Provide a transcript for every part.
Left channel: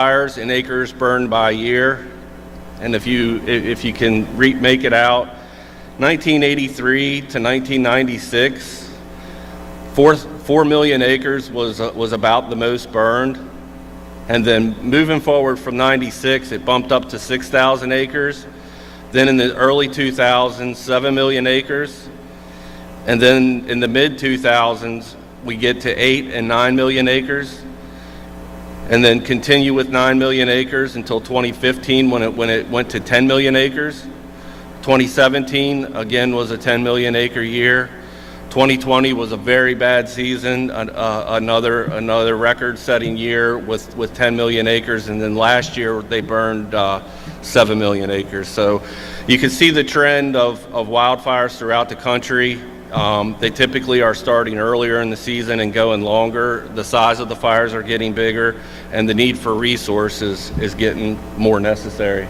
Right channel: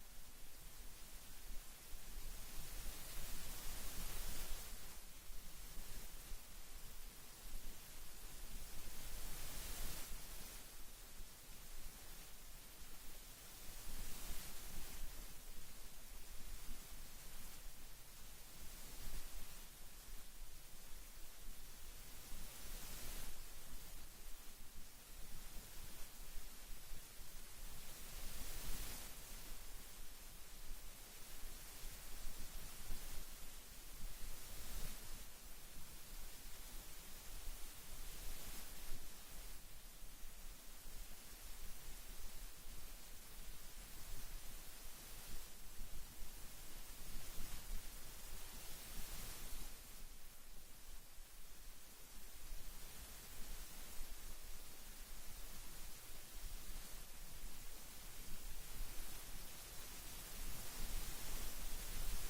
fires in acres burned by year, and if you can make it out, 1983 to 1996, 4 million acres was about the most burned, and then moving forward from 96, it bumped up to 6,000 acres. Then in the early 2000s, 7 million acres, and then in the mid 2000s, we get to 8 and 9 million acres, and then continue with 9 million acres until 2015 when it went to 10 million acres. 2017 again was a 10 million acre year. 2020 was a very bad season, another record-setting year with 10 million acres, and then last year they burned 7 million acres. So you can see the trend of wildfires throughout the country. They typically are starting earlier in the season and going longer. The size of the fires are getting bigger, and the need for resources is getting more necessary.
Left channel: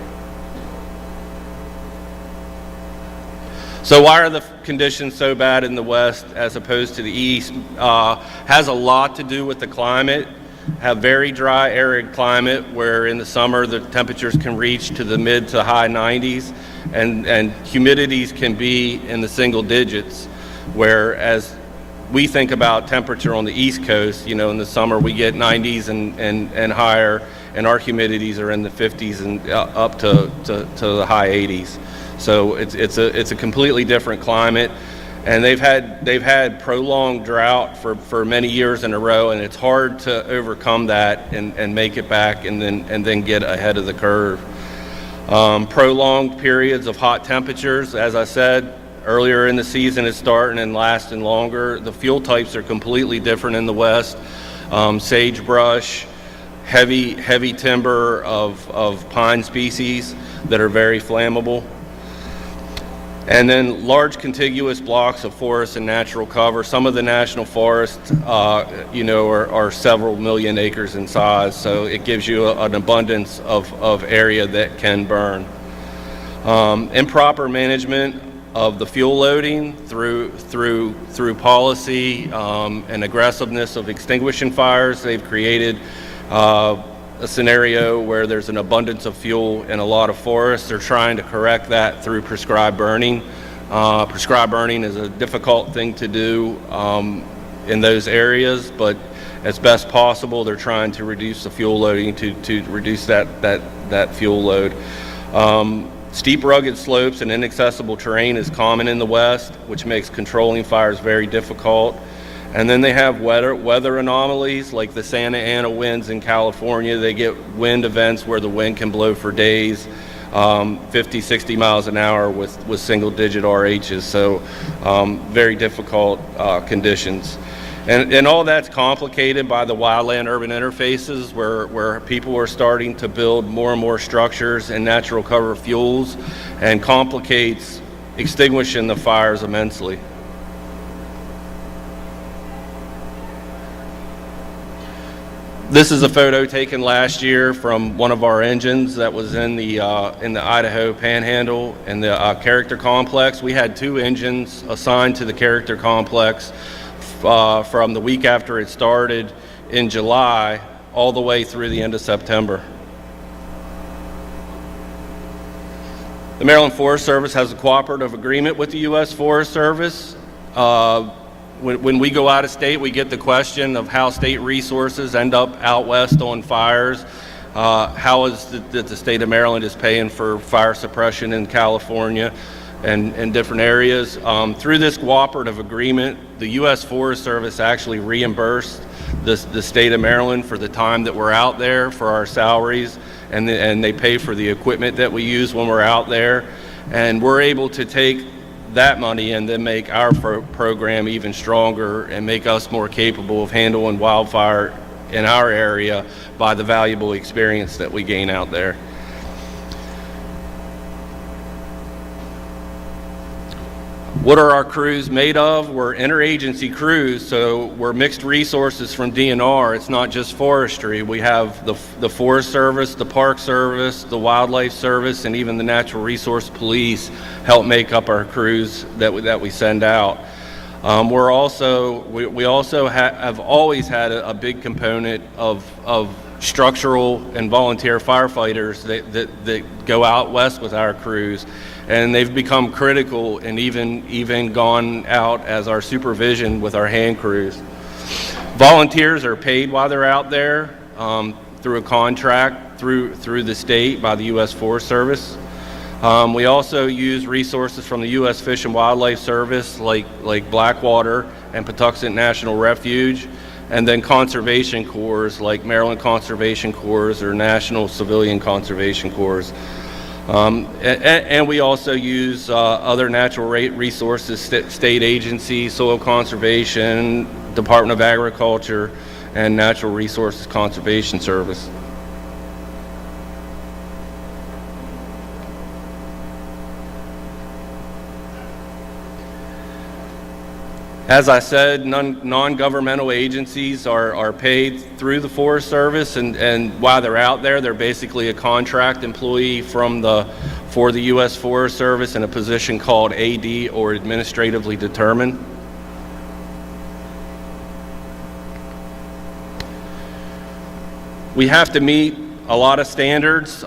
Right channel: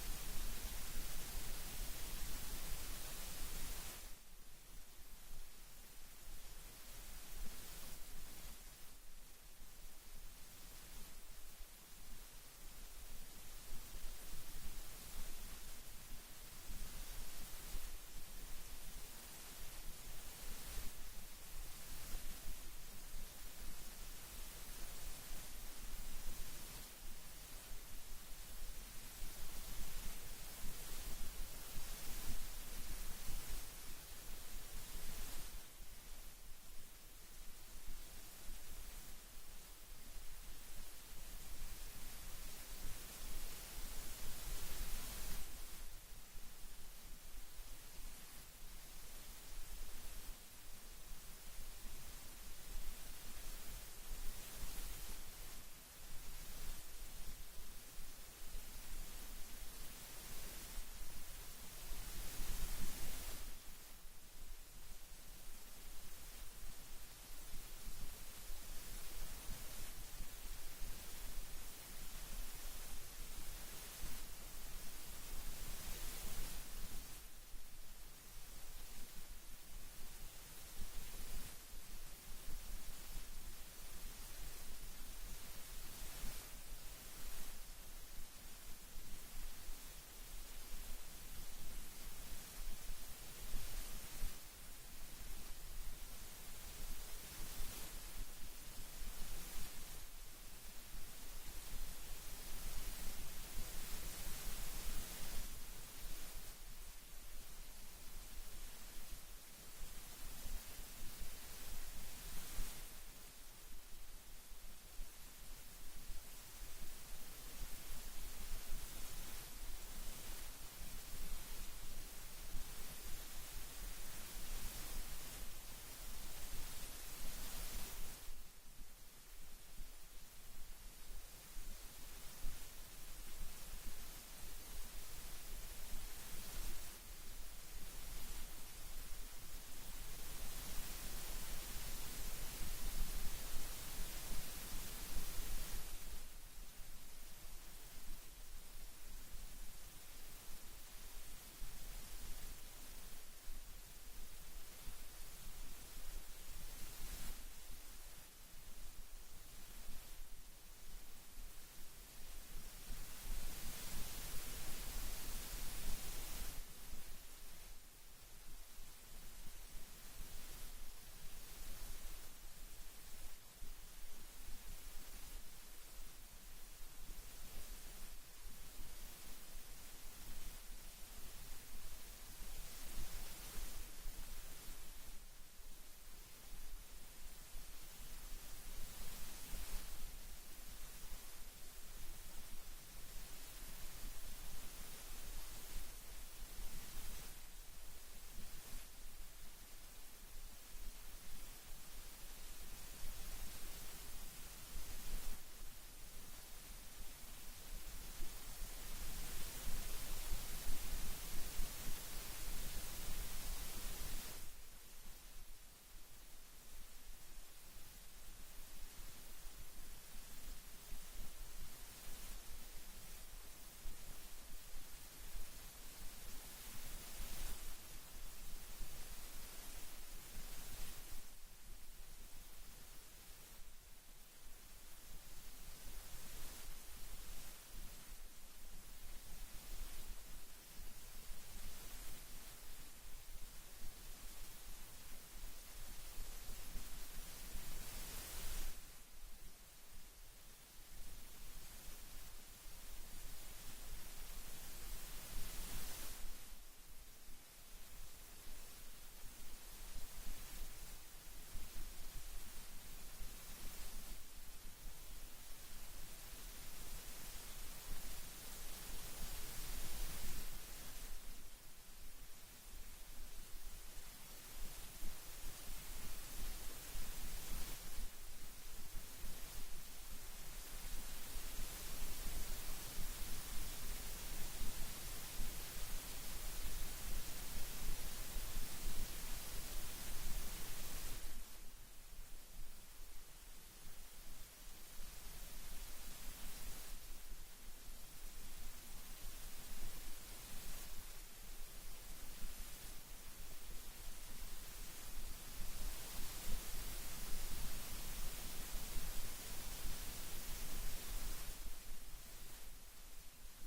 So why are the conditions so bad in the west as opposed to the east? Has a lot to do with the climate. Have very dry, arid climate where in the summer the temperatures can reach to the mid to high 90s, and humidities can be in the single digits. Whereas we think about temperature on the East Coast, in the summer we get 90s and higher, and our humidities are in the 50s and up to the high 80s. So it's a completely different climate, and they've had prolonged drought for many years in a row, and it's hard to overcome that and make it back and then get ahead of the curve. Prolonged periods of hot temperatures, as I said, earlier in the season it's starting and lasting longer. The fuel types are completely different in the west. Sagebrush, heavy timber of pine species that are very flammable. And then large contiguous blocks of forest and natural cover. Some of the national forests, are several million acres in size, so it gives you an abundance of area that can burn. Improper management of the fuel loading through policy and aggressiveness of extinguishing fires. They've created a scenario where there's an abundance of fuel in a lot of forests. They're trying to correct that through prescribed burning. Prescribed burning is a difficult thing to do in those areas, but as best possible, they're trying to reduce the fuel loading to reduce that fuel load. Steep, rugged slopes and inaccessible terrain is common in the West, which makes controlling fires very difficult. And then they have weather anomalies like the Santa Ana winds in California. They get wind events where the wind can blow for days, 50, 60 miles an hour with single-digit RHs. So very difficult conditions. And all that's complicated by the wildland-urban interfaces where people are starting to build more and more structures and natural cover fuels, and complicates extinguishing the fires immensely. This is a photo taken last year from one of our engines that was in the Idaho Panhandle in the character complex. We had 2 engines assigned to the character complex from the week after it started in July all the way through the end of September. The Maryland Forest Service has a cooperative agreement with the U.S. Forest Service. When we go out of state, we get the question of how state resources end up out west on fires. How is that the state of Maryland is paying for fire suppression in California and different areas. Through this cooperative agreement, the U.S. Forest Service actually reimbursed the state of Maryland for the time that we're out there, for our salaries, and they pay for the equipment that we use when we're out there. And we're able to take that money and then make our program even stronger and make us more capable of handling wildfire in our area by the valuable experience that we gain out there. What are our crews made of? We're interagency crews, so we're mixed resources from DNR. It's not just forestry. We have the Forest Service, the Park Service, the Wildlife Service, and even the Natural Resource Police help make up our crews that we send out. We also have always had a big component of structural and volunteer firefighters that go out west with our crews, and they've become critical and even gone out as our supervision with our hand crews. Volunteers are paid while they're out there through a contract through the state by the U.S. Forest Service. We also use resources from the U.S. Fish and Wildlife Service like Blackwater and Patuxent National Refuge, and then conservation corps like Maryland Conservation Corps or National Civilian Conservation Corps. And we also use other natural resources, state agencies, soil conservation, Department of Agriculture, and Natural Resources Conservation Service. As I said, non-governmental agencies are paid through the Forest Service, and while they're out there, they're basically a contract employee for the U.S. Forest Service in a position called AD, or administratively determined. We have to meet a lot of standards.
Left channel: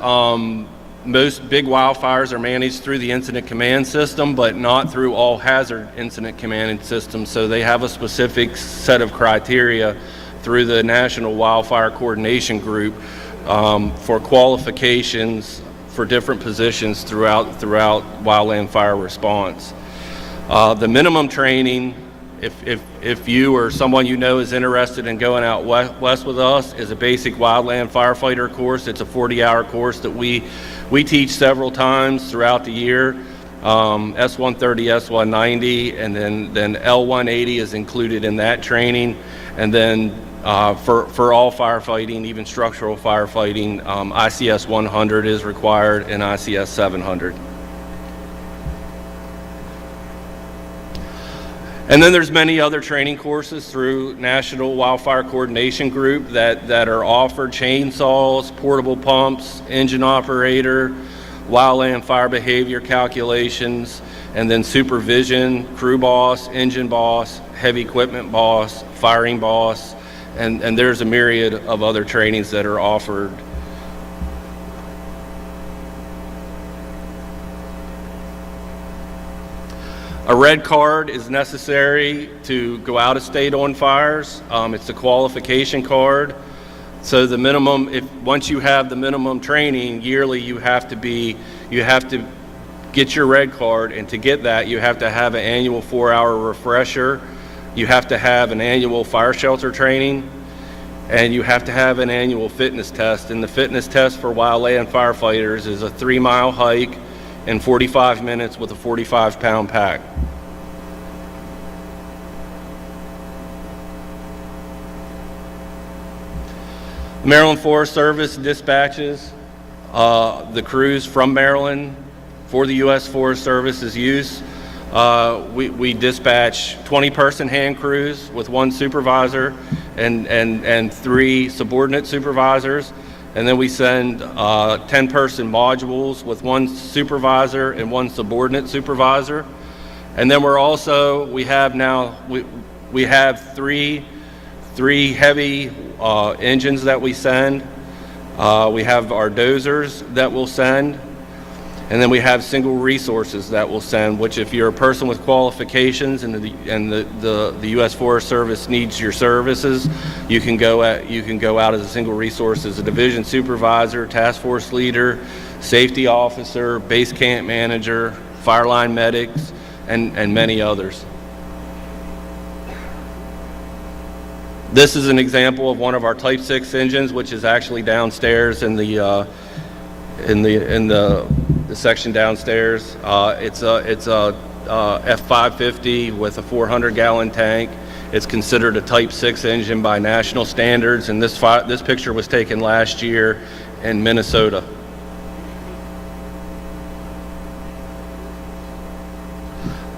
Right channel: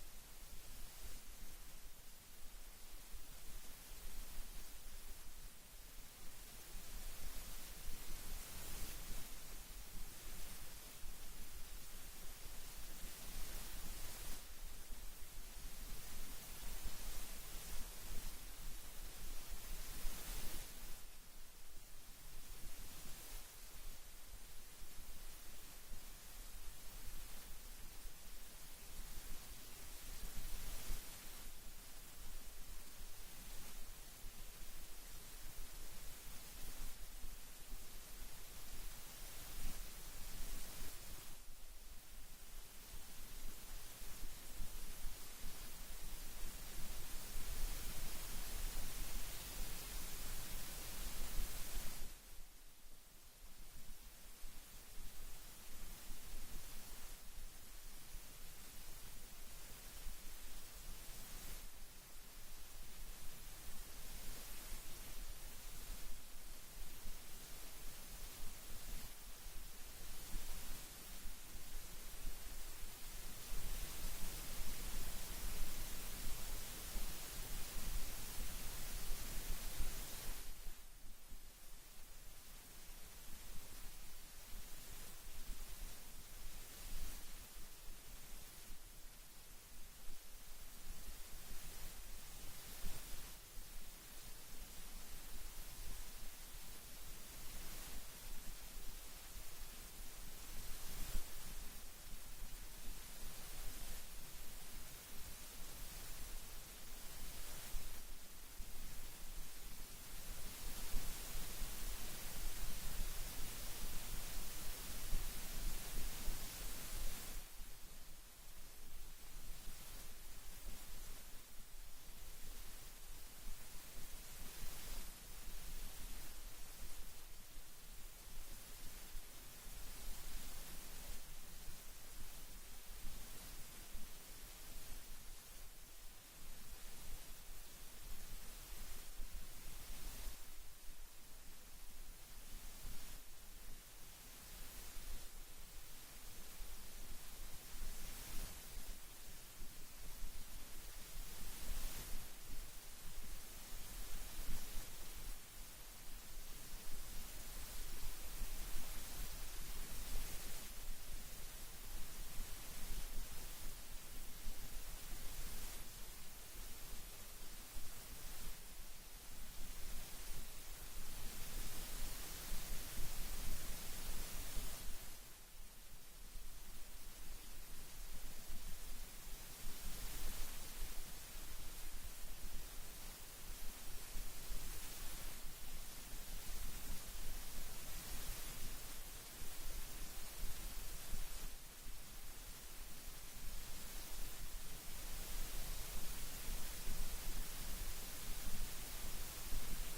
Most big wildfires are managed through the incident command system, but not through all hazard incident command systems. So they have a specific set of criteria through the National Wildfire Coordination Group for qualifications for different positions throughout wildland fire response. The minimum training, if you or someone you know is interested in going out west with us, is a basic wildland firefighter course. It's a 40-hour course that we teach several times throughout the year. S-130, S-190, and then L-180 is included in that training. And then for all firefighting, even structural firefighting, ICS 100 is required and ICS 700. And then there's many other training courses through National Wildfire Coordination Group that are offered: chainsaws, portable pumps, engine operator, wildland fire behavior calculations, and then supervision, crew boss, engine boss, heavy equipment boss, firing boss, and there's a myriad of other trainings that are offered. A red card is necessary to go out of state on fires. It's a qualification card. So the minimum, once you have the minimum training yearly, you have to get your red card, and to get that, you have to have an annual 4-hour refresher. You have to have an annual fire shelter training, and you have to have an annual fitness test. And the fitness test for wildland firefighters is a 3-mile hike in 45 minutes with a 45-pound pack. The Maryland Forest Service dispatches the crews from Maryland for the U.S. Forest Service's use. We dispatch 20-person hand crews with 1 supervisor and 3 subordinate supervisors. And then we send 10-person modules with 1 supervisor and 1 subordinate supervisor. And then we have three heavy engines that we send. We have our dozers that we'll send. And then we have single resources that we'll send, which if you're a person with qualifications and the U.S. Forest Service needs your services, you can go out as a single resource as a division supervisor, task force leader, safety officer, base camp manager, fire line medics, and many others. This is an example of one of our Type 6 engines, which is actually downstairs in the section downstairs. It's a F550 with a 400-gallon tank. It's considered a Type 6 engine by national standards, and this picture was taken last year in Minnesota.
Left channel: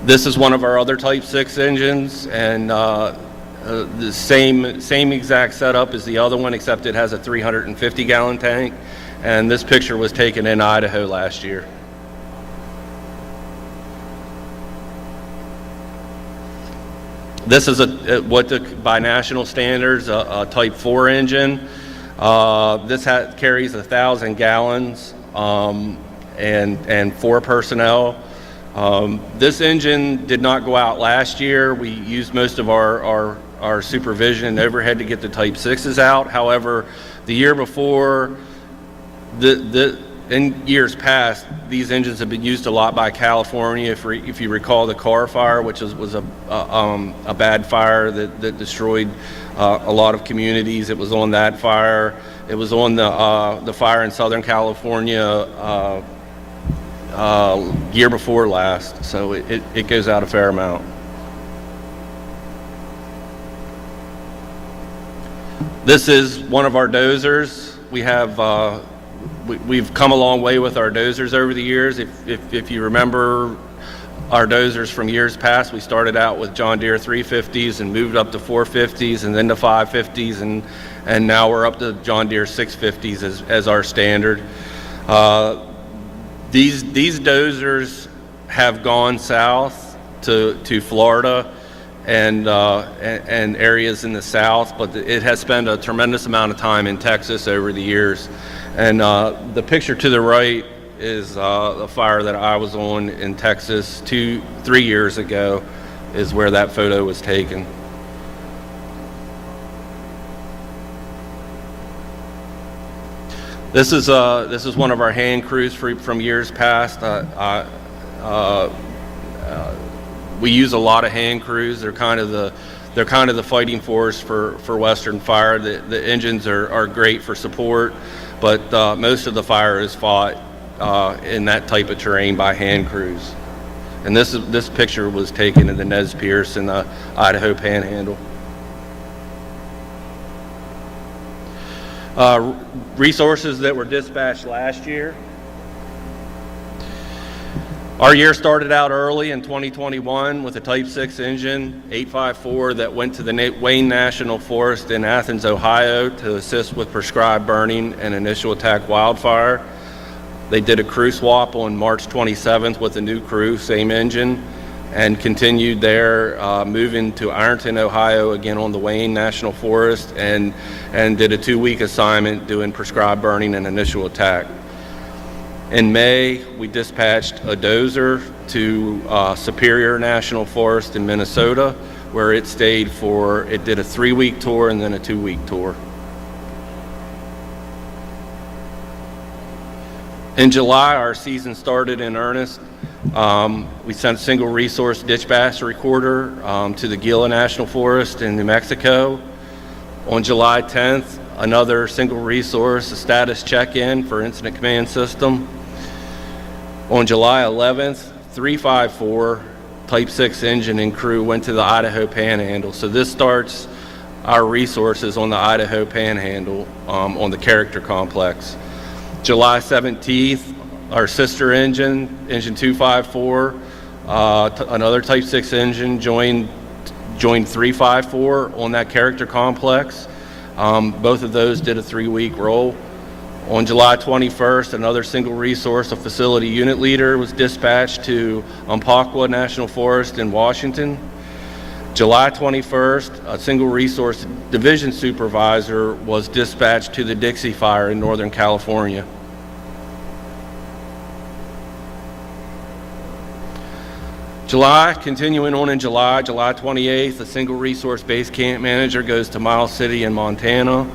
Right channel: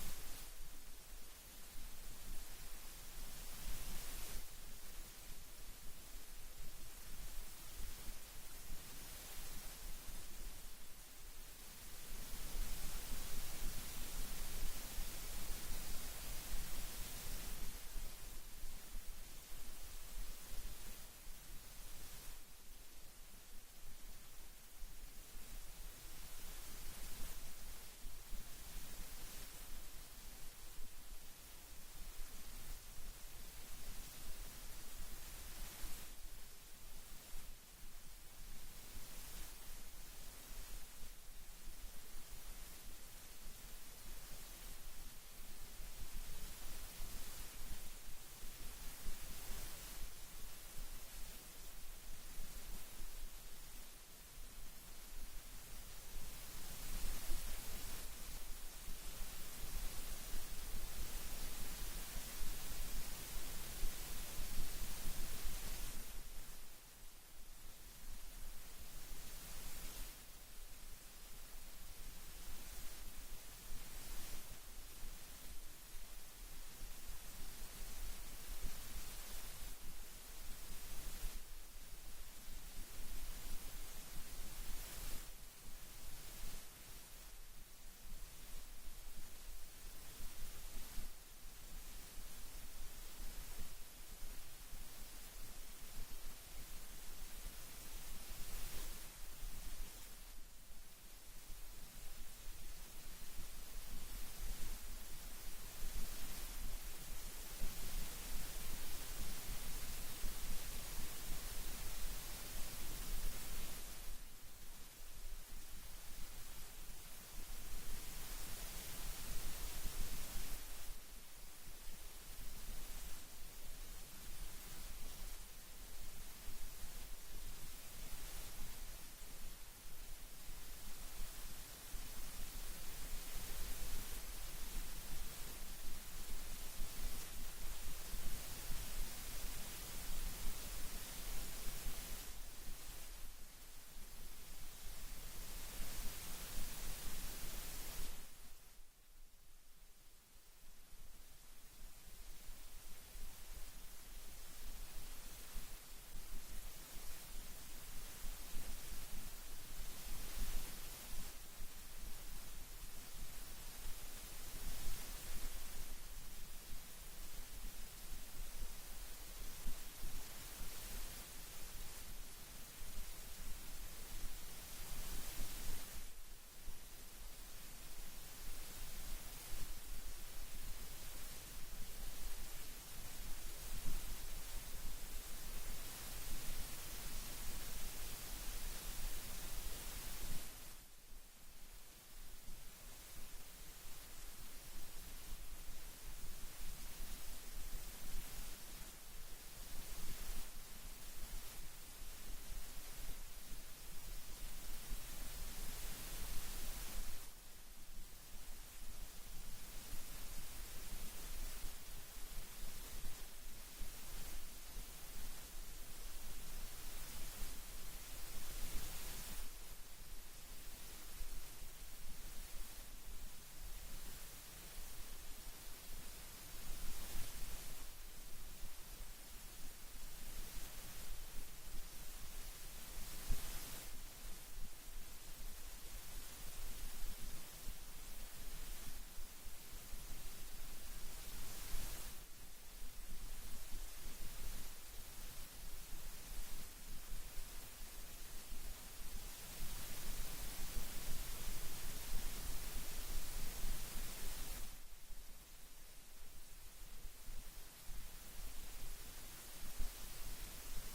This is one of our other Type 6 engines, and the same exact setup as the other one, except it has a 350-gallon tank. And this picture was taken in Idaho last year. This is by national standards, a Type 4 engine. This carries 1,000 gallons and 4 personnel. This engine did not go out last year. We used most of our supervision and overhead to get the Type 6s out. However, the year before, in years past, these engines have been used a lot by California. If you recall the car fire, which was a bad fire that destroyed a lot of communities. It was on that fire. It was on the fire in Southern California year before last. So it goes out a fair amount. This is one of our dozers. We have we've come a long way with our dozers over the years. If you remember our dozers from years past, we started out with John Deere 350s and moved up to 450s and then to 550s, and now we're up to John Deere 650s as our standard. These dozers have gone south to Florida and areas in the south, but it has spent a tremendous amount of time in Texas over the years. And the picture to the right is a fire that I was on in Texas 3 years ago, is where that photo was taken. This is one of our hand crews from years past. We use a lot of hand crews. They're kind of the fighting force for Western Fire. The engines are great for support, but most of the fire is fought in that type of terrain by hand crews. And this picture was taken in the Nez Perce in the Idaho Panhandle. Resources that were dispatched last year. Our year started out early in 2021 with a Type 6 engine, 854, that went to the Wayne National Forest in Athens, Ohio to assist with prescribed burning and initial attack wildfire. They did a crew swap on March 27th with a new crew, same engine, and continued there, moving to Ironton, Ohio, again on the Wayne National Forest, and did a 2-week assignment doing prescribed burning and initial attack. In May, we dispatched a dozer to Superior National Forest in Minnesota, where it did a 3-week tour and then a 2-week tour. In July, our season started in earnest. We sent a single resource dispatch recorder to the Gila National Forest in New Mexico. On July 10th, another single resource, a status check-in for incident command system. On July 11th, 354 Type 6 engine and crew went to the Idaho Panhandle. So this starts our resources on the Idaho Panhandle on the character complex. July 17th, our sister engine 254, another Type 6 engine joined 354 on that character complex. Both of those did a 3-week roll. On July 21st, another single resource, a facility unit leader, was dispatched to Umpqua National Forest in Washington. July 21st, a single resource division supervisor was dispatched to the Dixie Fire in Northern California. Continuing on in July 28th, a single resource base camp manager goes to Miles City in Montana.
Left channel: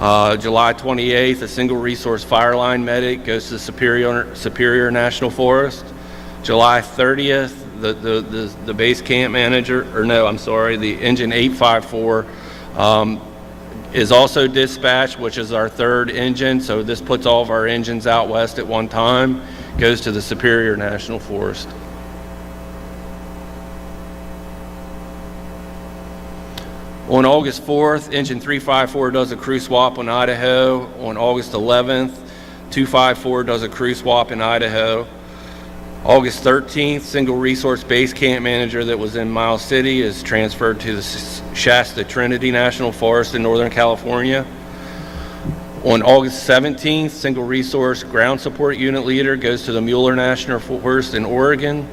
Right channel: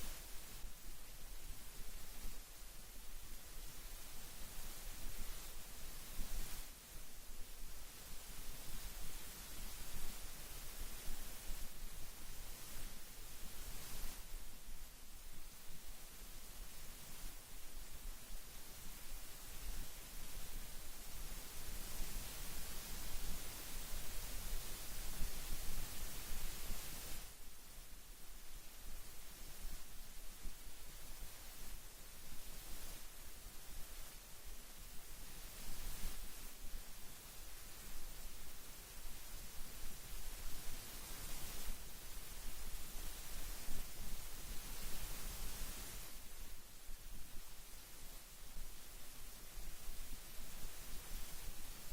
July 28th, a single resource fire line medic goes to Superior National Forest. July 30th, the base camp manager, the engine 854 is also dispatched, which is our third engine. So this puts all of our engines out west at one time, goes to the Superior National Forest. On August 4th, engine 354 does a crew swap in Idaho. On August 11th, 254 does a crew swap in Idaho. August 13th, single resource base camp manager that was in Miles City is transferred to the Shasta Trinity National Forest in Northern California. On August 17th, single resource ground support unit leader goes to the Mueller National Forest in Oregon.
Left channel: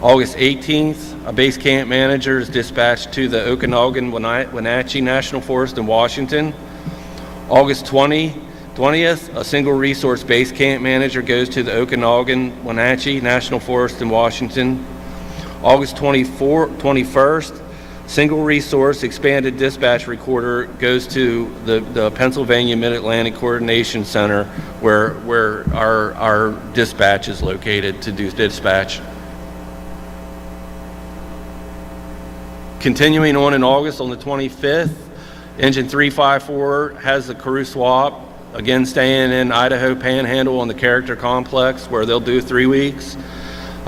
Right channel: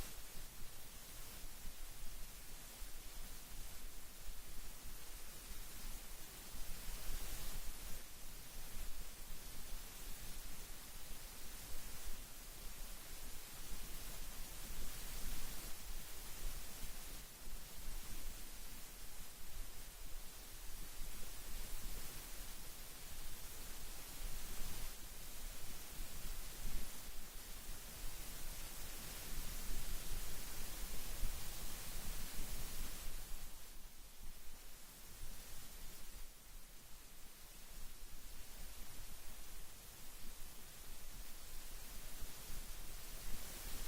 August 18th, a base camp manager is dispatched to the Okanagan Wenatchee National Forest in Washington. August 20th, a single resource base camp manager goes to the Okanagan Wenatchee National Forest in Washington. August 21st, single resource expanded dispatch recorder goes to the Pennsylvania Mid-Atlantic Coordination Center where our dispatch is located to do dispatch. Continuing on in August, on the 25th, Engine 354 has the crew swap, again staying in Idaho Panhandle on the Character Complex where they'll do 3 weeks.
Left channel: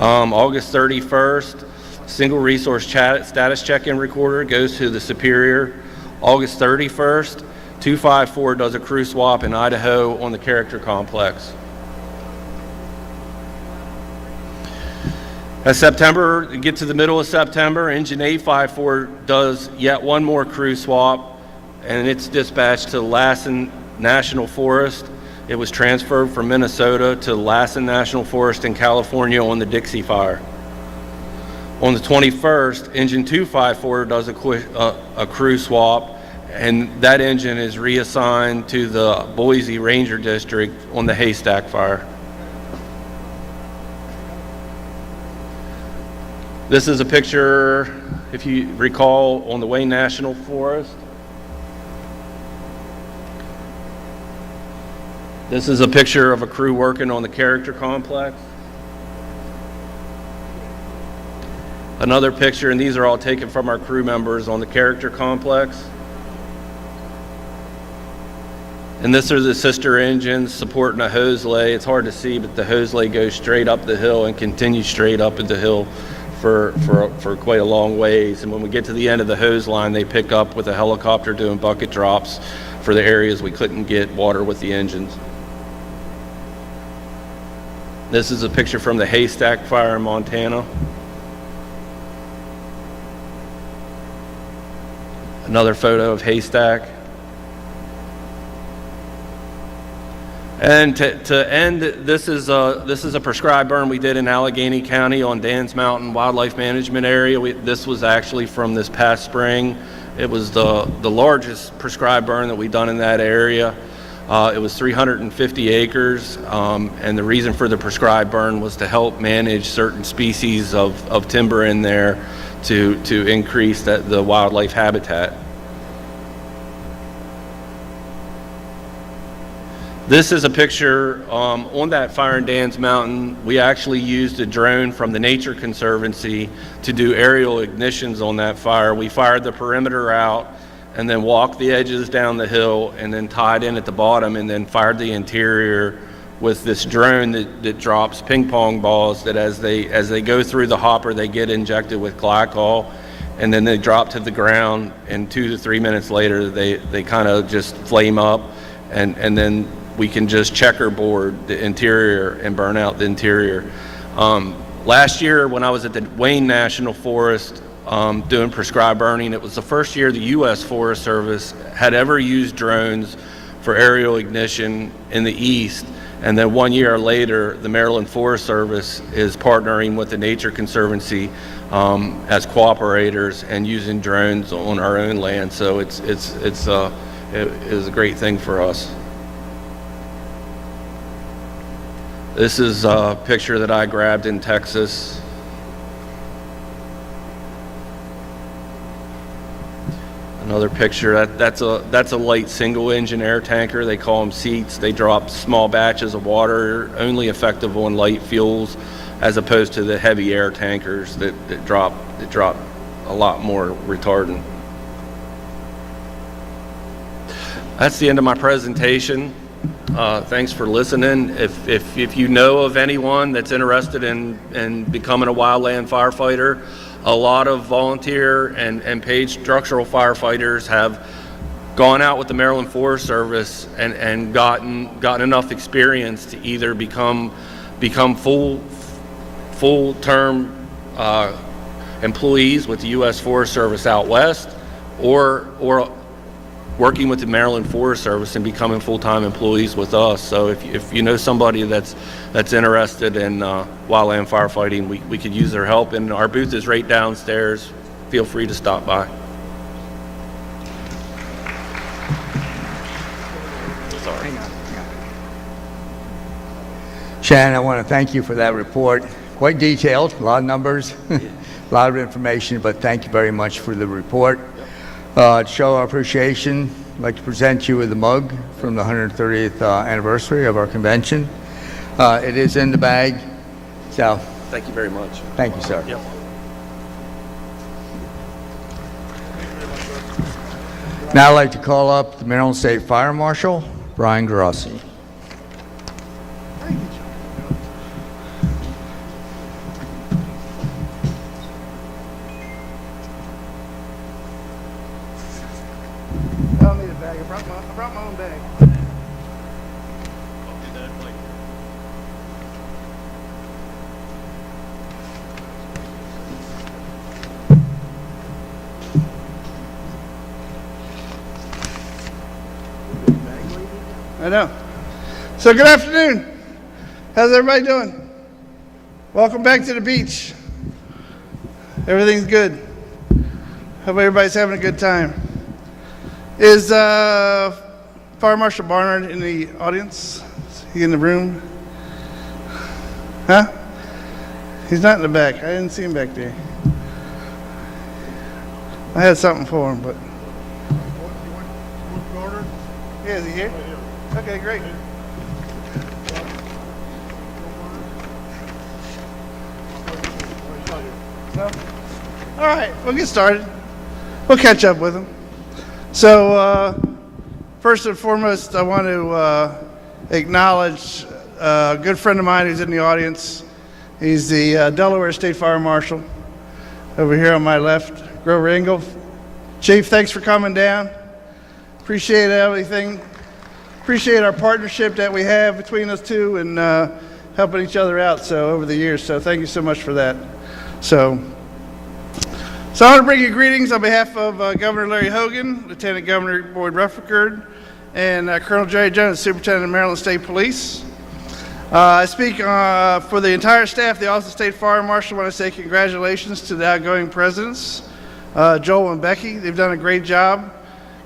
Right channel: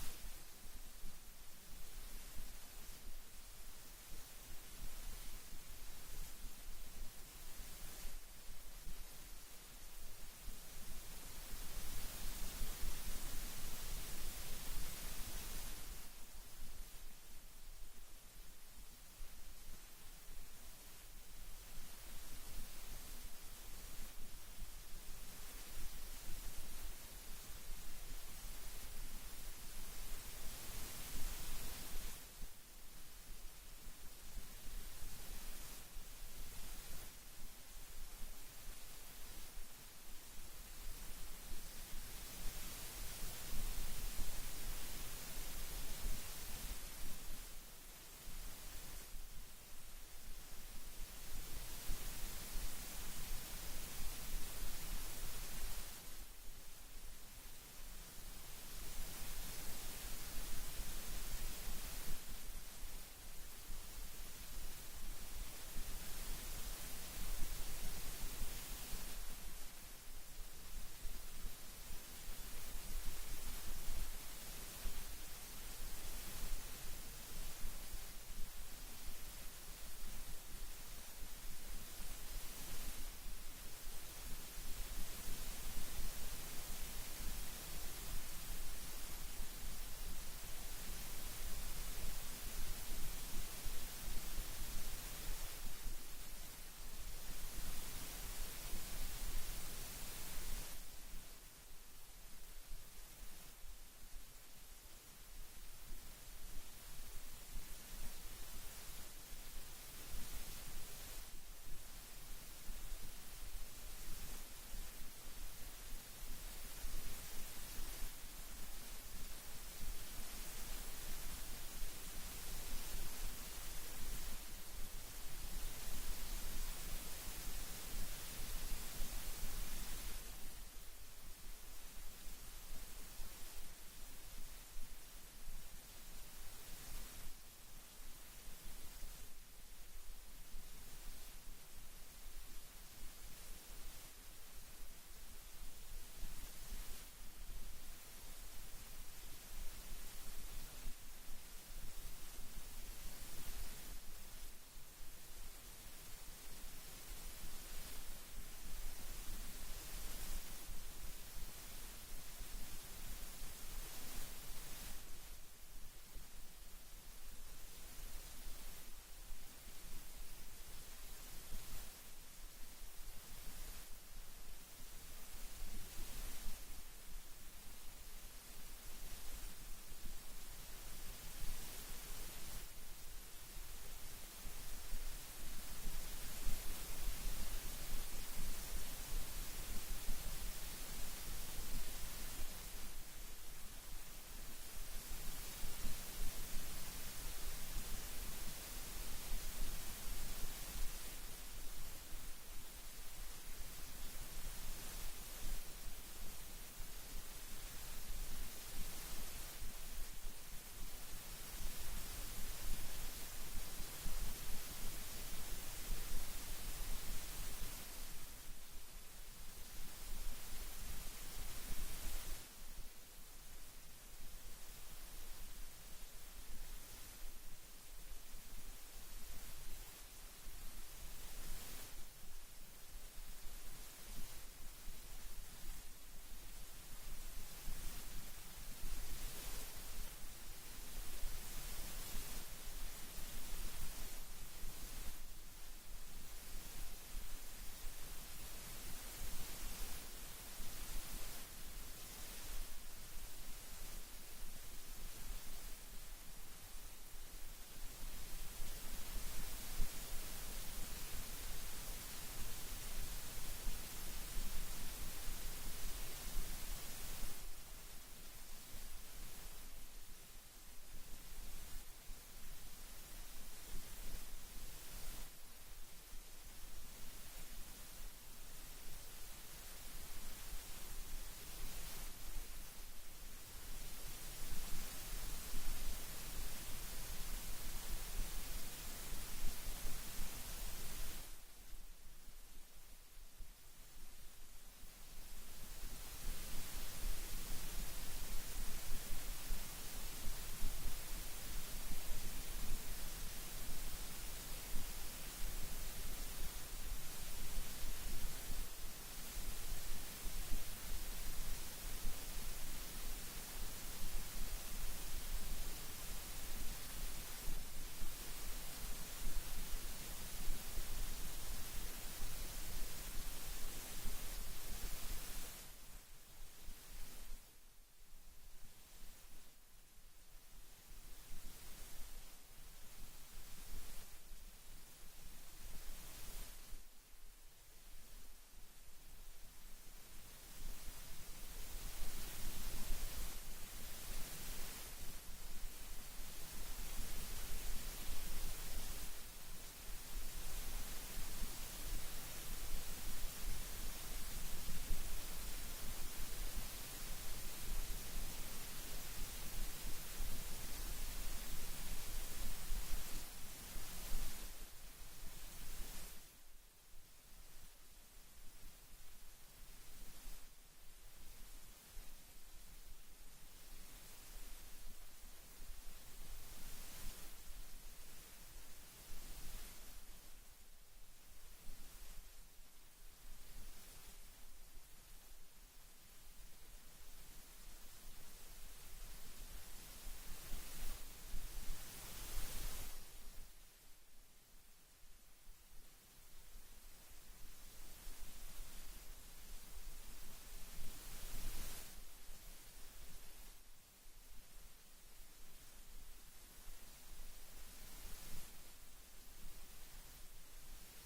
August 31st, single resource status check-in recorder goes to the Superior. August 31st, 254 does a crew swap in Idaho on the Character Complex. As September, get to the middle of September, Engine 854 does yet one more crew swap, and it's dispatched to Lassen National Forest. It was transferred from Minnesota to Lassen National Forest in California on the Dixie Fire. On the 21st, Engine 254 does a crew swap, and that engine is reassigned to the Boise Ranger District on the Haystack Fire. This is a picture, if you recall, on the Wayne National Forest. This is a picture of a crew working on the Character Complex. Another picture, and these are all taken from our crew members on the Character Complex. And this are the sister engines supporting a hose lay. It's hard to see, but the hose lay goes straight up the hill and continues straight up the hill for quite a long ways. And when we get to the end of the hose line, they pick up with a helicopter doing bucket drops for the areas we couldn't get water with the engines. This is a picture from the Haystack Fire in Montana. Another photo of Haystack. And to end, this is a prescribed burn we did in Allegheny County on Dan's Mountain Wildlife Management Area. This was actually from this past spring. It was the largest prescribed burn that we've done in that area. It was 350 acres, and the reason for the prescribed burn was to help manage certain species of timber in there to increase the wildlife habitat. This is a picture on that fire in Dan's Mountain. We actually used a drone from the Nature Conservancy to do aerial ignitions on that fire. We fired the perimeter out and then walked the edges down the hill and then tied in at the bottom and then fired the interior with this drone that drops ping pong balls that as they go through the hopper, they get injected with glycol, and then they drop to the ground, and 2 to 3 minutes later they kind of just flame up, and then we can just checkerboard the interior and burn out the interior. Last year when I was at the Wayne National Forest doing prescribed burning, it was the first year the U.S. Forest Service had ever used drones for aerial ignition in the east. And then 1 year later, the Maryland Forest Service is partnering with the Nature Conservancy as cooperators and using drones on our own land. So it is a great thing for us. This is a picture that I grabbed in Texas. Another picture, that's a light single engine air tanker. They call them seats. They drop small batches of water, only effective on light fuels, as opposed to the heavy air tankers that drop a lot more retardant. That's the end of my presentation. Thanks for listening. If you know of anyone that's interested in becoming a wildland firefighter, a lot of volunteer and paid structural firefighters have gone out with the Maryland Forest Service and gotten enough experience to either become full-term employees with the U.S. Forest Service out west, or working with the Maryland Forest Service and becoming full-time employees with us. So if you know somebody that's interested in wildland firefighting, we could use their help. And our booth is right downstairs. Feel free to stop by. Shannon, I want to thank you for that report. Quite detailed, a lot of numbers, a lot of information, but thank you very much for the report. To show our appreciation, I'd like to present you with a mug from the 130th anniversary of our convention. It is in the bag, so. Thank you very much. Thank you, sir. Yep. Now I'd like to call up the Maryland State Fire Marshal, Brian Grossi. I don't need a bag. I brought my own bag. I know. So good afternoon. How's everybody doing? Welcome back to the beach. Everything's good. Hope everybody's having a good time. Is Fire Marshal Barnard in the audience? Is he in the room? Huh? He's not in the back. I didn't see him back there. I had something for him, but. Yeah, is he here? Okay, great. No? All right, we'll get started. We'll catch up with him. So, first and foremost, I want to acknowledge a good friend of mine who's in the audience. He's the Delaware State Fire Marshal over here on my left, Grover Engel. Chief, thanks for coming down. Appreciate everything. Appreciate our partnership that we have between us two and helping each other out over the years. So thank you so much for that. So I want to bring you greetings on behalf of Governor Larry Hogan, Lieutenant Governor Boyd Rutherford, and Colonel Jerry Jones, Superintendent of Maryland State Police. I speak for the entire staff of the Office of State Fire Marshal. I want to say congratulations to the outgoing presidents, Joel and Becky. They've done a great job.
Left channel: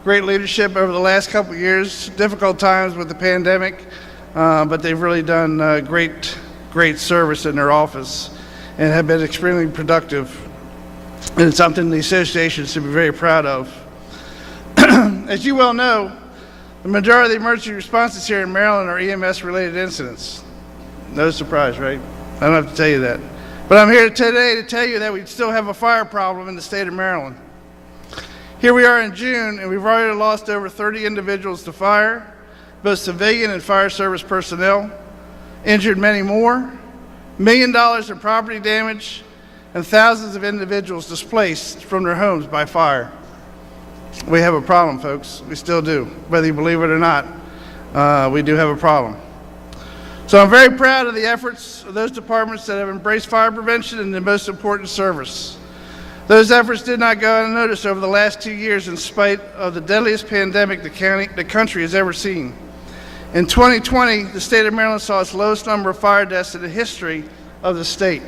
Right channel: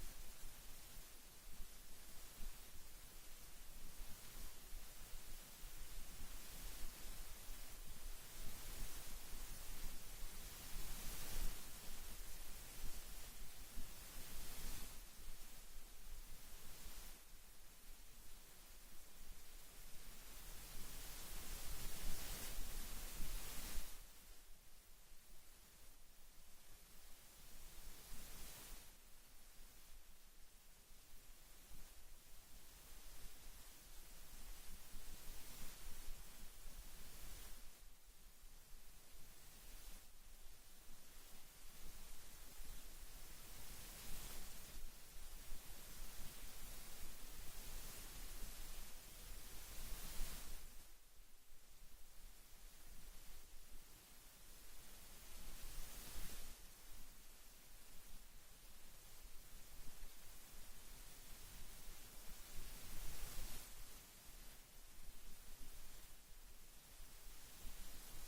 Great leadership over the last couple of years, difficult times with the pandemic, but they've really done great service in their office and have been extremely productive. And it's something the association should be very proud of. As you well know, the majority of the emergency responses here in Maryland are EMS-related incidents. No surprise, right? I don't have to tell you that. But I'm here today to tell you that we still have a fire problem in the state of Maryland. Here we are in June, and we've already lost over 30 individuals to fire, both civilian and fire service personnel, injured many more, $1 million in property damage, and thousands of individuals displaced from their homes by fire. We have a problem, folks. We still do. Whether you believe it or not, we do have a problem. So I'm very proud of the efforts of those departments that have embraced fire prevention and the most important service. Those efforts did not go unnoticed over the last 2 years in spite of the deadliest pandemic the country has ever seen. In 2020, the state of Maryland saw its lowest number of fire deaths in the history of the state.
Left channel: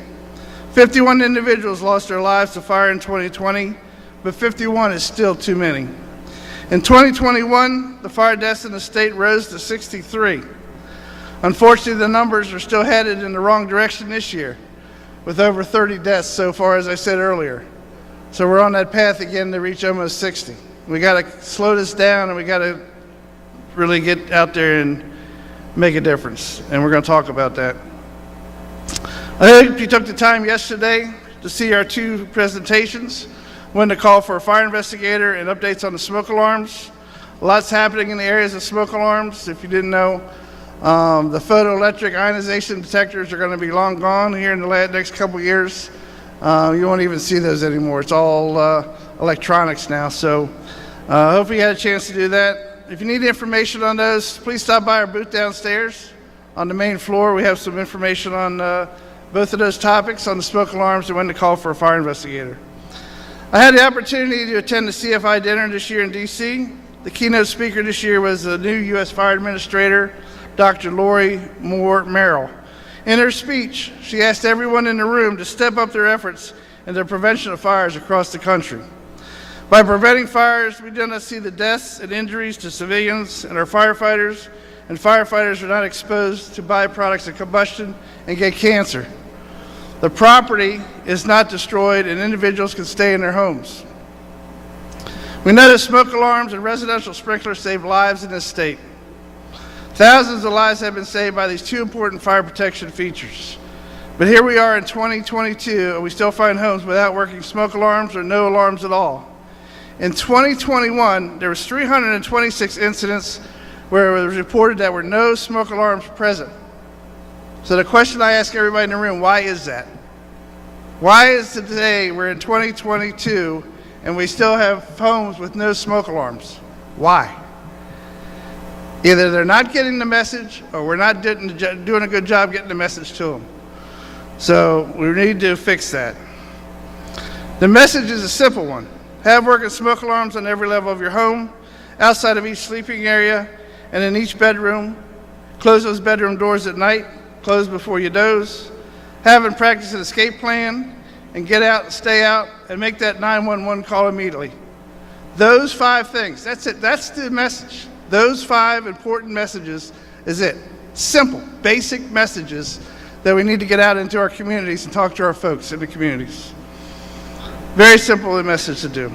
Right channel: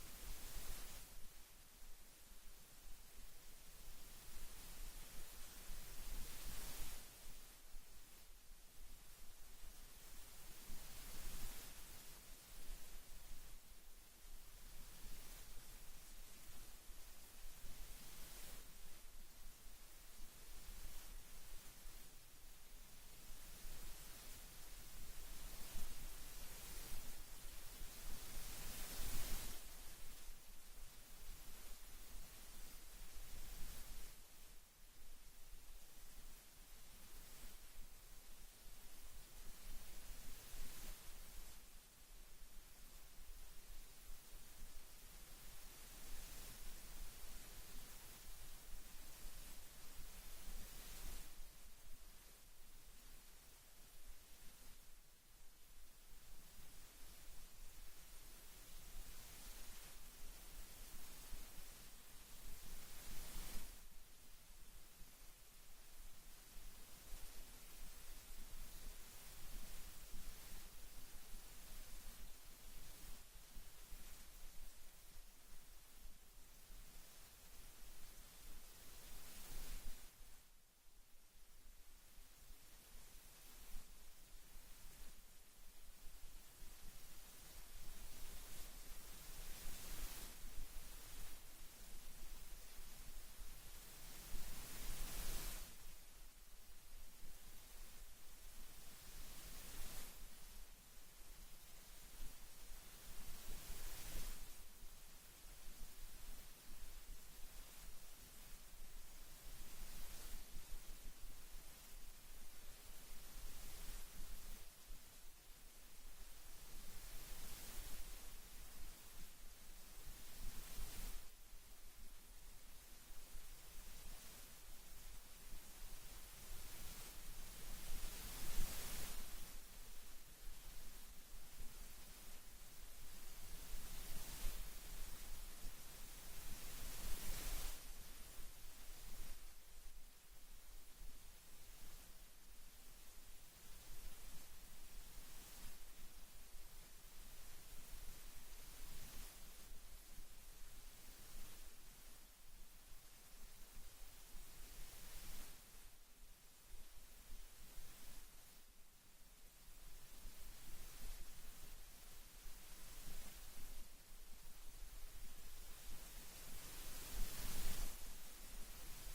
51 individuals lost their lives to fire in 2020, but 51 is still too many. In 2021, the fire deaths in the state rose to 63. Unfortunately, the numbers are still headed in the wrong direction this year, with over 30 deaths so far, as I said earlier. So we're on that path again to reach almost 60. We got to slow this down, and we got to really get out there and make a difference. And we're going to talk about that. I hope you took the time yesterday to see our two presentations, one to call for a fire investigator and updates on the smoke alarms. Lots happening in the areas of smoke alarms. If you didn't know, the photoelectric ionization detectors are going to be long gone here in the next couple years. You won't even see those anymore. It's all electronics now. So hopefully you had a chance to do that. If you need information on those, please stop by our booth downstairs on the main floor. We have some information on both of those topics, on the smoke alarms and when to call for a fire investigator. I had the opportunity to attend the CFI dinner this year in D.C. The keynote speaker this year was the new U.S. Fire Administrator, Dr. Lori Moore Merrill. In her speech, she asked everyone in the room to step up their efforts in the prevention of fires across the country. By preventing fires, we do not see the deaths and injuries to civilians and our firefighters and firefighters are not exposed to byproducts of combustion and get cancer. The property is not destroyed and individuals can stay in their homes. We know that smoke alarms and residential sprinklers save lives in this state. Thousands of lives have been saved by these two important fire protection features. But here we are in 2022, and we still find homes without working smoke alarms or no alarms at all. In 2021, there was 326 incidents where it was reported that there were no smoke alarms present. So the question I ask everybody in the room, why is that? Why is today we're in 2022 and we still have homes with no smoke alarms? Why? Either they're not getting the message or we're not doing a good job getting the message to them. So we need to fix that. The message is a simple one. Have working smoke alarms on every level of your home, outside of each sleeping area, and in each bedroom. Close those bedroom doors at night. Close before you doze. Have and practice an escape plan, and get out and stay out, and make that 911 call immediately. Those 5 things, that's it. That's the message. Those 5 important messages is it. Simple, basic messages that we need to get out into our communities and talk to our folks in the communities. Very simple message to do.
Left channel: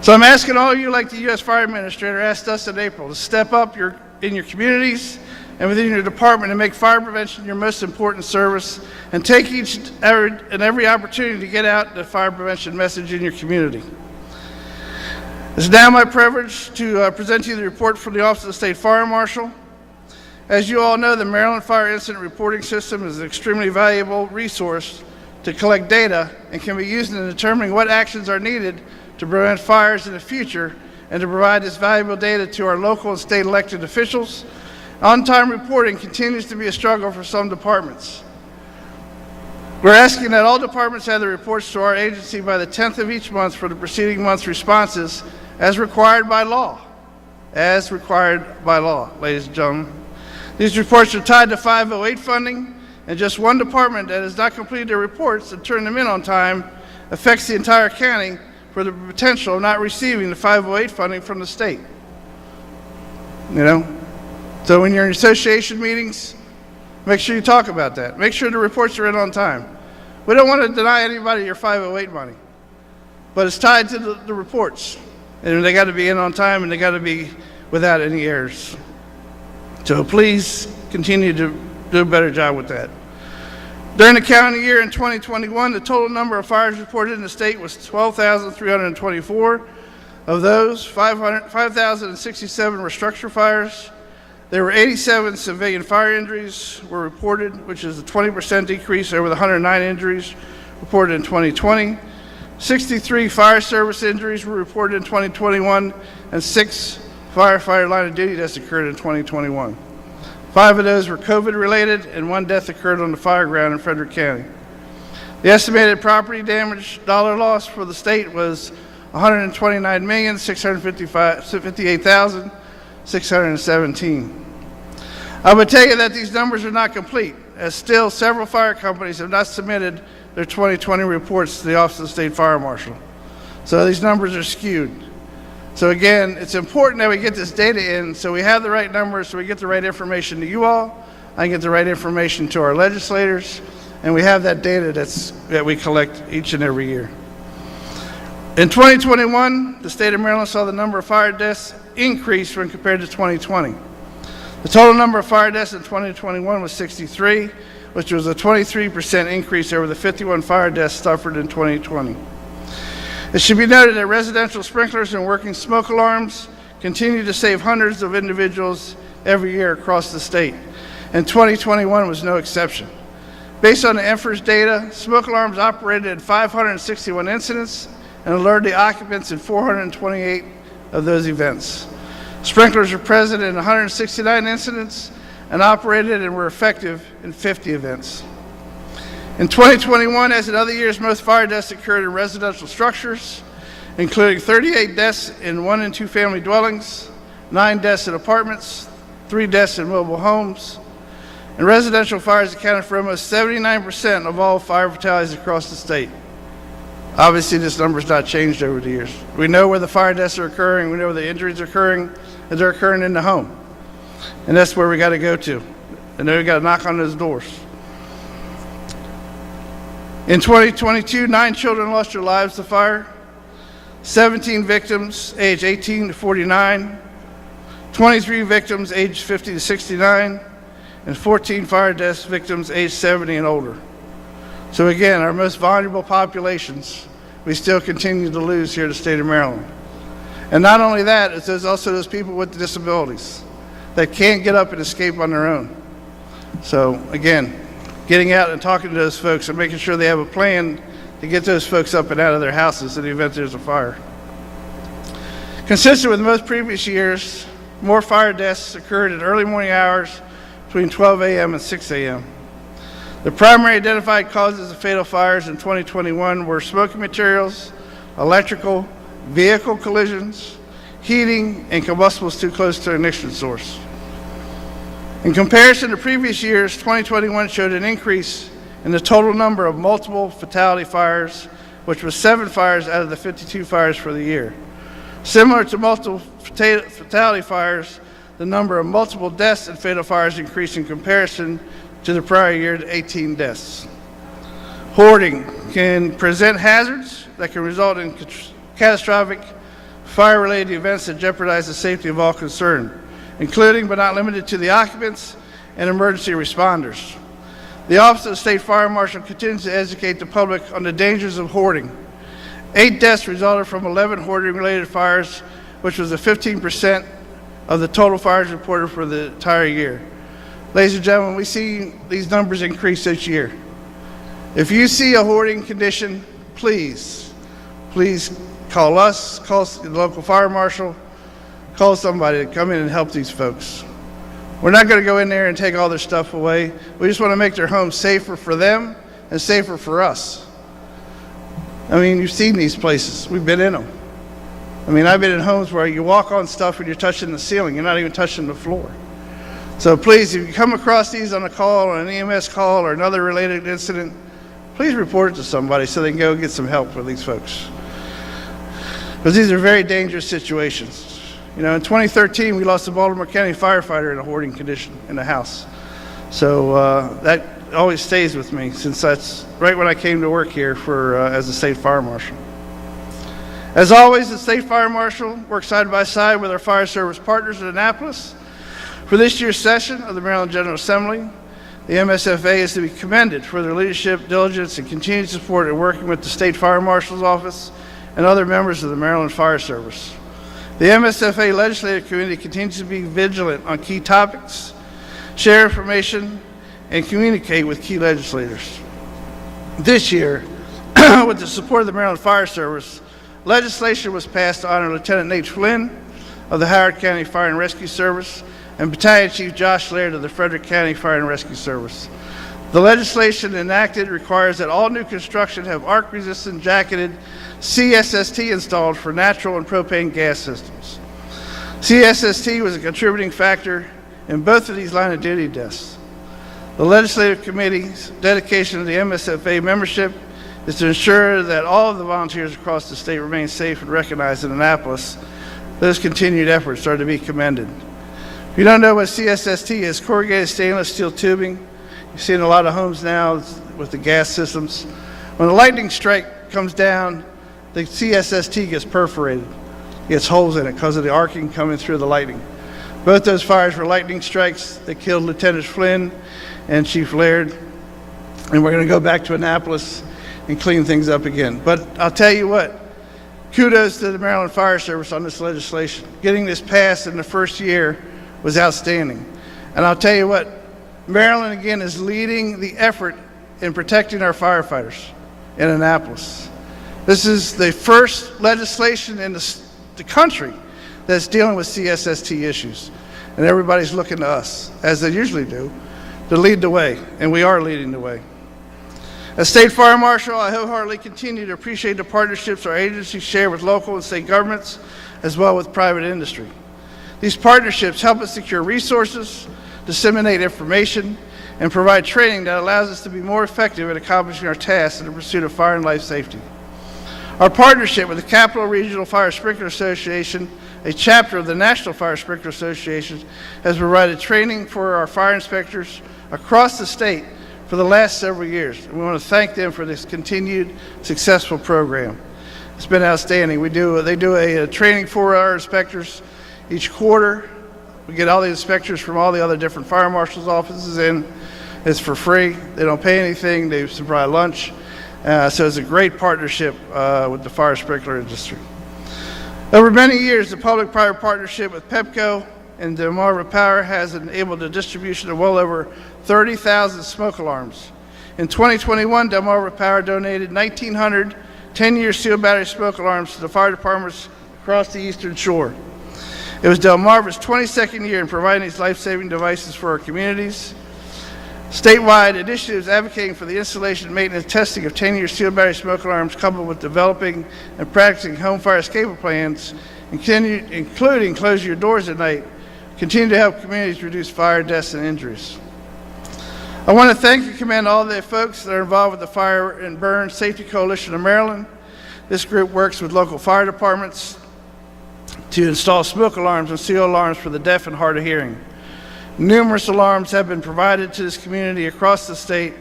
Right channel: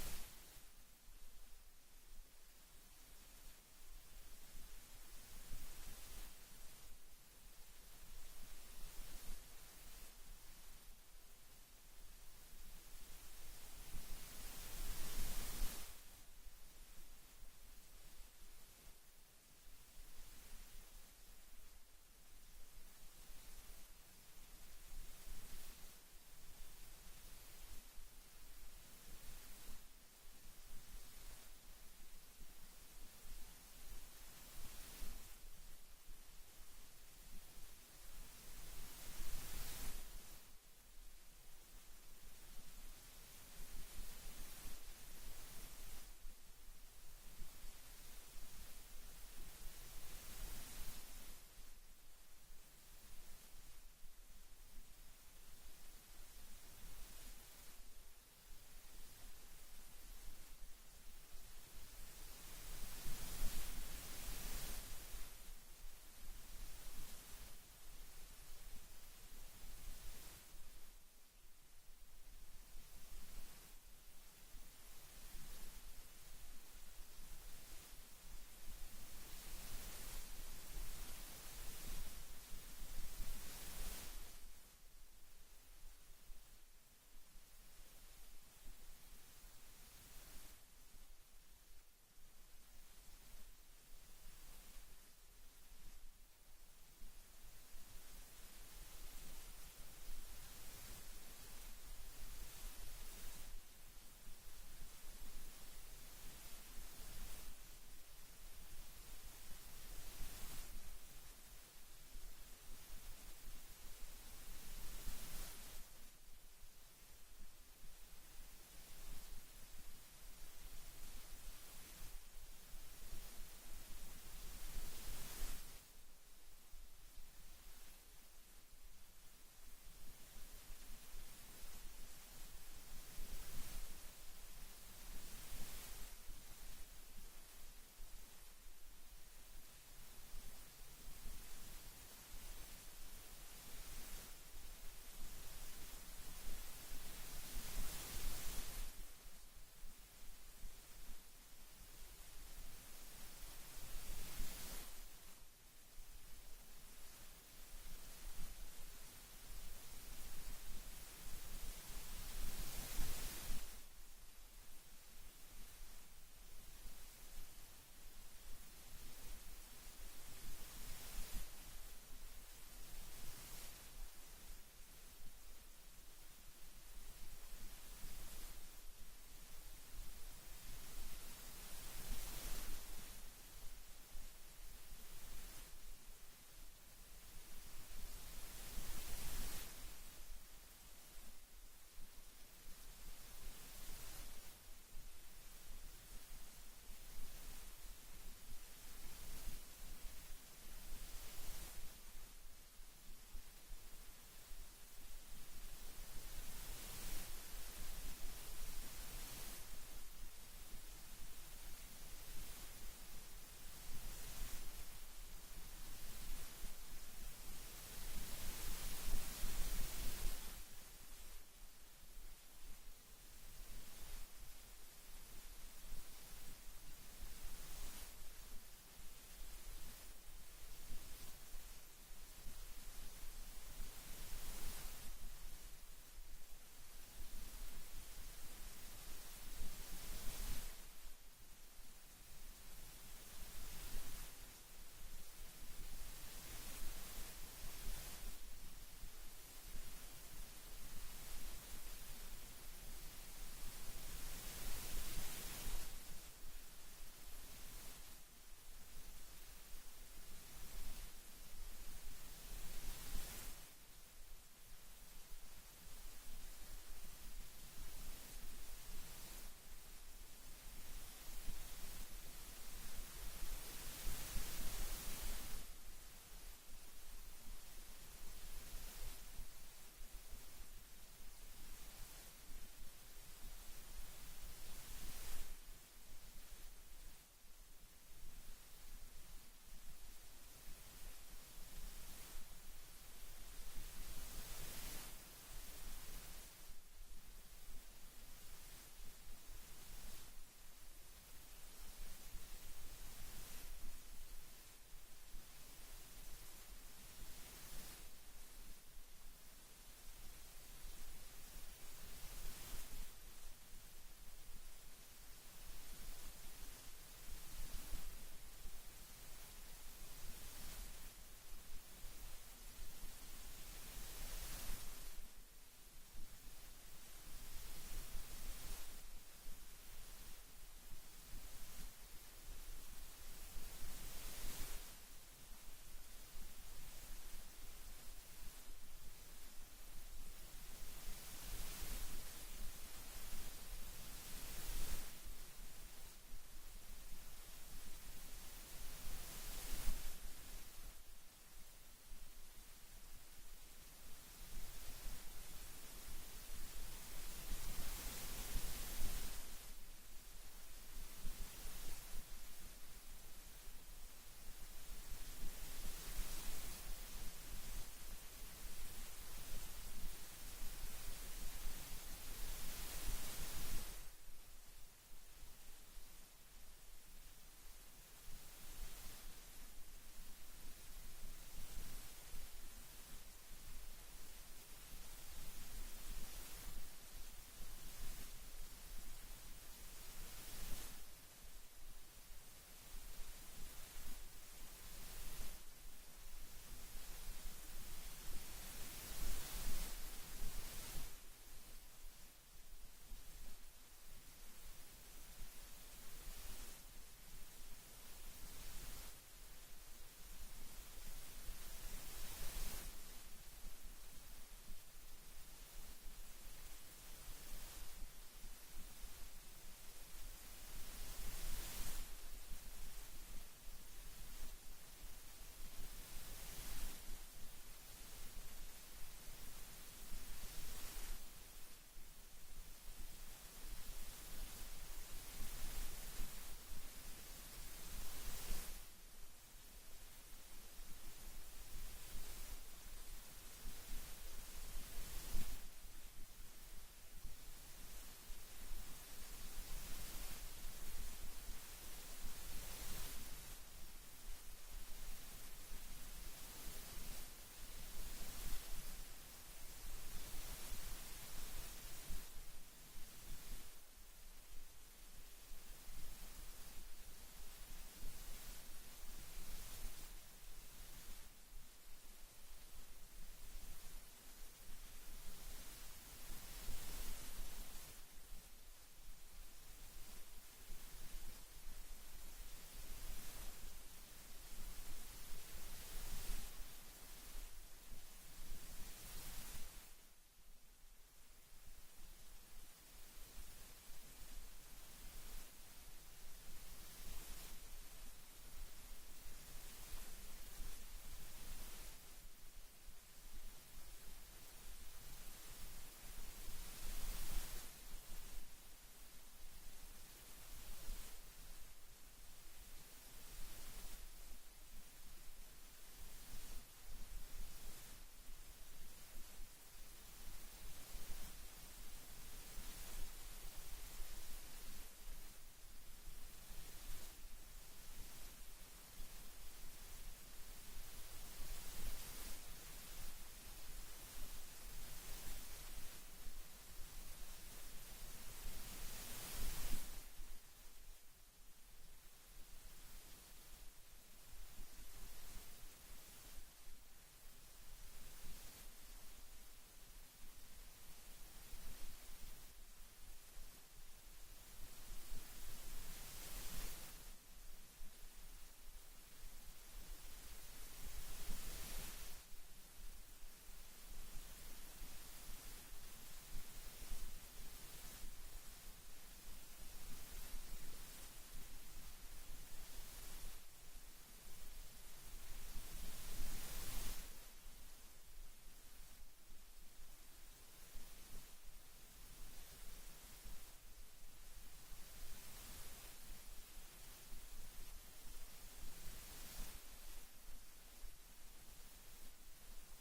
So I'm asking all of you, like the U.S. Fire Administrator asked us in April, to step up in your communities and within your department and make fire prevention your most important service, and take every opportunity to get out the fire prevention message in your community. It's now my privilege to present you the report from the Office of the State Fire Marshal. As you all know, the Maryland Fire Incident Reporting System is an extremely valuable resource to collect data and can be used in determining what actions are needed to prevent fires in the future, and to provide this valuable data to our local and state elected officials. On-time reporting continues to be a struggle for some departments. We're asking that all departments have the reports to our agency by the 10th of each month for the preceding month's responses, as required by law. As required by law, ladies and gentlemen. These reports are tied to 508 funding, and just one department that has not completed their reports and turned them in on time affects the entire county for the potential of not receiving the 508 funding from the state. You know? So when you're in association meetings, make sure you talk about that. Make sure the reports are in on time. We don't want to deny anybody your 508 money, but it's tied to the reports. And they got to be in on time, and they got to be without any errors. So please continue to do a better job with that. During the calendar year in 2021, the total number of fires reported in the state was 12,324. Of those, 5,067 were structure fires. There were 87 civilian fire injuries were reported, which is a 20% decrease over the 109 injuries reported in 2020. 63 fire service injuries were reported in 2021, and 6 firefighter line of duty deaths occurred in 2021. 5 of those were COVID-related, and 1 death occurred on the fire ground in Frederick County. The estimated property damage dollar loss for the state was $129,658,617. I would tell you that these numbers are not complete, as still several fire companies have not submitted their 2020 reports to the Office of the State Fire Marshal. So these numbers are skewed. So again, it's important that we get this data in so we have the right numbers, so we get the right information to you all, I get the right information to our legislators, and we have that data that we collect each and every year. In 2021, the state of Maryland saw the number of fire deaths increase when compared to 2020. The total number of fire deaths in 2021 was 63, which was a 23% increase over the 51 fire deaths suffered in 2020. It should be noted that residential sprinklers and working smoke alarms continue to save hundreds of individuals every year across the state, and 2021 was no exception. Based on the EMFERS data, smoke alarms operated in 561 incidents and alerted the occupants in 428 of those events. Sprinklers were present in 169 incidents and operated and were effective in 50 events. In 2021, as in other years, most fire deaths occurred in residential structures, including 38 deaths in 1 and 2 family dwellings, 9 deaths in apartments, 3 deaths in mobile homes. And residential fires accounted for almost 79% of all fire fatalities across the state. Obviously, this number has not changed over the years. We know where the fire deaths are occurring, we know where the injuries are occurring, and they're occurring in the home. And that's where we got to go to. And then we got to knock on those doors. In 2022, 9 children lost their lives to fire, 17 victims aged 18 to 49, 23 victims aged 50 to 69, and 14 fire deaths victims aged 70 and older. So again, our most vulnerable populations, we still continue to lose here in the state of Maryland. And not only that, it's there's also those people with disabilities that can't get up and escape on their own. So again, getting out and talking to those folks and making sure they have a plan to get those folks up and out of their houses in the event there's a fire. Consistent with most previous years, more fire deaths occurred in early morning hours between 12 a.m. and 6 a.m. The primary identified causes of fatal fires in 2021 were smoking materials, electrical, vehicle collisions, heating, and combustibles too close to an ignition source. In comparison to previous years, 2021 showed an increase in the total number of multiple fatality fires, which was 7 fires out of the 52 fires for the year. Similar to multiple fatality fires, the number of multiple deaths and fatal fires increased in comparison to the prior year to 18 deaths. Hoarding can present hazards that can result in catastrophic fire-related events that jeopardize the safety of all concerned, including but not limited to the occupants and emergency responders. The Office of the State Fire Marshal continues to educate the public on the dangers of hoarding. 8 deaths resulted from 11 hoarding-related fires, which was 15% of the total fires reported for the entire year. Ladies and gentlemen, we see these numbers increase each year. If you see a hoarding condition, please call us, call the local fire marshal, call somebody to come in and help these folks. We're not going to go in there and take all their stuff away. We just want to make their homes safer for them and safer for us. I mean, you've seen these places. We've been in them. I mean, I've been in homes where you walk on stuff and you're touching the ceiling. You're not even touching the floor. So please, if you come across these on a call or an EMS call or another related incident, please report it to somebody so they can go get some help for these folks. Because these are very dangerous situations. You know, in 2013, we lost a Baltimore County firefighter in a hoarding condition in the house. So that always stays with me since that's right when I came to work here as a state fire marshal. As always, the state fire marshal works side by side with our fire service partners in Annapolis. For this year's session of the Maryland General Assembly, the MSFA is to be commended for their leadership, diligence, and continued support in working with the State Fire Marshal's Office and other members of the Maryland Fire Service. The MSFA Legislative Committee continues to be vigilant on key topics, share information, and communicate with key legislators. This year, with the support of the Maryland Fire Service, legislation was passed to honor Lieutenant Nate Flynn of the Howard County Fire and Rescue Service and Battalion Chief Josh Laird of the Frederick County Fire and Rescue Service. The legislation enacted requires that all new construction have arc-resistant jacketed CSST installed for natural and propane gas systems. CSST was a contributing factor in both of these line of duty deaths. The Legislative Committee's dedication to the MSFA membership is to ensure that all of the volunteers across the state remain safe and recognized in Annapolis. Those continued efforts are to be commended. If you don't know what CSST is, corrugated stainless steel tubing. You see in a lot of homes now with the gas systems. When a lightning strike comes down, the CSST gets perforated. It gets holes in it because of the arcing coming through the lightning. Both those fires were lightning strikes that killed Lieutenant Flynn and Chief Laird. And we're going to go back to Annapolis and clean things up again. But I'll tell you what, kudos to the Maryland Fire Service on this legislation. Getting this passed in the first year was outstanding. And I'll tell you what, Maryland again is leading the effort in protecting our firefighters in Annapolis. This is the first legislation in the country that's dealing with CSST issues. And everybody's looking to us, as they usually do, to lead the way, and we are leading the way. As State Fire Marshal, I wholeheartedly continue to appreciate the partnerships our agencies share with local and state governments, as well with private industry. These partnerships help us secure resources, disseminate information, and provide training that allows us to be more effective at accomplishing our tasks in the pursuit of fire and life safety. Our partnership with the Capital Regional Fire Sprinkler Association, a chapter of the National Fire Sprinkler Association, has provided training for our fire inspectors across the state for the last several years. And we want to thank them for this continued successful program. It's been outstanding. They do a training for our inspectors each quarter. We get all the inspectors from all the other different fire marshals' offices in. It's for free. They don't pay anything. They supply lunch. So it's a great partnership with the fire sprinkler industry. Over many years, the public-private partnership with PEPCO and Delmarva Power has enabled the distribution of well over 30,000 smoke alarms. In 2021, Delmarva Power donated 1,900 10-year steel battery smoke alarms to the fire departments across the Eastern Shore. It was Delmarva's 22nd year in providing these life-saving devices for our communities. Statewide initiatives advocating for the installation, maintenance, and testing of 10-year steel battery smoke alarms, coupled with developing and practicing home fire escape plans, including close your doors at night, continue to help communities reduce fire deaths and injuries. I want to thank and commend all the folks that are involved with the Fire and Burn Safety Coalition of Maryland. This group works with local fire departments to install smoke alarms and seal alarms for the deaf and hard of hearing. Numerous alarms have been provided to this community across the state,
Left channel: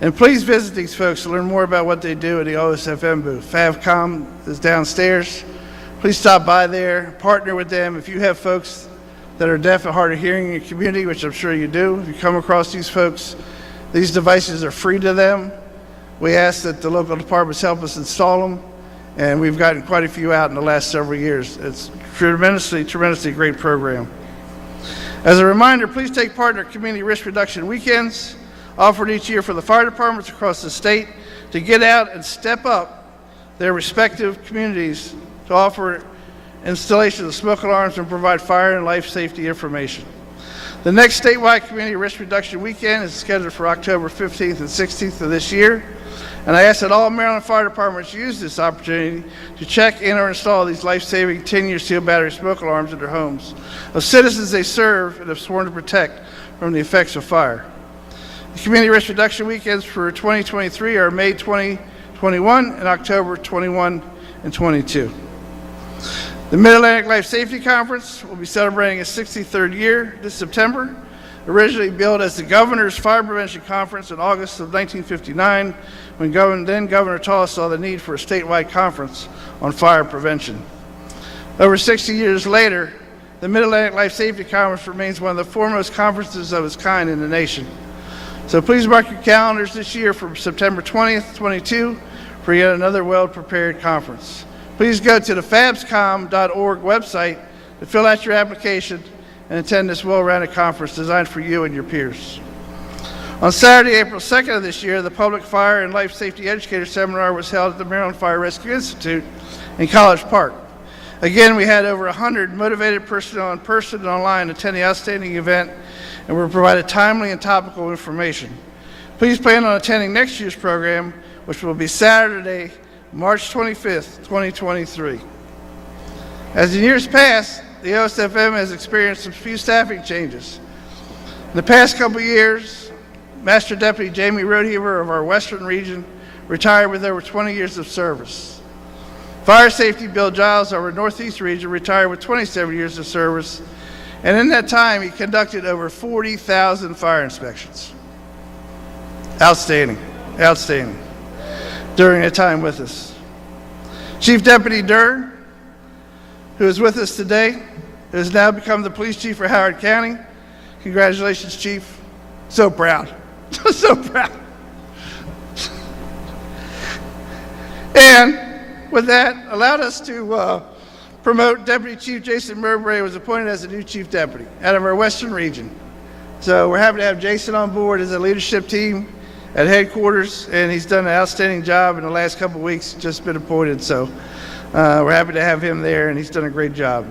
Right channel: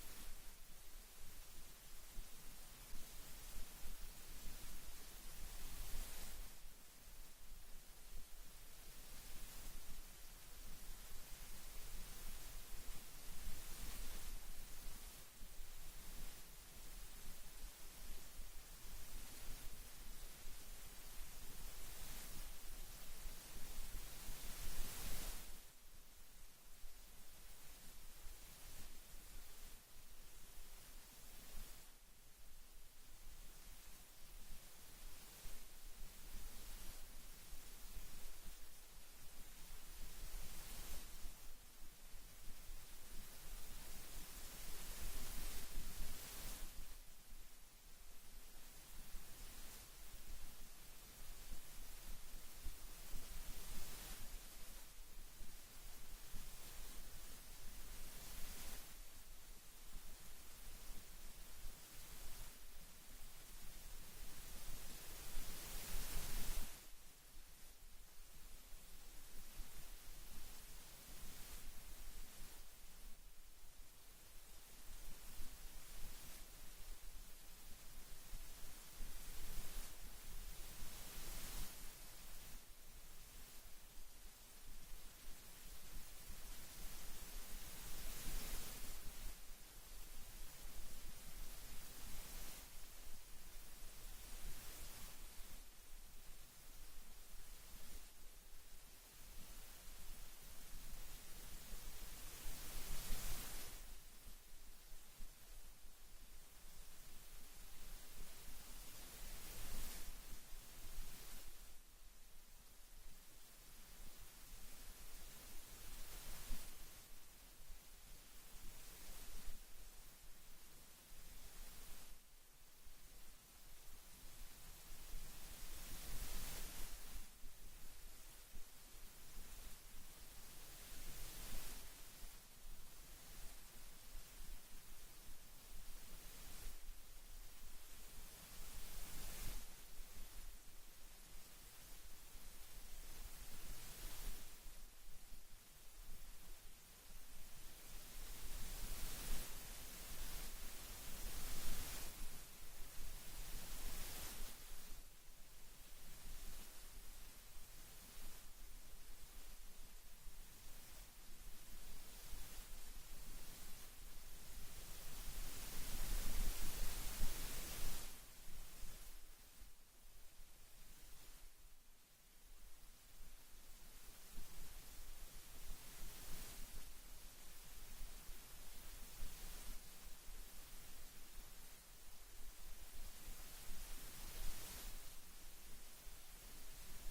and please visit these folks to learn more about what they do at the OSFM booth. FavCom is downstairs. Please stop by there, partner with them. If you have folks that are deaf and hard of hearing in your community, which I'm sure you do, if you come across these folks, these devices are free to them. We ask that the local departments help us install them, and we've gotten quite a few out in the last several years. It's tremendously great program. As a reminder, please take part in our community risk reduction weekends offered each year for the fire departments across the state to get out and step up their respective communities to offer installation of smoke alarms and provide fire and life safety information. The next statewide community risk reduction weekend is scheduled for October 15th and 16th of this year. And I ask that all Maryland fire departments use this opportunity to check in or install these life-saving 10-year steel battery smoke alarms in their homes of citizens they serve and have sworn to protect from the effects of fire. The community risk reduction weekends for 2023 are May 2021 and October 21 and 22. The Mid-Atlantic Life Safety Conference will be celebrating its 63rd year this September. Originally billed as the Governor's Fire Prevention Conference in August of 1959, when then Governor Tull saw the need for a statewide conference on fire prevention. Over 60 years later, the Mid-Atlantic Life Safety Conference remains one of the foremost conferences of its kind in the nation. So please mark your calendars this year for September 20th, 22 for yet another well-prepared conference. Please go to the fabscom.org website to fill out your application and attend this well-rounded conference designed for you and your peers. On Saturday, April 2nd of this year, the Public Fire and Life Safety Educator Seminar was held at the Maryland Fire Rescue Institute in College Park. Again, we had over 100 motivated personnel in person and online attend the outstanding event and were provided timely and topical information. Please plan on attending next year's program, which will be Saturday, March 25th, 2023. As in years past, the OSFM has experienced some few staffing changes. In the past couple of years, Master Deputy Jamie Rodeheaver of our Western region retired with over 20 years of service. Fire Safety Bill Giles of our Northeast region retired with 27 years of service, and in that time, he conducted over 40,000 fire inspections. Outstanding, outstanding, during a time with us. Chief Deputy Durr, who is with us today, who has now become the police chief for Howard County. Congratulations, Chief. So proud, so proud. And with that, allowed us to promote Deputy Chief Jason Mowbray, who was appointed as the new Chief Deputy out of our Western region. So we're happy to have Jason on board as a leadership team at headquarters, and he's done an outstanding job in the last couple of weeks, just been appointed. So we're happy to have him there, and he's done a great job.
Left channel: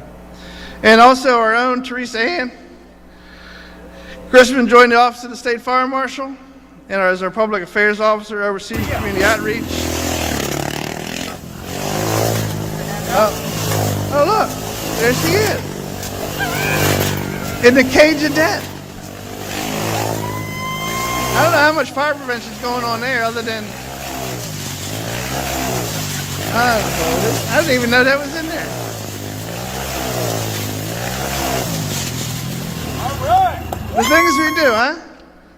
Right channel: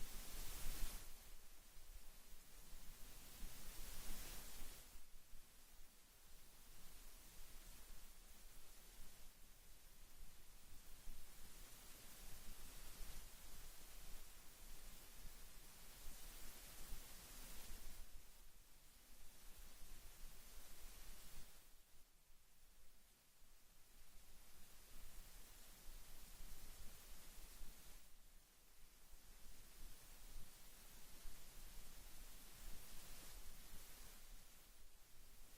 And also our own Teresa Ann Chrisman joined the Office of the State Fire Marshal and as our Public Affairs Officer overseeing community outreach. Oh look, there she is. In the cage of death. I don't know how much fire prevention is going on there other than I didn't even know that was in there. All right. The things we do, huh?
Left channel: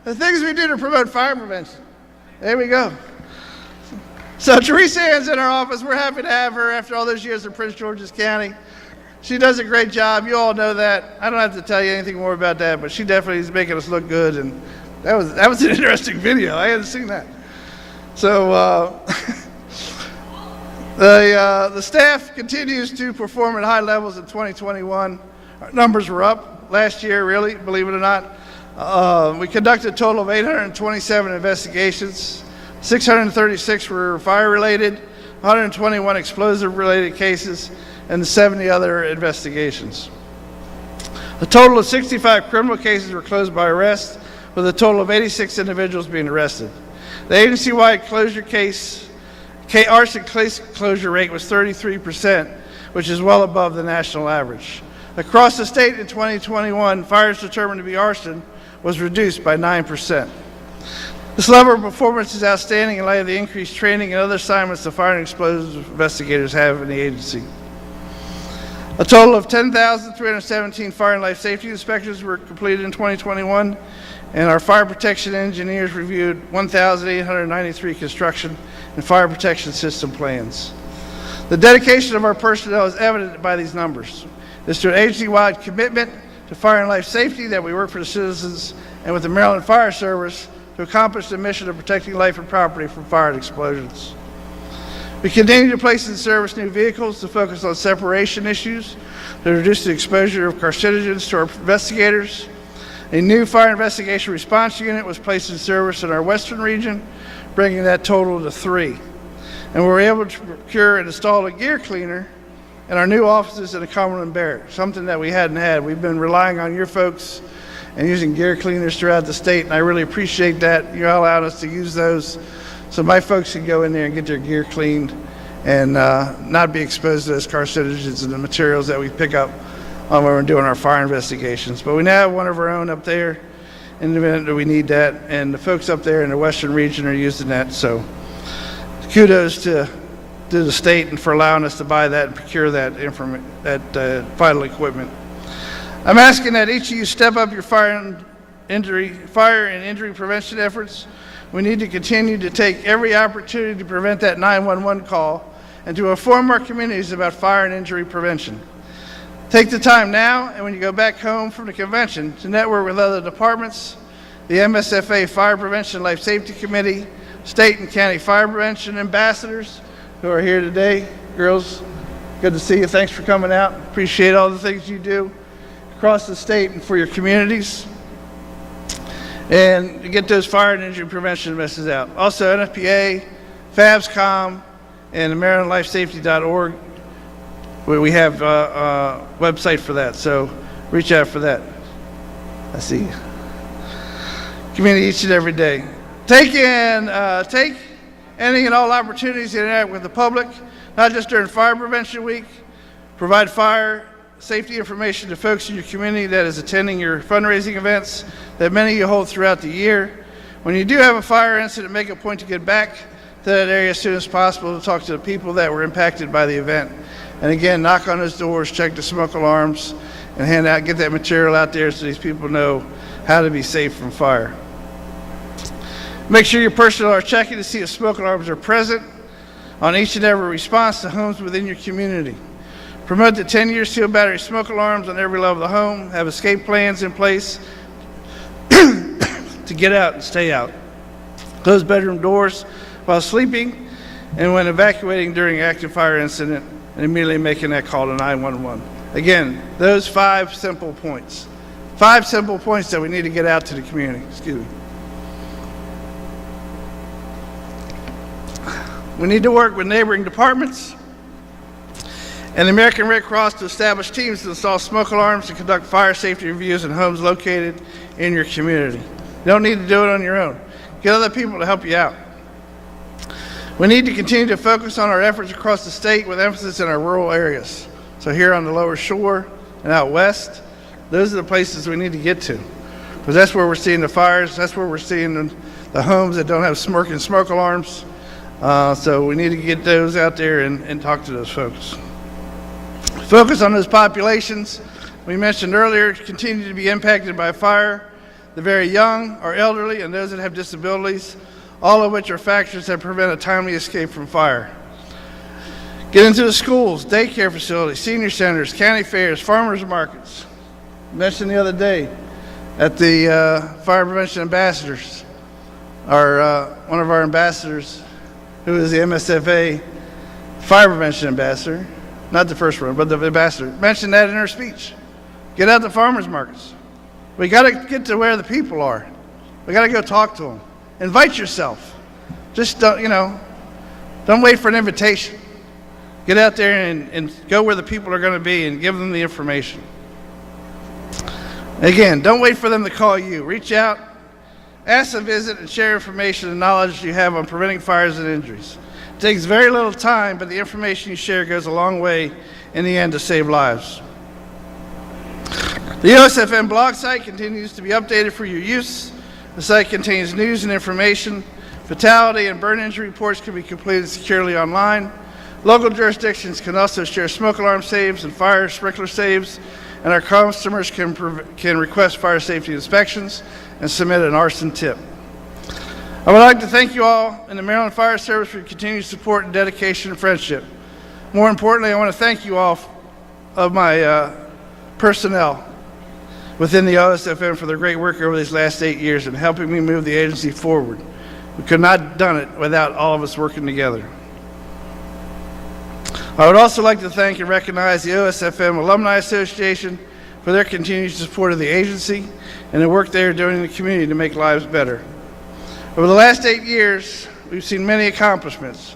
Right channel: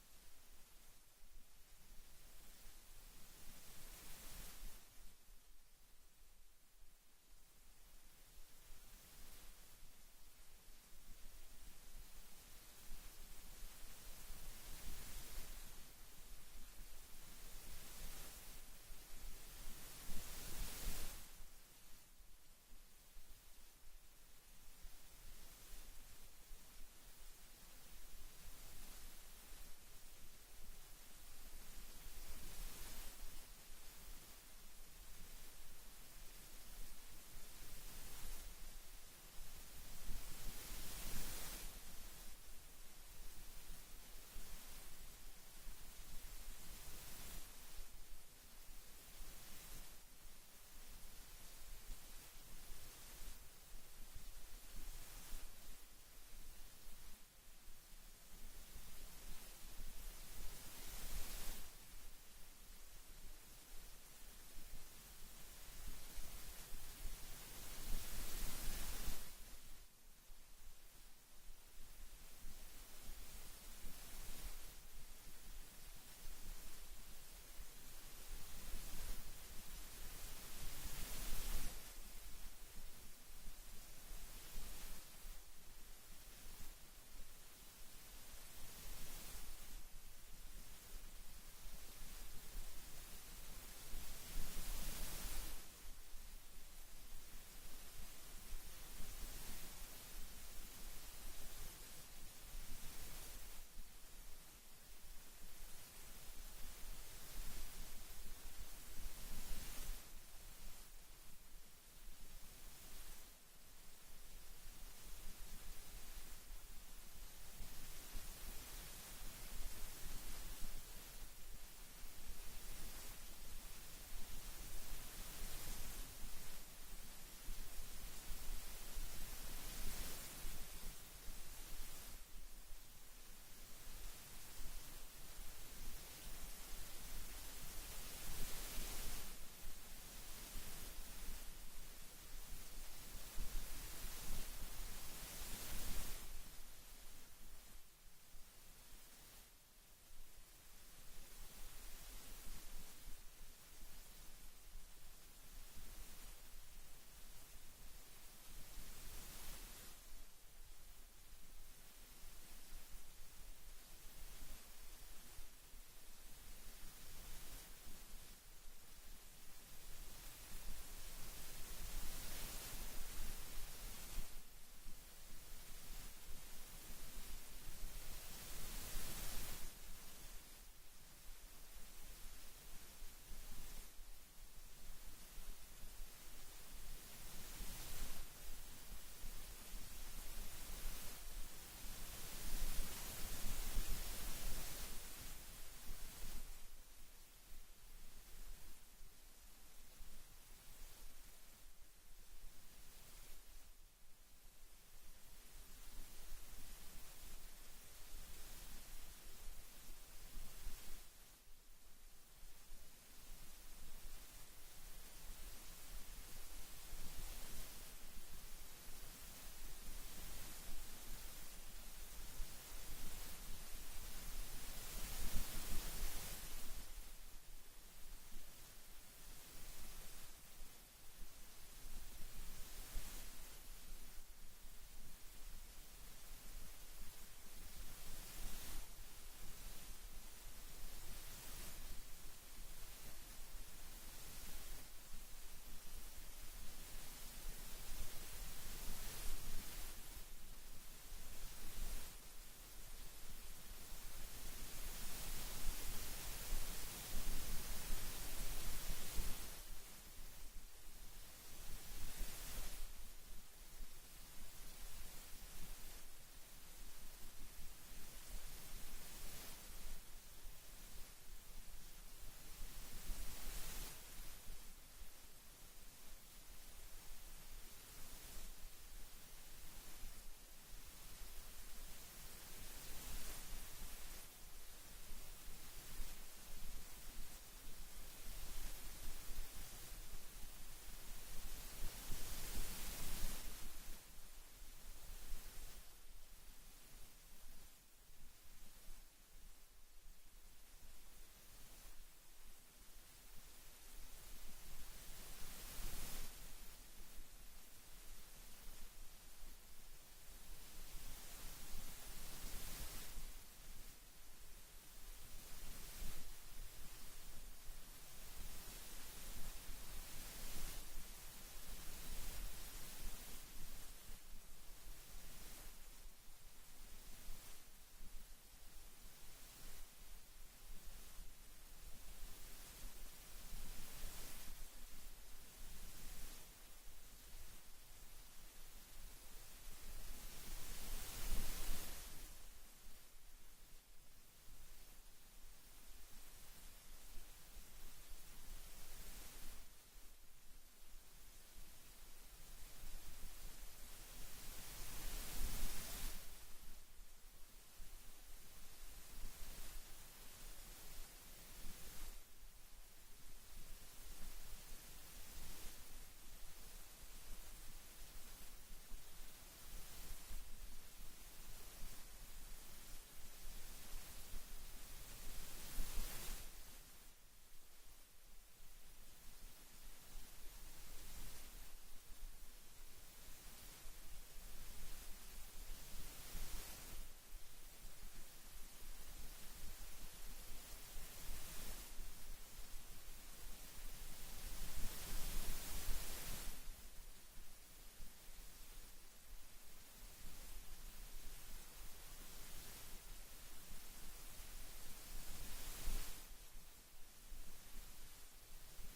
The things we do to promote fire prevention. There we go. So Teresa Ann's in our office. We're happy to have her after all those years in Prince George's County. She does a great job. You all know that. I don't have to tell you anything more about that, but she definitely is making us look good. And that was an interesting video. I hadn't seen that. So the staff continues to perform at high levels in 2021. Our numbers were up last year, really, believe it or not. We conducted a total of 827 investigations. 636 were fire-related, 121 explosive-related cases, and 70 other investigations. A total of 65 criminal cases were closed by arrest, with a total of 86 individuals being arrested. The agency-wide arson case closure rate was 33%, which is well above the national average. Across the state in 2021, fires determined to be arson was reduced by 9%. This level of performance is outstanding in light of the increased training and other assignments the fire and explosive investigators have in the agency. A total of 10,317 fire and life safety inspections were completed in 2021, and our fire protection engineers reviewed 1,893 construction and fire protection system plans. The dedication of our personnel is evident by these numbers. It's through an agency-wide commitment to fire and life safety that we work for the citizens and with the Maryland Fire Service to accomplish the mission of protecting life and property from fire and explosions. We continue to place in service new vehicles to focus on separation issues to reduce the exposure of carcinogens to our investigators. A new fire investigation response unit was placed in service in our western region, bringing that total to 3. And we were able to procure and install a gear cleaner in our new offices in the Cumberland Barracks, something that we hadn't had. We've been relying on your folks and using gear cleaners throughout the state, and I really appreciate that. You allowed us to use those so my folks can go in there and get their gear cleaned and not be exposed to those carcinogens and the materials that we pick up when we're doing our fire investigations. But we now have one of our own up there in the event that we need that, and the folks up there in the western region are using that. So kudos to the state and for allowing us to buy that and procure that vital equipment. I'm asking that each of you step up your fire and injury prevention efforts. We need to continue to take every opportunity to prevent that 911 call and to inform our communities about fire and injury prevention. Take the time now and when you go back home from the convention to network with other departments, the MSFA Fire Prevention Life Safety Committee, state and county fire prevention ambassadors who are here today. Girls, good to see you. Thanks for coming out. Appreciate all the things you do across the state and for your communities, and to get those fire and injury prevention messages out. Also, NFPA, FABSCOM, and MarylandLifeSafety.org, where we have a website for that, so reach out for that. I see you. Community each and every day. Take any and all opportunities to interact with the public, not just during Fire Prevention Week. Provide fire safety information to folks in your community that is attending your fundraising events that many of you hold throughout the year. When you do have a fire incident, make a point to get back to that area as soon as possible to talk to the people that were impacted by the event. And again, knock on those doors, check the smoke alarms, and get that material out there so these people know how to be safe from fire. Make sure your personnel are checking to see if smoke alarms are present on each and every response to homes within your community. Promote the 10-year sealed battery smoke alarms on every level of the home. Have escape plans in place to get out and stay out. Close bedroom doors while sleeping and when evacuating during an active fire incident, and immediately making that call to 911. Again, those 5 simple points. 5 simple points that we need to get out to the community. Excuse me. We need to work with neighboring departments and the American Red Cross to establish teams to install smoke alarms and conduct fire safety reviews in homes located in your community. You don't need to do it on your own. Get other people to help you out. We need to continue to focus on our efforts across the state with emphasis in our rural areas. So here on the lower shore and out west, those are the places we need to get to. Because that's where we're seeing the fires, that's where we're seeing the homes that don't have smoke alarms. So we need to get those out there and talk to those folks. Focus on those populations we mentioned earlier continue to be impacted by fire. The very young or elderly and those that have disabilities, all of which are factors that prevent a timely escape from fire. Get into the schools, daycare facilities, senior centers, county fairs, farmers markets. Mentioned the other day at the Fire Prevention Ambassadors, one of our ambassadors, who is the MSFA Fire Prevention Ambassador, not the first one, but the ambassador, mentioned that in her speech. Get out to farmers markets. We got to get to where the people are. We got to go talk to them. Invite yourself. Just don't wait for an invitation. Get out there and go where the people are going to be and give them the information. Again, don't wait for them to call you. Reach out, ask to visit, and share information and knowledge you have on preventing fires and injuries. It takes very little time, but the information you share goes a long way in the end to save lives. The OSFM blog site continues to be updated for your use. The site contains news and information. Fatality and burn injury reports can be completed securely online. Local jurisdictions can also share smoke alarm saves and fire sprinkler saves, and our customers can request fire safety inspections and submit an arson tip. I would like to thank you all in the Maryland Fire Service for your continued support and dedication and friendship. More importantly, I want to thank you all of my personnel within the OSFM for their great work over these last 8 years in helping me move the agency forward. We could not have done it without all of us working together. I would also like to thank and recognize the OSFM Alumni Association for their continued support of the agency and the work they are doing in the community to make lives better. Over the last 8 years, we've seen many accomplishments.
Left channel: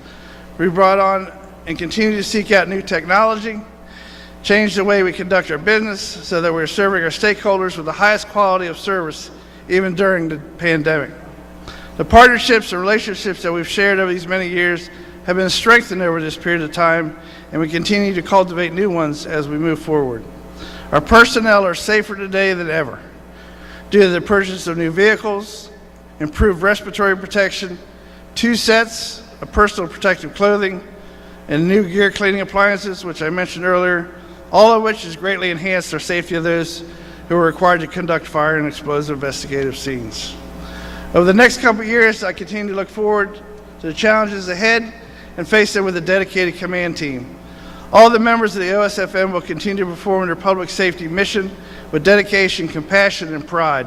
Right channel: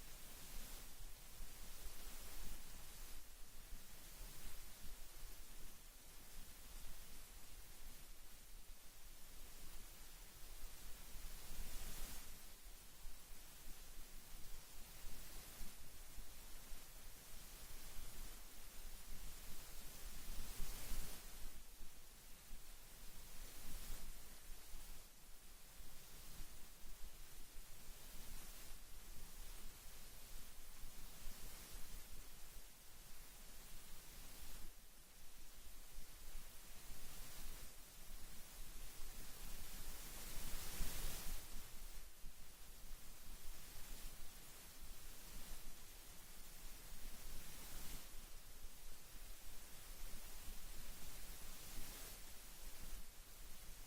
We brought on and continue to seek out new technology, change the way we conduct our business so that we're serving our stakeholders with the highest quality of service even during the pandemic. The partnerships and relationships that we've shared over these many years have been strengthened over this period of time, and we continue to cultivate new ones as we move forward. Our personnel are safer today than ever due to the purchase of new vehicles, improved respiratory protection, 2 sets of personal protective clothing, and new gear cleaning appliances, which I mentioned earlier, all of which has greatly enhanced our safety of those who are required to conduct fire and explosive investigative scenes. Over the next couple of years, I continue to look forward to the challenges ahead and face them with a dedicated command team. All the members of the OSFM will continue to perform their public safety mission with dedication, compassion, and pride.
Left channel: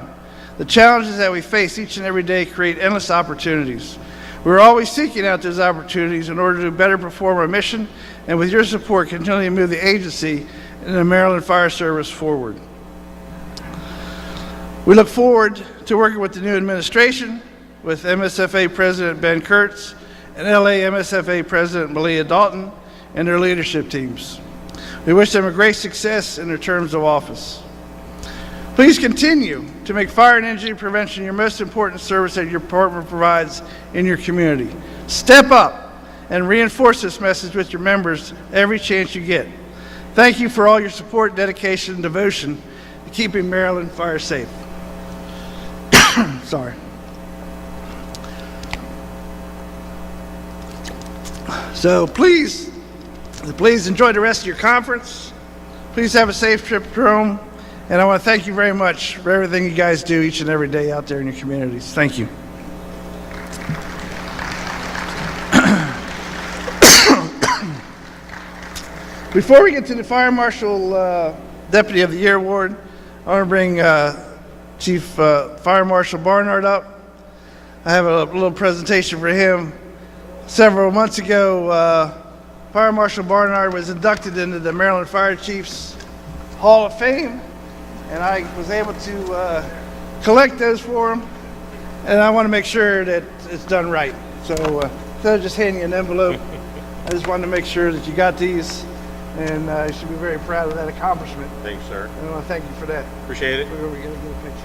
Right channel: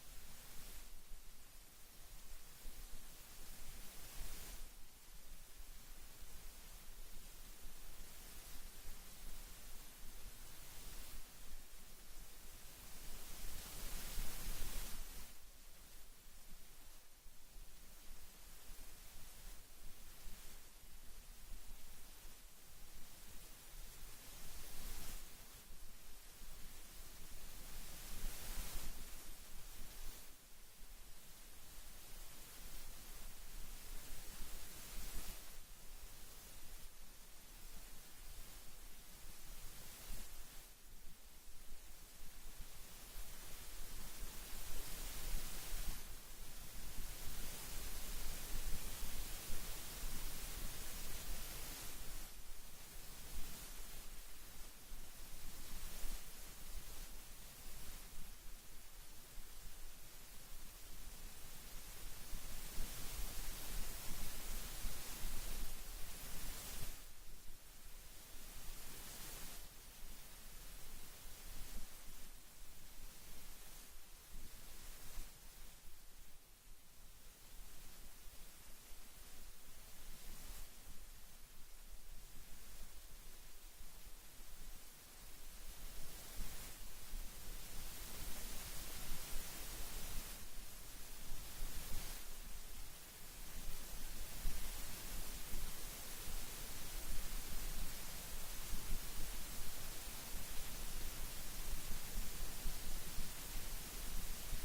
The challenges that we face each and every day create endless opportunities. We're always seeking out those opportunities in order to better perform our mission, and with your support, continue to move the agency and the Maryland Fire Service forward. We look forward to working with the new administration, with MSFA President Ben Kurtz and LA MSFA President Malia Dalton and their leadership teams. We wish them a great success in their terms of office. Please continue to make fire and injury prevention your most important service that your department provides in your community. Step up and reinforce this message with your members every chance you get. Thank you for all your support, dedication, and devotion to keeping Maryland fire safe. Sorry. So please enjoy the rest of your conference. Please have a safe trip home. And I want to thank you very much for everything you guys do each and every day out there in your communities. Thank you. Before we get to the Fire Marshal Deputy of the Year Award, I want to bring Chief Fire Marshal Barnard up. I have a little presentation for him. Several months ago, Fire Marshal Barnard was inducted into the Maryland Fire Chiefs Hall of Fame, and I was able to collect those for him, and I want to make sure that it's done right. So instead of just handing you an envelope, I just wanted to make sure that you got these, and you should be very proud of that accomplishment. Thanks, sir. And I want to thank you for that. Appreciate it. We're going to get a picture.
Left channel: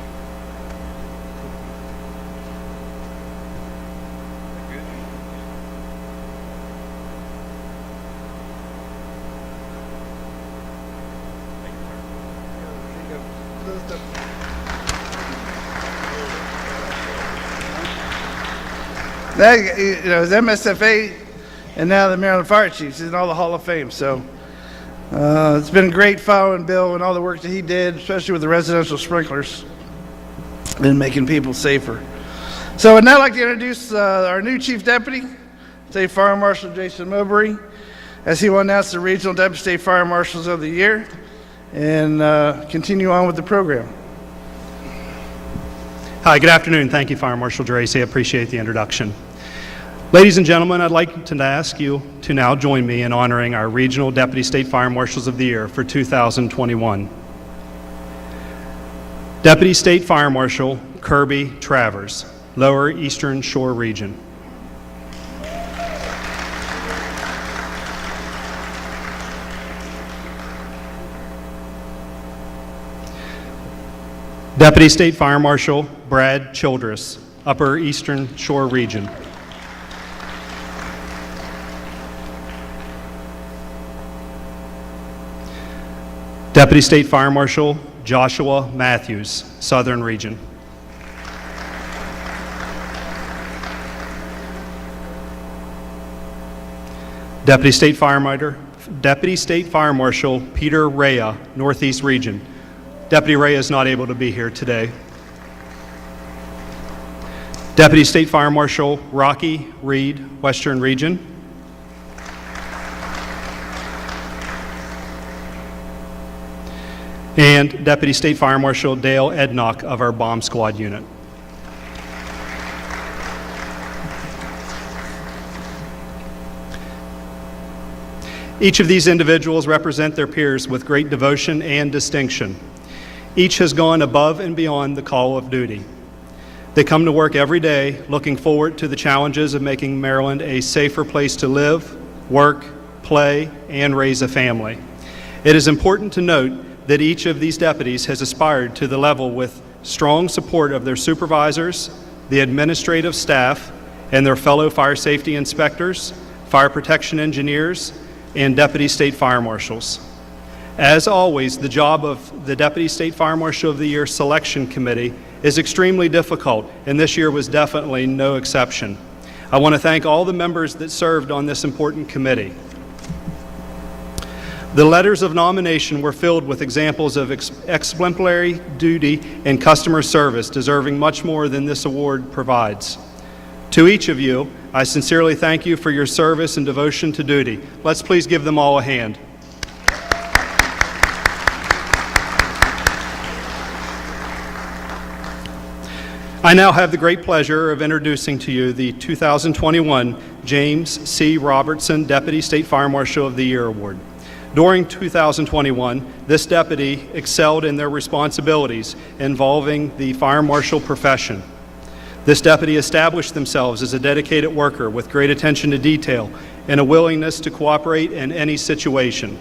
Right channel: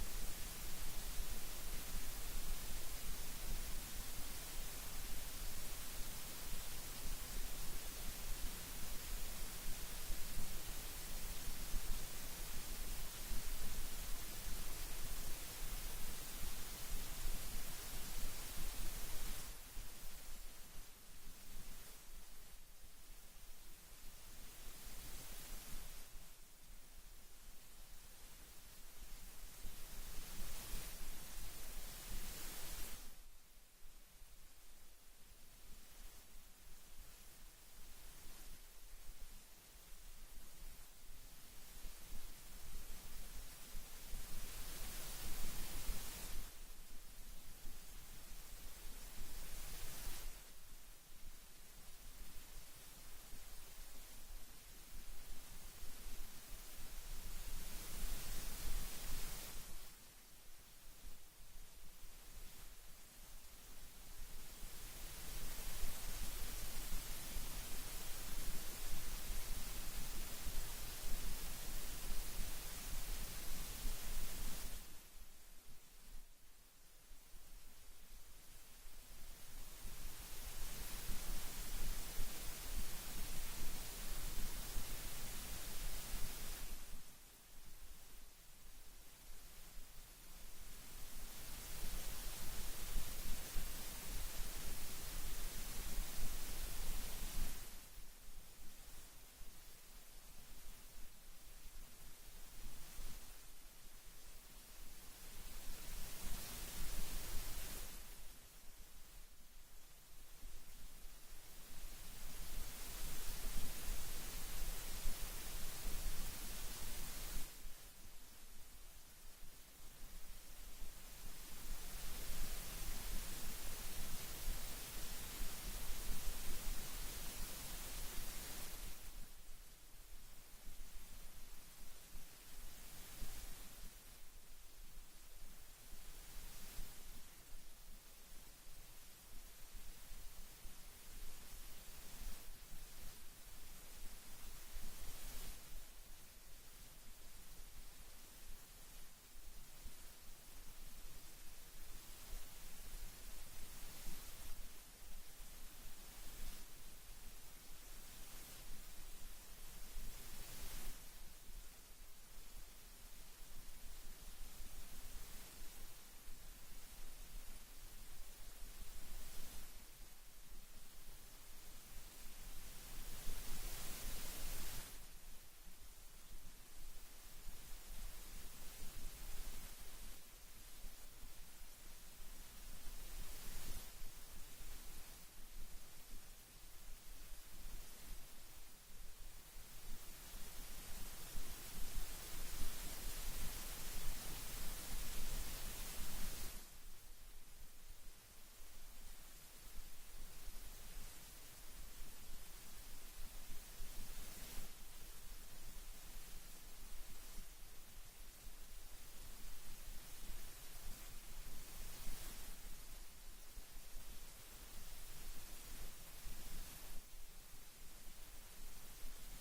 That, you know, is MSFA and now the Maryland Fire Chiefs. He's in all the Hall of Fame. So it's been great following Bill and all the work that he did, especially with the residential sprinklers and making people safer. So I'd now like to introduce our new Chief Deputy, State Fire Marshal Jason Mowbray, as he will announce the Regional Deputy State Fire Marshals of the Year and continue on with the program. Hi, good afternoon. Thank you, Fire Marshal Dracy. I appreciate the introduction. Ladies and gentlemen, I'd like to ask you to now join me in honoring our Regional Deputy State Fire Marshals of the Year for 2021. Deputy State Fire Marshal Kirby Travers, Lower Eastern Shore Region. Deputy State Fire Marshal Brad Childress, Upper Eastern Shore Region. Deputy State Fire Marshal Joshua Matthews, Southern Region. Deputy State Fire Marshal Peter Rea, Northeast Region. Deputy Rea is not able to be here today. Deputy State Fire Marshal Rocky Reed, Western Region. And Deputy State Fire Marshal Dale Ednock of our Bomb Squad unit. Each of these individuals represent their peers with great devotion and distinction. Each has gone above and beyond the call of duty. They come to work every day looking forward to the challenges of making Maryland a safer place to live, work, play, and raise a family. It is important to note that each of these deputies has aspired to the level with strong support of their supervisors, the administrative staff, and their fellow fire safety inspectors, fire protection engineers, and deputy state fire marshals. As always, the job of the Deputy State Fire Marshal of the Year Selection Committee is extremely difficult, and this year was definitely no exception. I want to thank all the members that served on this important committee. The letters of nomination were filled with examples of exemplary duty and customer service, deserving much more than this award provides. To each of you, I sincerely thank you for your service and devotion to duty. Let's please give them all a hand. I now have the great pleasure of introducing to you the 2021 James C. Robertson Deputy State Fire Marshal of the Year Award. During 2021, this deputy excelled in their responsibilities involving the fire marshal profession. This deputy established themselves as a dedicated worker with great attention to detail and a willingness to cooperate in any situation.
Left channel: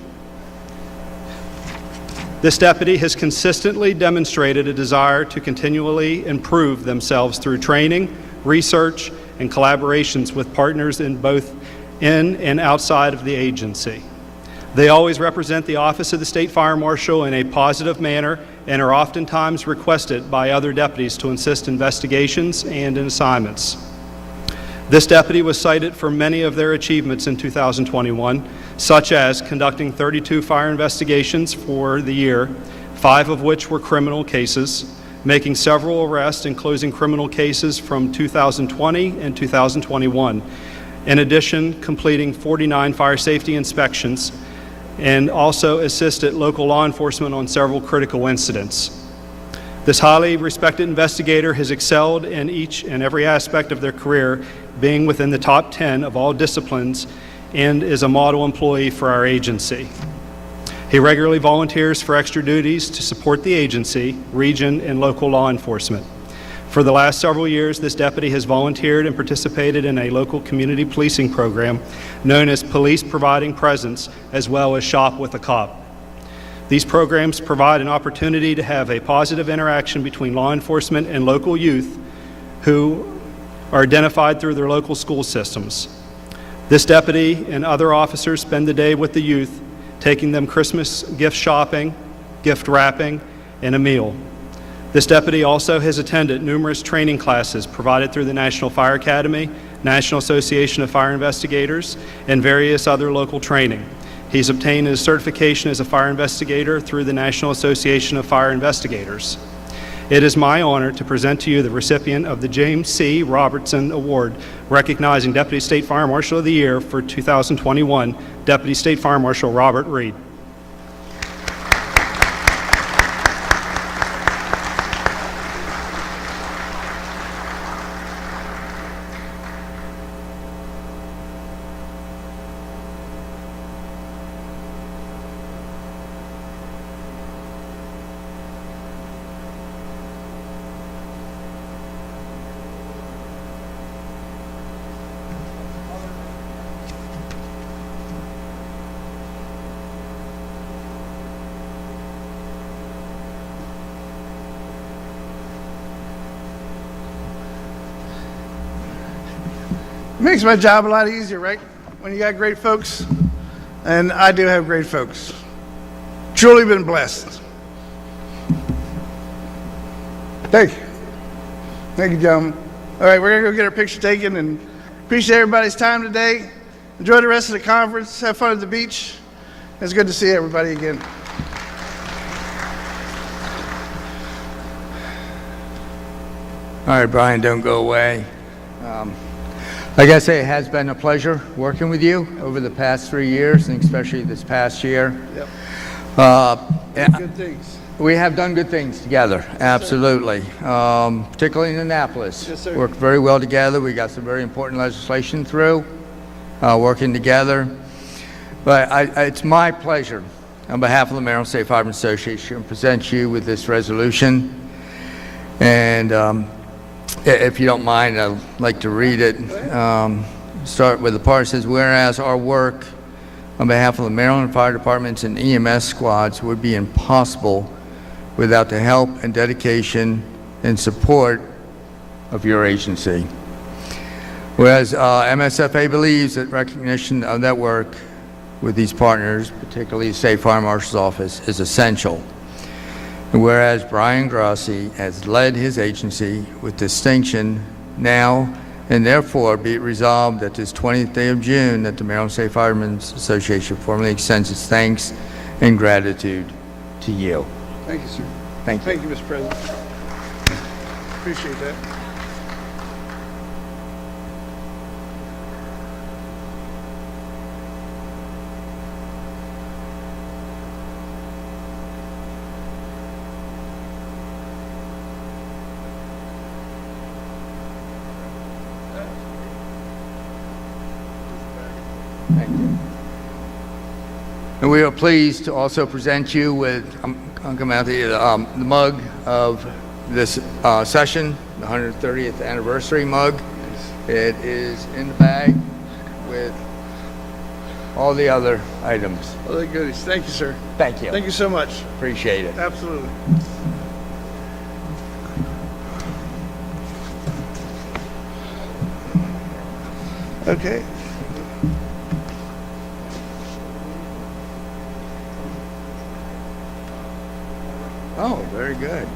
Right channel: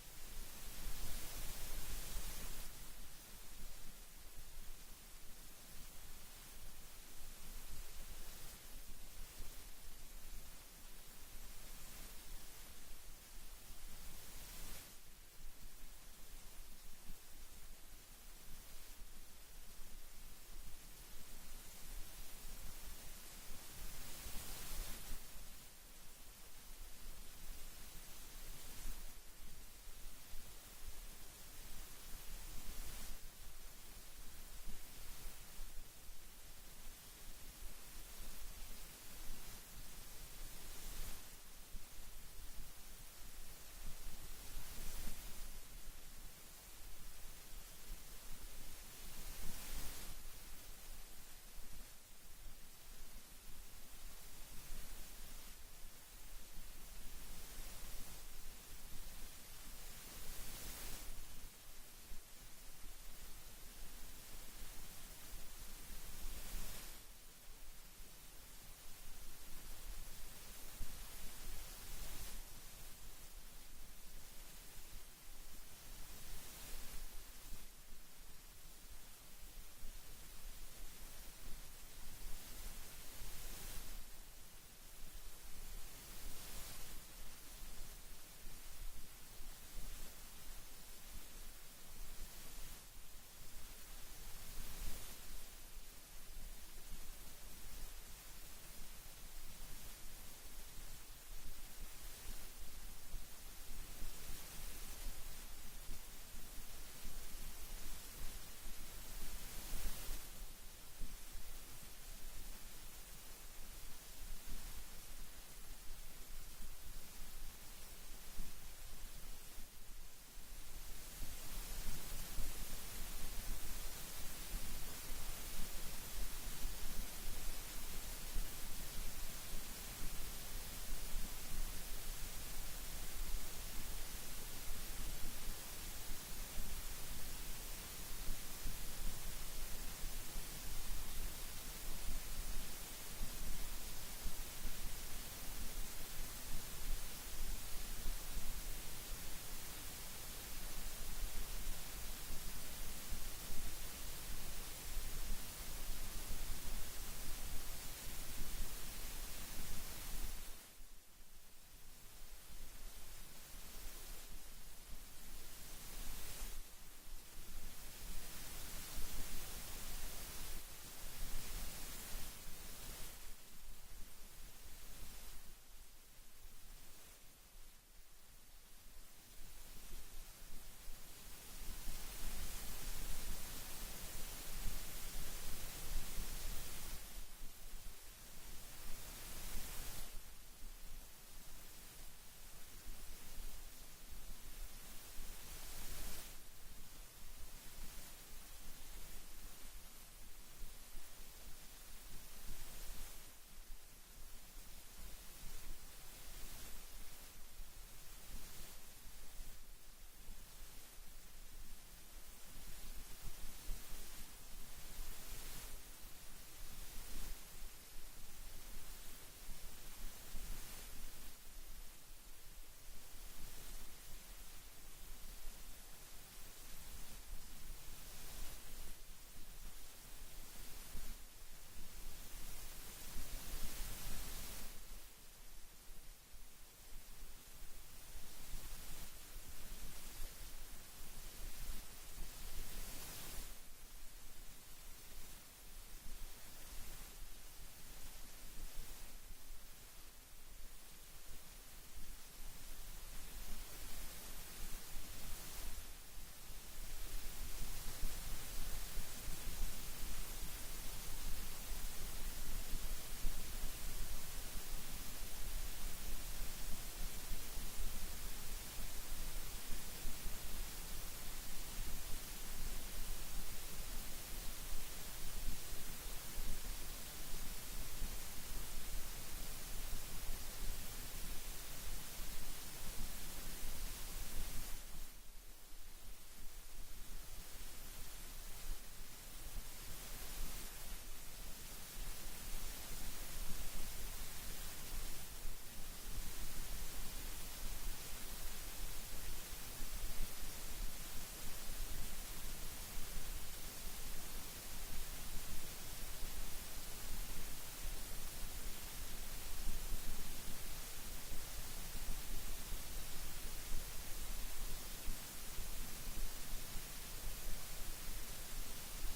This deputy has consistently demonstrated a desire to continually improve themselves through training, research, and collaborations with partners in both in and outside of the agency. They always represent the Office of the State Fire Marshal in a positive manner and are oftentimes requested by other deputies to assist investigations and in assignments. This deputy was cited for many of their achievements in 2021, such as conducting 32 fire investigations for the year, 5 of which were criminal cases, making several arrests and closing criminal cases from 2020 and 2021. In addition, completing 49 fire safety inspections, and also assisted local law enforcement on several critical incidents. This highly respected investigator has excelled in each and every aspect of their career, being within the top 10 of all disciplines, and is a model employee for our agency. He regularly volunteers for extra duties to support the agency, region, and local law enforcement. For the last several years, this deputy has volunteered and participated in a local community policing program known as Police Providing Presence, as well as Shop with a Cop. These programs provide an opportunity to have a positive interaction between law enforcement and local youth who are identified through their local school systems. This deputy and other officers spend the day with the youth, taking them Christmas gift shopping, gift wrapping, and a meal. This deputy also has attended numerous training classes provided through the National Fire Academy, National Association of Fire Investigators, and various other local training. He's obtained his certification as a fire investigator through the National Association of Fire Investigators. It is my honor to present to you the recipient of the James C. Robertson Award, recognizing Deputy State Fire Marshal of the Year for 2021, Deputy State Fire Marshal Robert Reed. It makes my job a lot easier, right? When you got great folks, and I do have great folks. Truly been blessed. Thank you. Thank you, gentlemen. All right, we're gonna go get our picture taken, and appreciate everybody's time today. Enjoy the rest of the conference. Have fun at the beach. It's good to see everybody again. All right, Brian, don't go away. Like I say, it has been a pleasure working with you over the past 3 years, and especially this past year. Yep. Good things. We have done good things together, absolutely. Particularly in Annapolis. Yes, sir. Worked very well together. We got some very important legislation through, working together. But it's my pleasure, on behalf of the Maryland State Firemen Association, to present you with this resolution. And if you don't mind, I'd like to read it. Start with the part that says, whereas our work on behalf of the Maryland Fire Departments and EMS squads would be impossible without the help and dedication and support of your agency. Whereas MSFA believes that recognition of that work with these partners, particularly the State Fire Marshal's Office, is essential. And whereas Brian Grassi has led his agency with distinction now, and therefore be it resolved that this 20th day of June that the Maryland State Firemen's Association formally extends its thanks and gratitude to you. Thank you, sir. Thank you. Thank you, Mr. President. Appreciate that. Thank you. And we are pleased to also present you with, I'll come out the mug of this session, the 130th anniversary mug. It is in the bag with all the other items. All the goodies. Thank you, sir. Thank you. Thank you so much. Appreciate it. Absolutely. Okay. Oh, very good.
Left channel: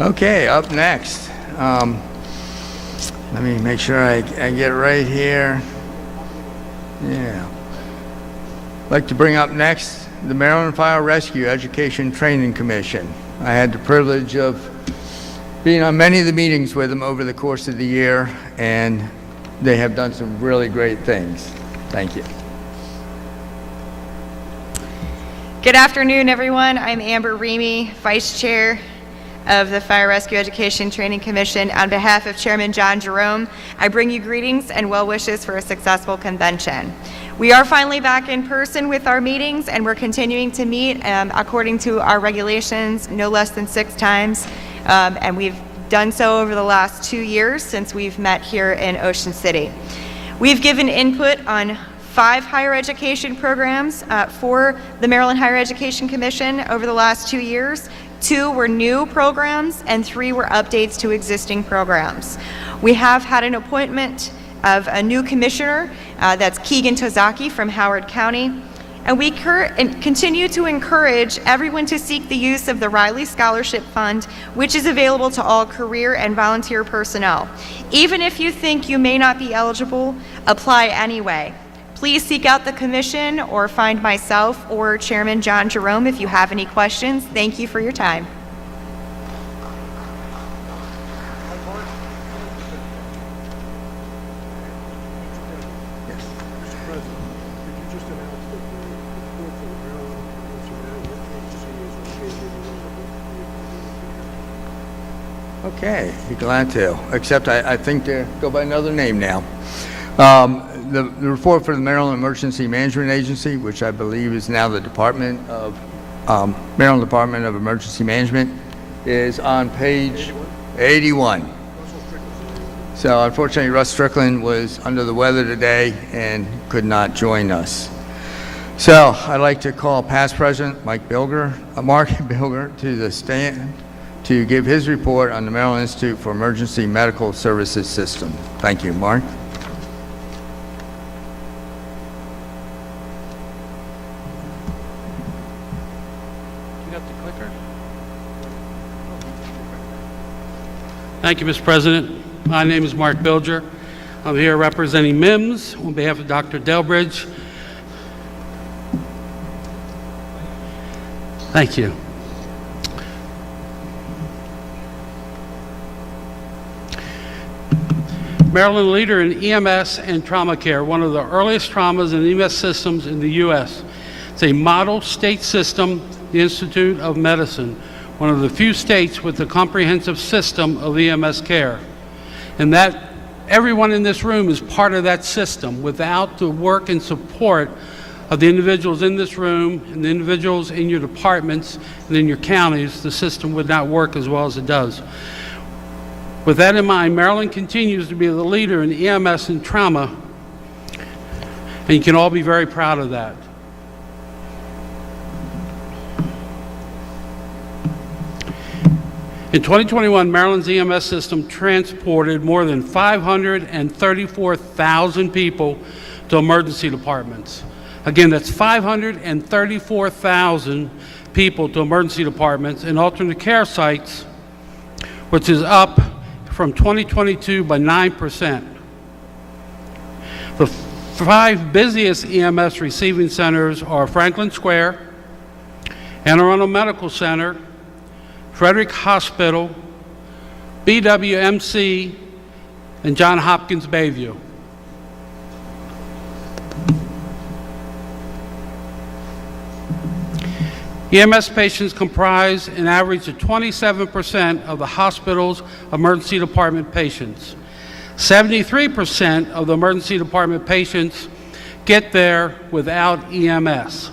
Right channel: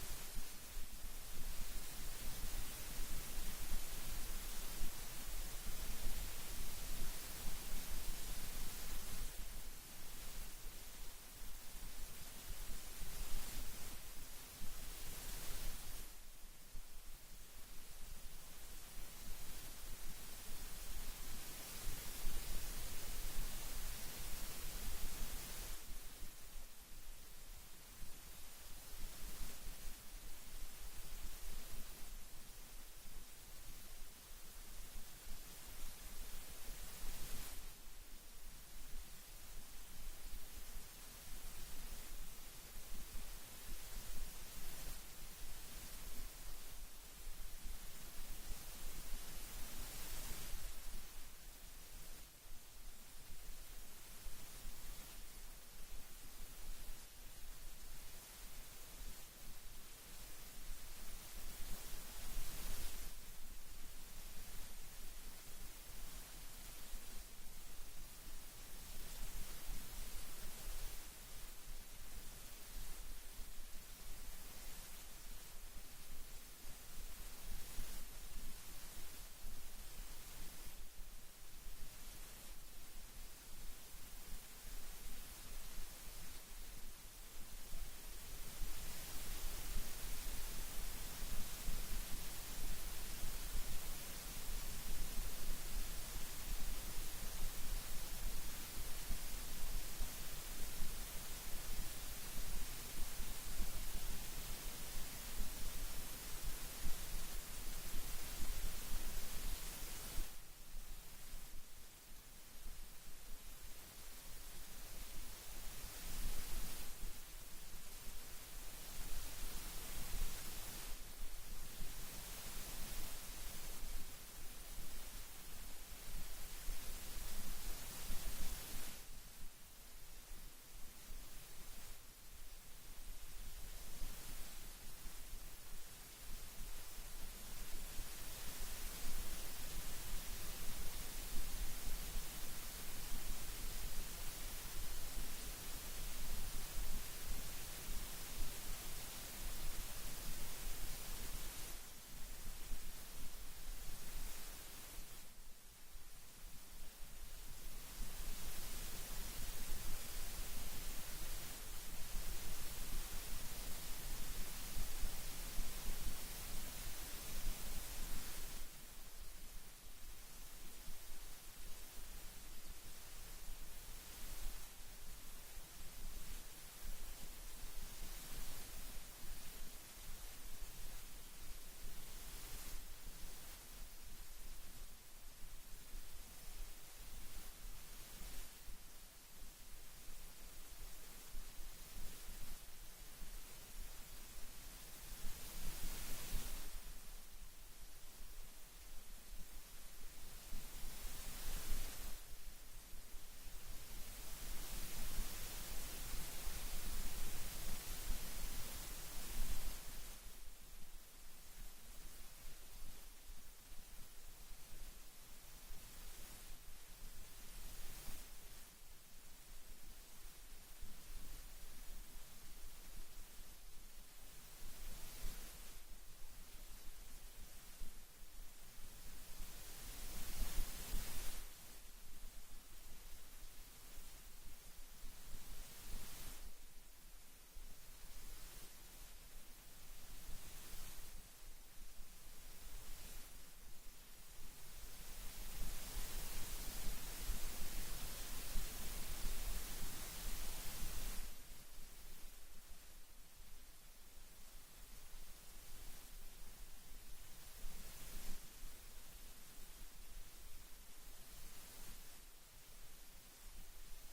Okay, up next. Let me make sure I get right here. Yeah. I'd like to bring up next the Maryland Fire Rescue Education Training Commission. I had the privilege of being on many of the meetings with them over the course of the year, and they have done some really great things. Thank you. Good afternoon, everyone. I'm Amber Reamy, Vice Chair of the Fire Rescue Education Training Commission. On behalf of Chairman John Jerome, I bring you greetings and well wishes for a successful convention. We are finally back in person with our meetings, and we're continuing to meet according to our regulations, no less than 6 times. And we've done so over the last 2 years since we've met here in Ocean City. We've given input on 5 higher education programs for the Maryland Higher Education Commission over the last 2 years. 2 were new programs and 3 were updates to existing programs. We have had an appointment of a new commissioner, that's Keegan Tozaki from Howard County, And we continue to encourage everyone to seek the use of the Riley Scholarship Fund, which is available to all career and volunteer personnel. Even if you think you may not be eligible, apply anyway. Please seek out the commission or find myself or Chairman John Jerome if you have any questions. Thank you for your time. Okay, be glad to, except I think they go by another name now. The report for the Maryland Emergency Management Agency, which I believe is now the Maryland Department of Emergency Management, is on page 81. So unfortunately, Russ Strickland was under the weather today and could not join us. So I'd like to call past President Mark Bilger to the stand to give his report on the Maryland Institute for Emergency Medical Services System. Thank you, Mark. Thank you, Mr. President. My name is Mark Bilger. I'm here representing MIMS on behalf of Dr. Delbridge. Thank you. Maryland leader in EMS and trauma care, one of the earliest traumas and EMS systems in the U.S. It's a model state system, the Institute of Medicine, one of the few states with a comprehensive system of EMS care. And that everyone in this room is part of that system. Without the work and support of the individuals in this room and the individuals in your departments and in your counties, the system would not work as well as it does. With that in mind, Maryland continues to be the leader in EMS and trauma, and you can all be very proud of that. In 2021, Maryland's EMS system transported more than 534,000 people to emergency departments. Again, that's 534,000 people to emergency departments and alternate care sites, which is up from 2022 by 9%. The 5 busiest EMS receiving centers are Franklin Square, Anne Arundel Medical Center, Frederick Hospital, BWMC, and Johns Hopkins Bayview. EMS patients comprise an average of 27% of the hospital's emergency department patients. 73% of the emergency department patients get there without EMS.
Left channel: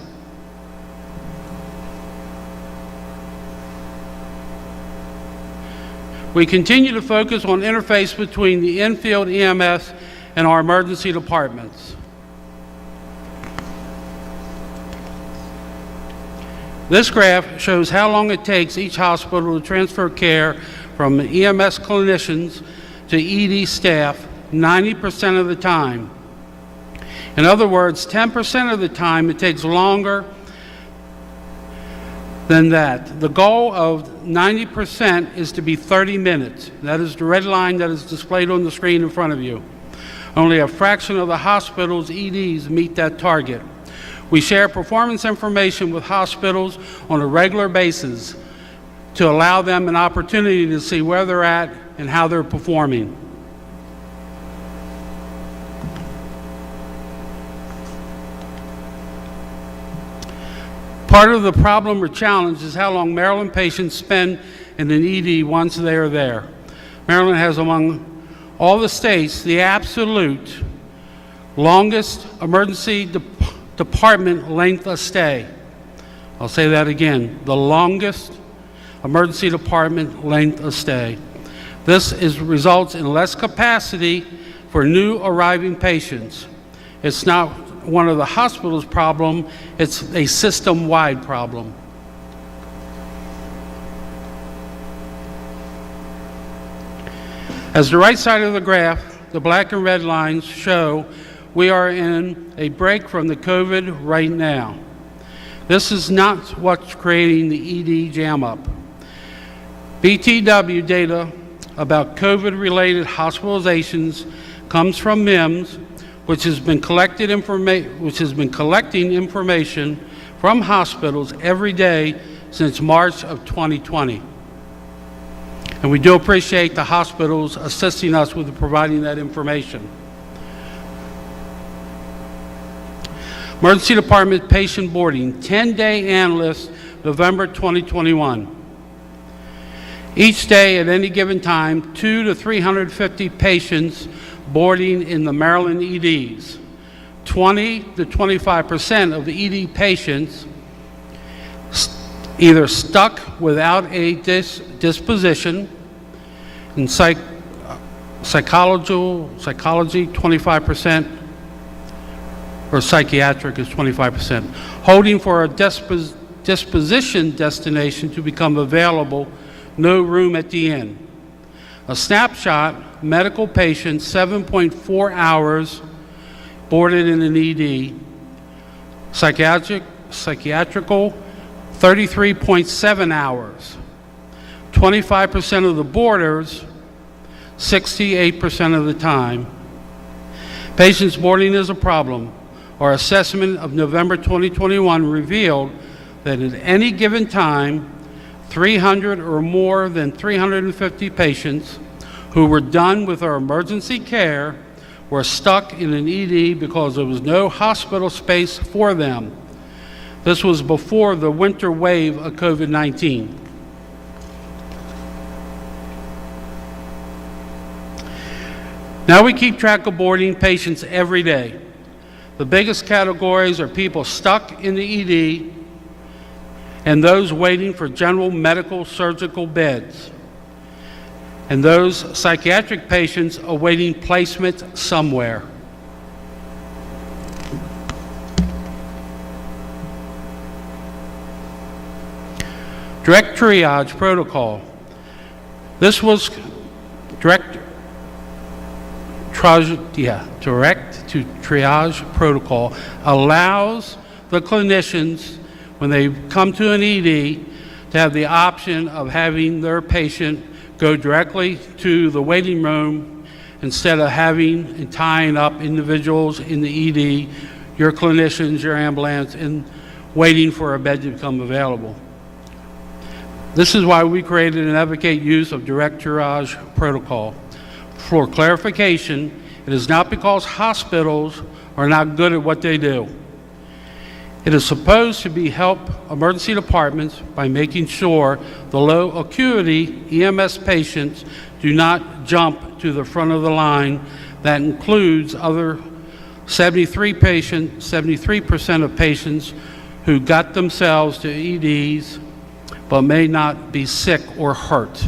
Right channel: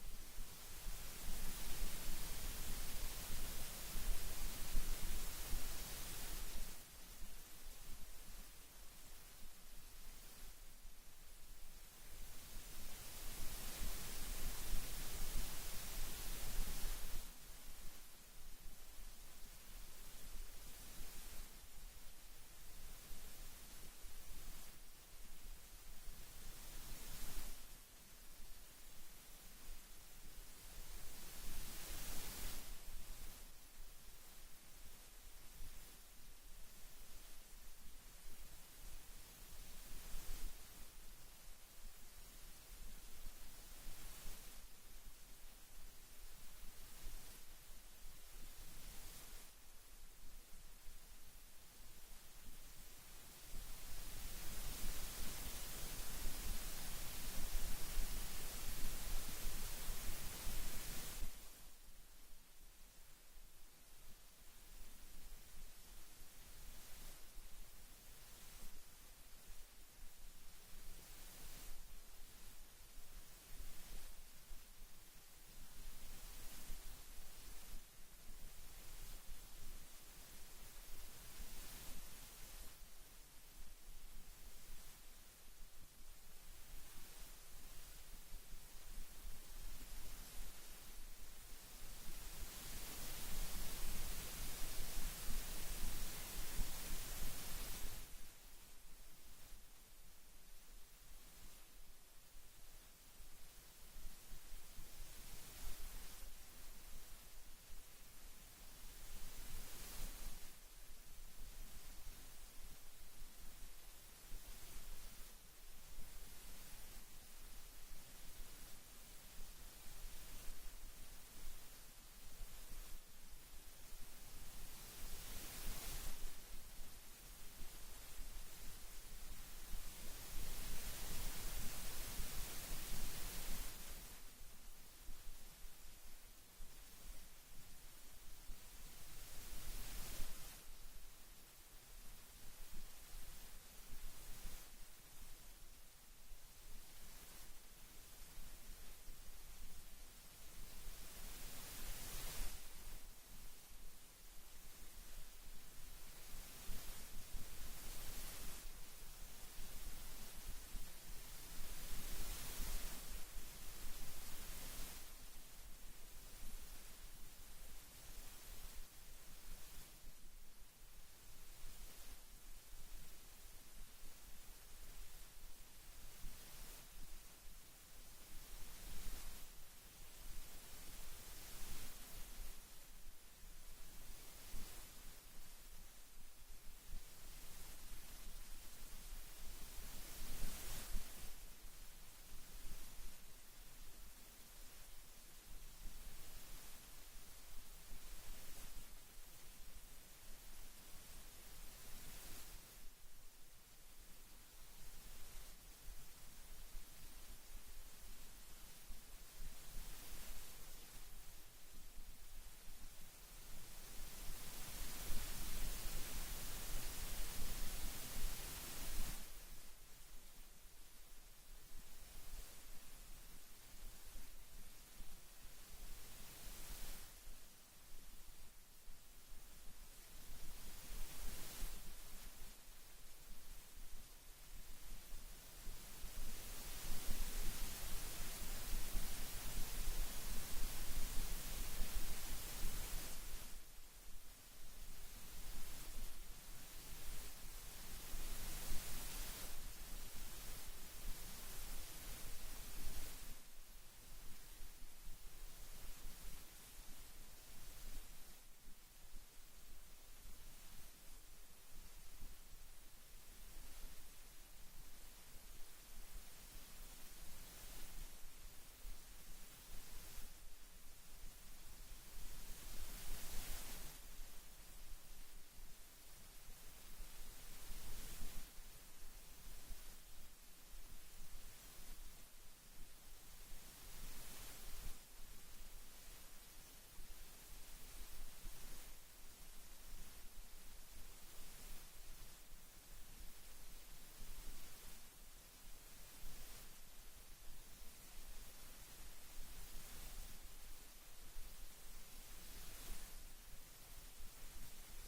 We continue to focus on interface between the in-field EMS and our emergency departments. This graph shows how long it takes each hospital to transfer care from EMS clinicians to ED staff 90% of the time. In other words, 10% of the time it takes longer than that. The goal of 90% is to be 30 minutes. That is the red line that is displayed on the screen in front of you. Only a fraction of the hospital's EDs meet that target. We share performance information with hospitals on a regular basis to allow them an opportunity to see where they're at and how they're performing. Part of the problem or challenge is how long Maryland patients spend in an ED once they are there. Maryland has, among all the states, the absolute longest emergency department length of stay. I'll say that again, the longest emergency department length of stay. This results in less capacity for new arriving patients. It's not one of the hospital's problem, it's a system-wide problem. As the right side of the graph, the black and red lines show we are in a break from the COVID right now. This is not what's creating the ED jam-up. BTW data about COVID-related hospitalizations comes from MIMS, which has been collecting information from hospitals every day since March of 2020. And we do appreciate the hospitals assisting us with providing that information. Emergency Department patient boarding, 10-day analyst, November 2021. Each day at any given time, 200 to 350 patients boarding in the Maryland EDs. 20 to 25% of the ED patients either stuck without a disposition, in psychology 25%, or psychiatric is 25%, holding for a disposition destination to become available, no room at the inn. A snapshot, medical patient, 7.4 hours boarded in an ED. Psychiatrical, 33.7 hours. 25% of the boarders, 68% of the time. Patients boarding is a problem. Our assessment of November 2021 revealed that at any given time, 300 or more than 350 patients who were done with our emergency care were stuck in an ED because there was no hospital space for them. This was before the winter wave of COVID-19. Now we keep track of boarding patients every day. The biggest categories are people stuck in the ED and those waiting for general medical surgical beds, and those psychiatric patients awaiting placement somewhere. Direct triage protocol. This was direct to triage protocol allows the clinicians, when they come to an ED, to have the option of having their patient go directly to the waiting room instead of having and tying up individuals in the ED, your clinicians, your ambulance, and waiting for a bed to become available. This is why we created and advocate use of direct triage protocol. For clarification, it is not because hospitals are not good at what they do. It is supposed to help emergency departments by making sure the low acuity EMS patients do not jump to the front of the line. That includes other 73% of patients who got themselves to EDs but may not be sick or hurt.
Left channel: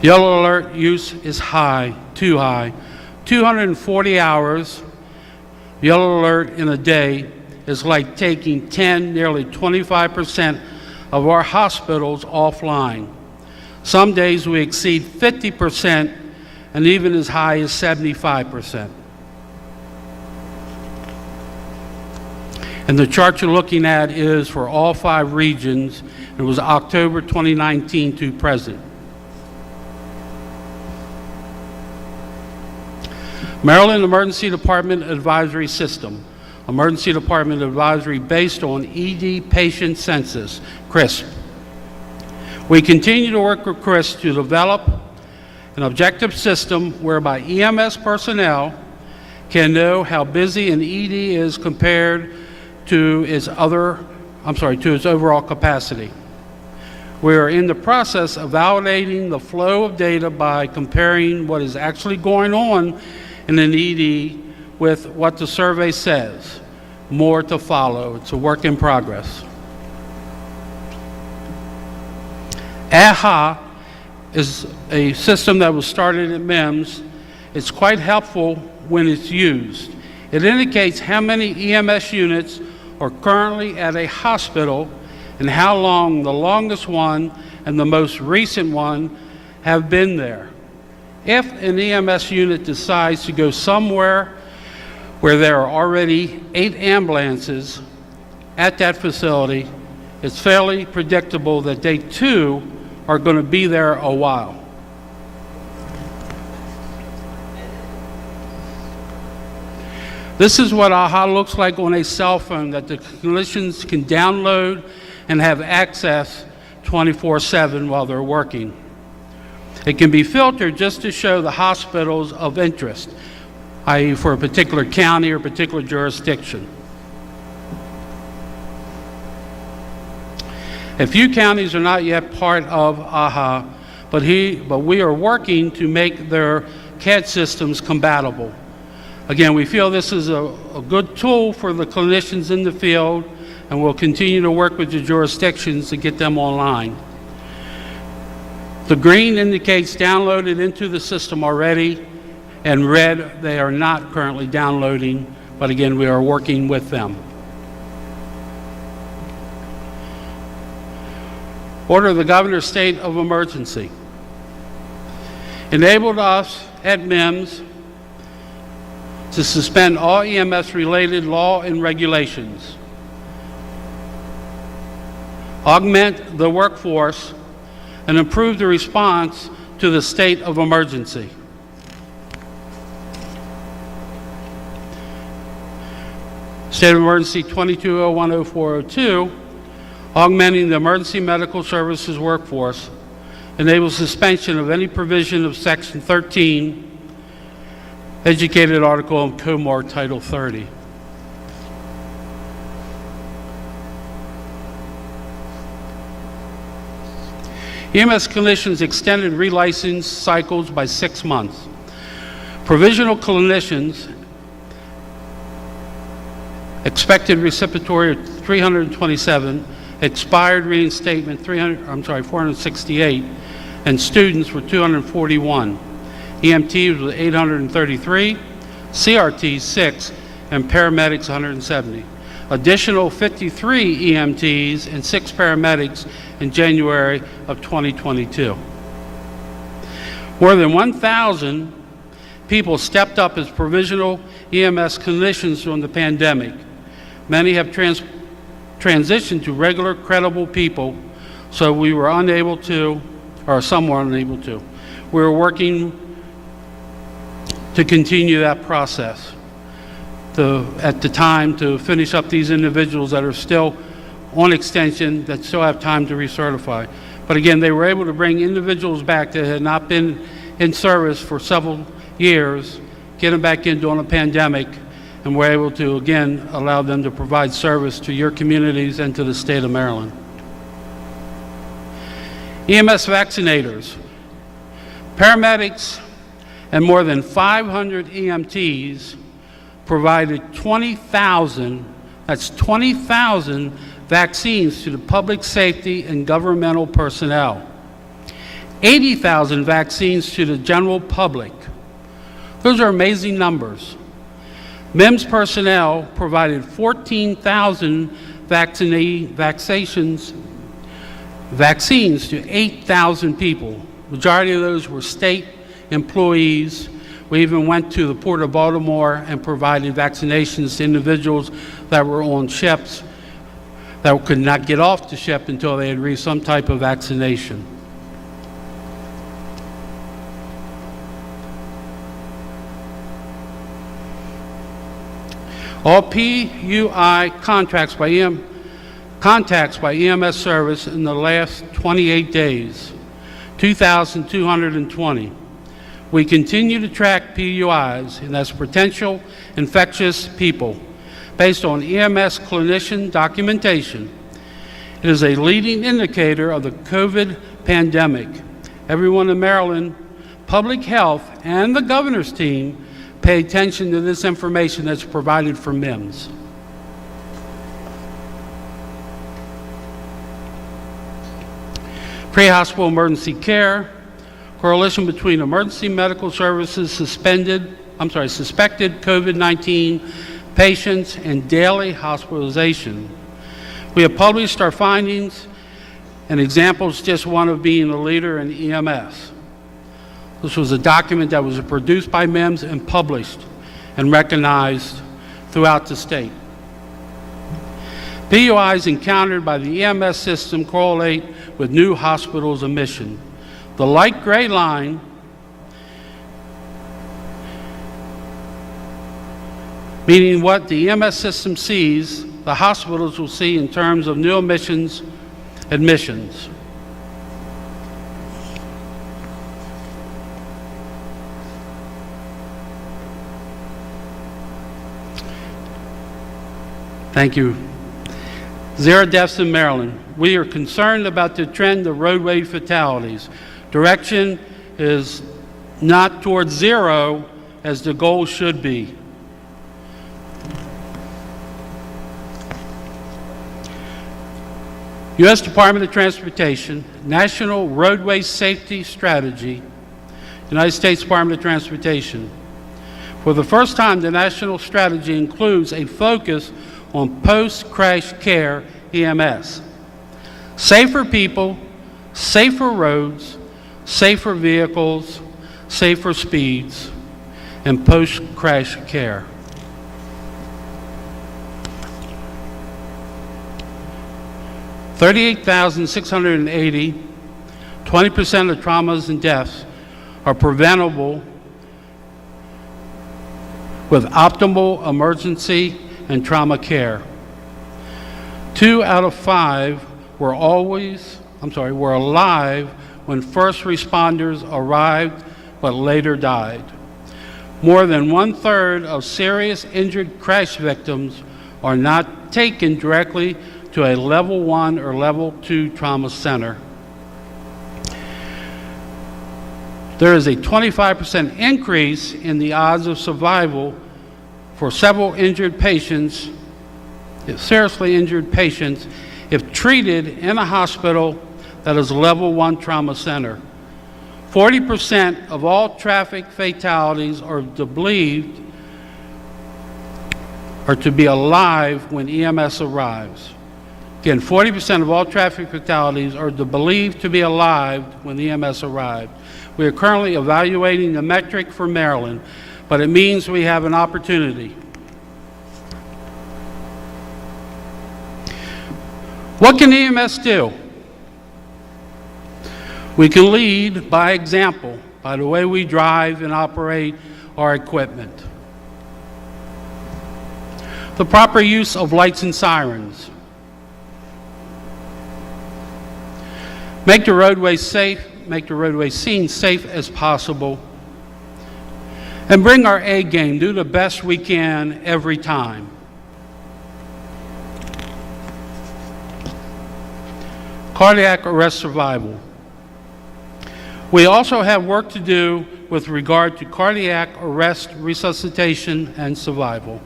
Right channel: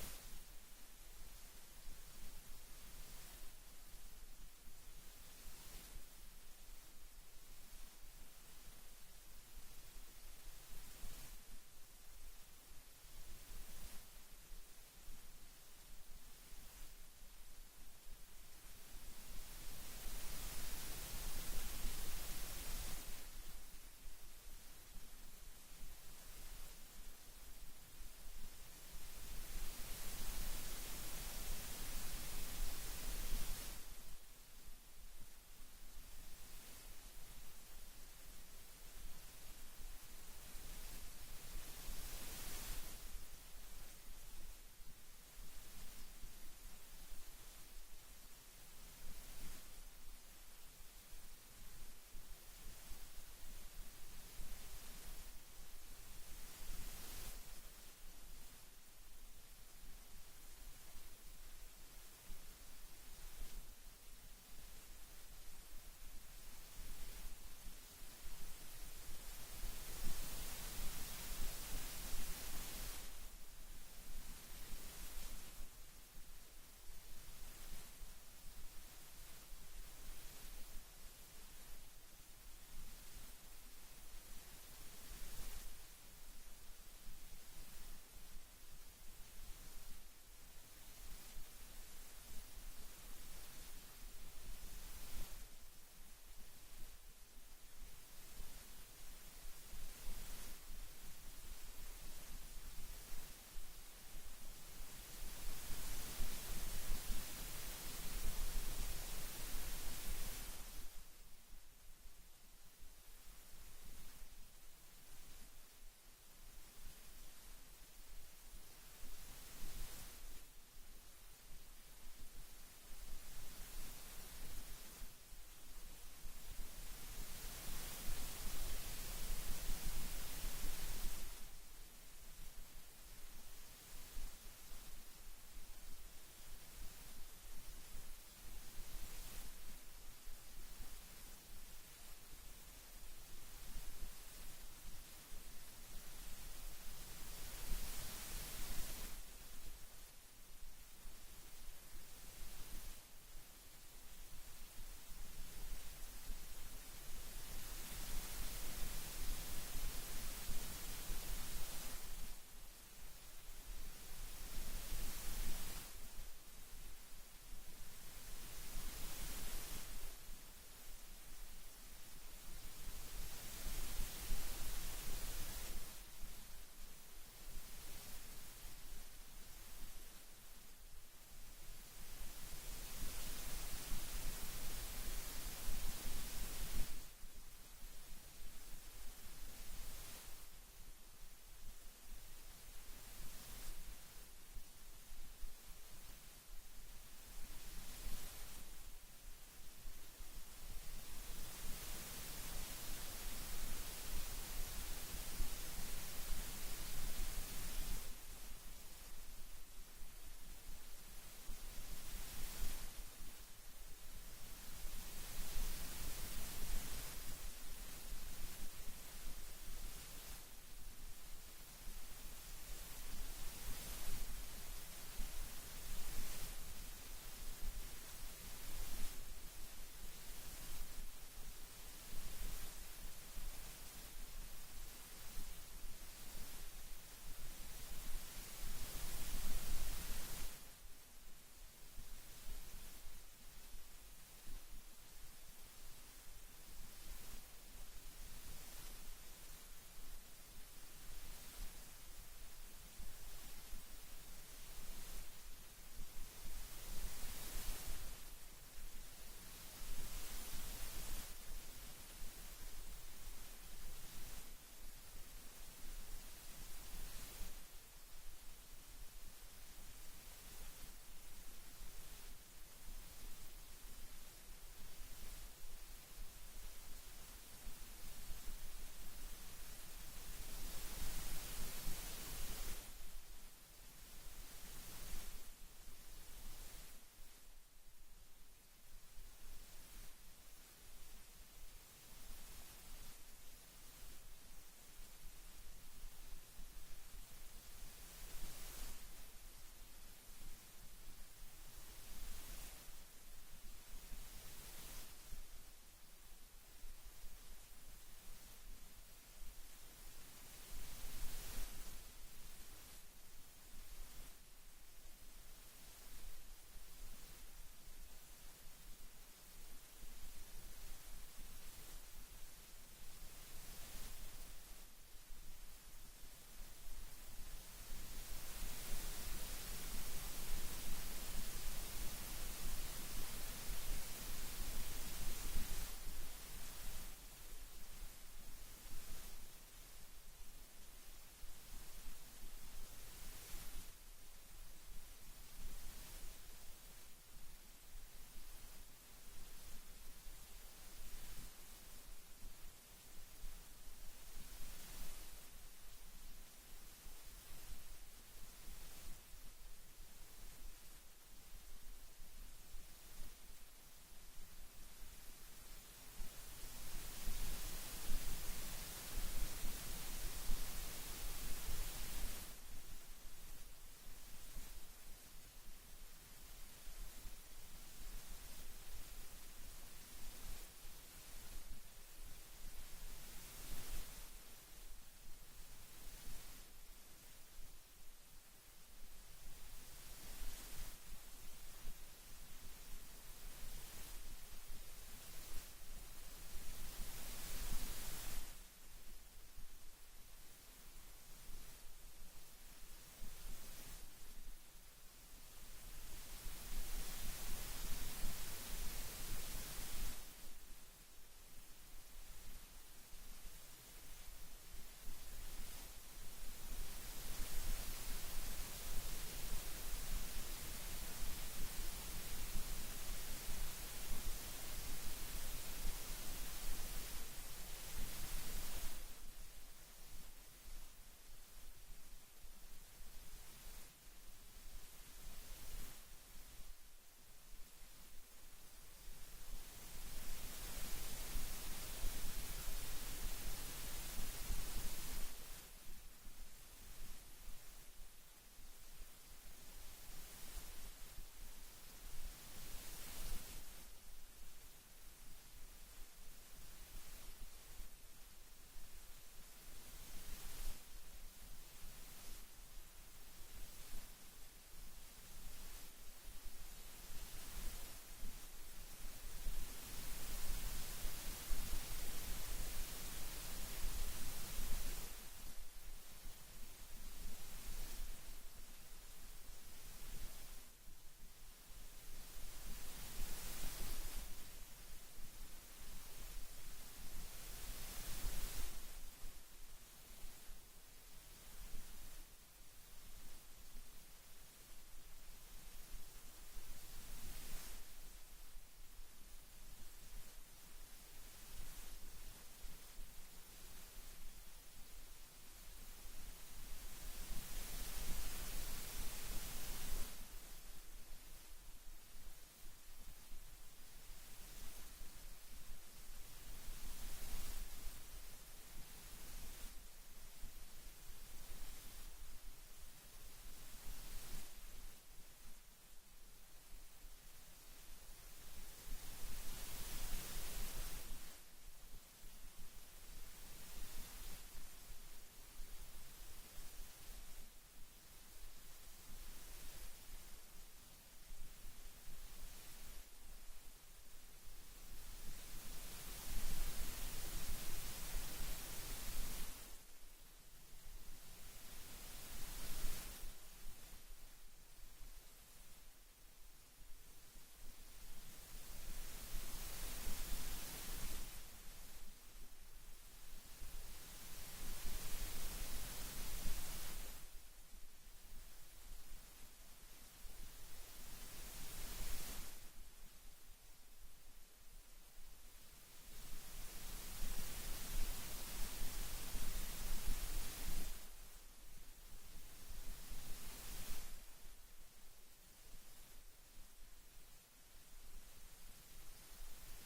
Yellow alert use is high, too high. 240 hours yellow alert in a day is like taking 10, nearly 25% of our hospitals offline. Some days we exceed 50% and even as high as 75%. And the chart you're looking at is for all 5 regions. It was October 2019 to present. Maryland Emergency Department Advisory System. Emergency Department Advisory based on ED patient census, CRISP. We continue to work with CRISP to develop an objective system whereby EMS personnel can know how busy an ED is compared to its overall capacity. We are in the process of validating the flow of data by comparing what is actually going on in an ED with what the survey says. More to follow. It's a work in progress. AHA is a system that was started at MIMS. It's quite helpful when it's used. It indicates how many EMS units are currently at a hospital and how long the longest one and the most recent one have been there. If an EMS unit decides to go somewhere where there are already 8 ambulances at that facility, it's fairly predictable that they too are going to be there a while. This is what AHA looks like on a cell phone that the clinicians can download and have access 24/7 while they're working. It can be filtered just to show the hospitals of interest, i.e. for a particular county or particular jurisdiction. A few counties are not yet part of AHA, but we are working to make their CAD systems compatible. Again, we feel this is a good tool for the clinicians in the field, and we'll continue to work with the jurisdictions to get them online. The green indicates downloaded into the system already, and red, they are not currently downloading, but again, we are working with them. Order of the Governor's state of emergency enabled us at MIMS to suspend all EMS-related law and regulations, augment the workforce, and improve the response to the state of emergency. State of Emergency 22010402, augmenting the emergency medical services workforce, enables suspension of any provision of Section 13, educated article in COMAR Title 30. EMS clinicians extended relicense cycles by 6 months. Provisional clinicians expected reciprocatory of 327, expired reinstatement 468, and students were 241. EMTs was 833, CRTs 6, and paramedics 170. Additional 53 EMTs and 6 paramedics in January of 2022. More than 1,000 people stepped up as provisional EMS clinicians during the pandemic. Many have transitioned to regular, credible people, so we were unable to, or some were unable to. We were working to continue that process at the time to finish up these individuals that are still on extension, that still have time to recertify. But again, they were able to bring individuals back that had not been in service for several years, get them back in during a pandemic, and we're able to, again, allow them to provide service to your communities and to the state of Maryland. EMS vaccinators. Paramedics and more than 500 EMTs provided 20,000, that's 20,000 vaccines to the public safety and governmental personnel. 80,000 vaccines to the general public. Those are amazing numbers. MIMS personnel provided 14,000 vaccines to 8,000 people. Majority of those were state employees. We even went to the Port of Baltimore and provided vaccinations to individuals that were on ships that could not get off the ship until they had received some type of vaccination. All PUI contacts by EMS service in the last 28 days, 2,220. We continue to track PUIs, and that's potential infectious people, based on EMS clinician documentation. It is a leading indicator of the COVID pandemic. Everyone in Maryland, public health, and the governor's team pay attention to this information that's provided for MIMS. Pre-hospital emergency care, correlation between emergency medical services suspected COVID-19 patients and daily hospitalization. We have published our findings, and examples just one of being a leader in EMS. This was a document that was produced by MEMS and published and recognized throughout the state. PUIs encountered by the EMS system correlate with new hospitals' admission. The light gray line meaning what the EMS system sees, the hospitals will see in terms of new admissions. Thank you. 0 deaths in Maryland. We are concerned about the trend of roadway fatalities. Direction is not towards 0 as the goal should be. U.S. Department of Transportation, National Roadway Safety Strategy, United States Department of Transportation. For the first time, the national strategy includes a focus on post-crash care EMS. Safer people, safer roads, safer vehicles, safer speeds, and post-crash care. $38,680, 20% of traumas and deaths are preventable with optimal emergency and trauma care. 2 out of 5 were alive when first responders arrived but later died. More than 1/3 of serious injured crash victims are not taken directly to a level 1 or level 2 trauma center. There is a 25% increase in the odds of survival for several injured patients, seriously injured patients, if treated in a hospital that is a level 1 trauma center. 40% of all traffic fatalities are believed to be alive when EMS arrives. Again, 40% of all traffic fatalities are believed to be alive when EMS arrived. We are currently evaluating the metric for Maryland, but it means we have an opportunity. What can EMS do? We can lead by example, by the way we drive and operate our equipment. The proper use of lights and sirens. Make the roadway safe, make the roadway scene safe as possible, and bring our A game, do the best we can every time. Cardiac arrest survival. We also have work to do with regard to cardiac arrest resuscitation and survival.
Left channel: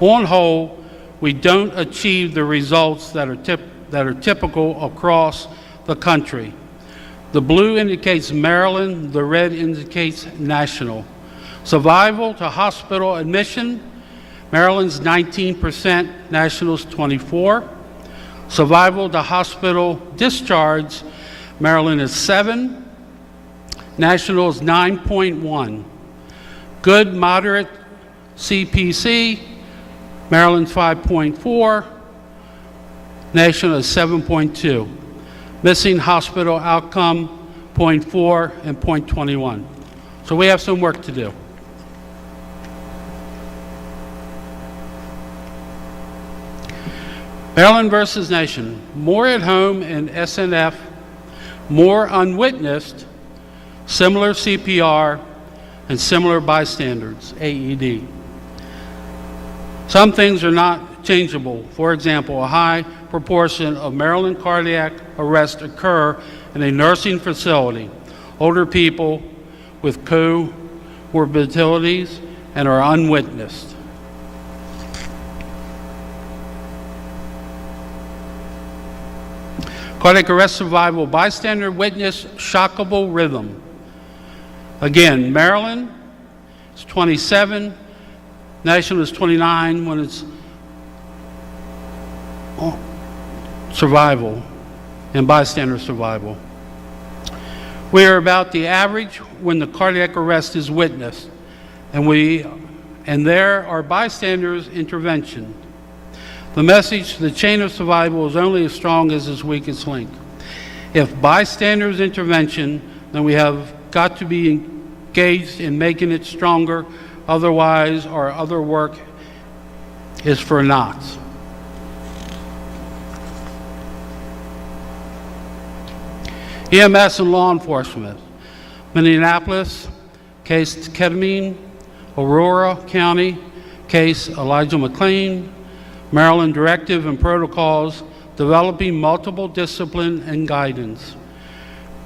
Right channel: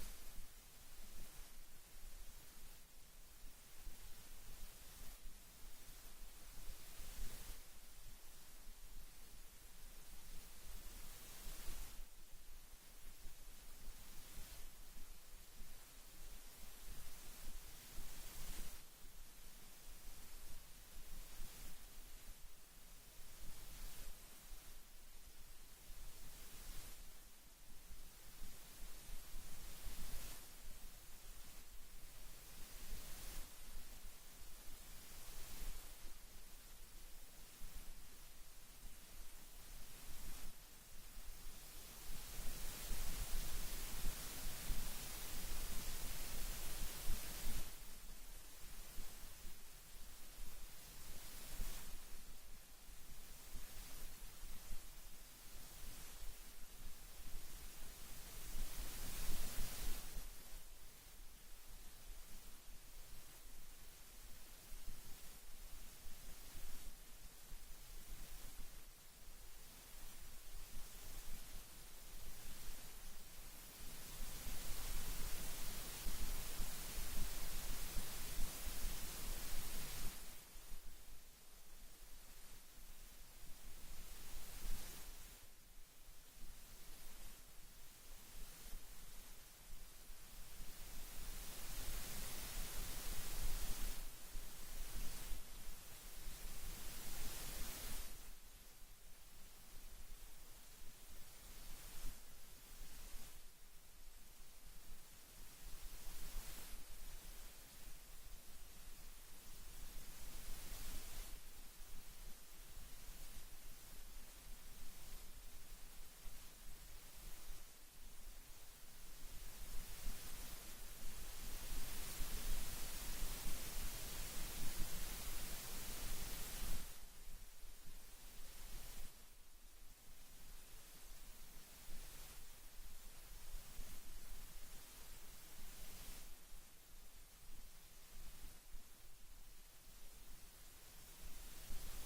On whole, we don't achieve the results that are typical across the country. The blue indicates Maryland, the red indicates national. Survival to hospital admission, Maryland's 19%, national's 24%. Survival to hospital discharge, Maryland is 7%, national is 9.1. Good, moderate CPC, Maryland's 5.4, national is 7.2. Missing hospital outcome, 0.4 and 0.21. So we have some work to do. Maryland versus nation. More at home in SNF, more unwitnessed, similar CPR, and similar bystanders, AED. Some things are not changeable. For example, a high proportion of Maryland cardiac arrests occur in a nursing facility, older people with comorbidities, and are unwitnessed. Cardiac arrest survival, bystander witness, shockable rhythm. Again, Maryland is 27, national is 29 when it's survival and bystander survival. We are about the average when the cardiac arrest is witnessed, and there are bystanders' intervention. The message, the chain of survival, is only as strong as its weakest link. If bystanders' intervention, then we have got to be engaged in making it stronger, otherwise our other work is for naught. EMS and law enforcement. Minneapolis, case ketamine. Aurora County, case Elijah McLean. Maryland directive and protocols developing multiple discipline and guidance.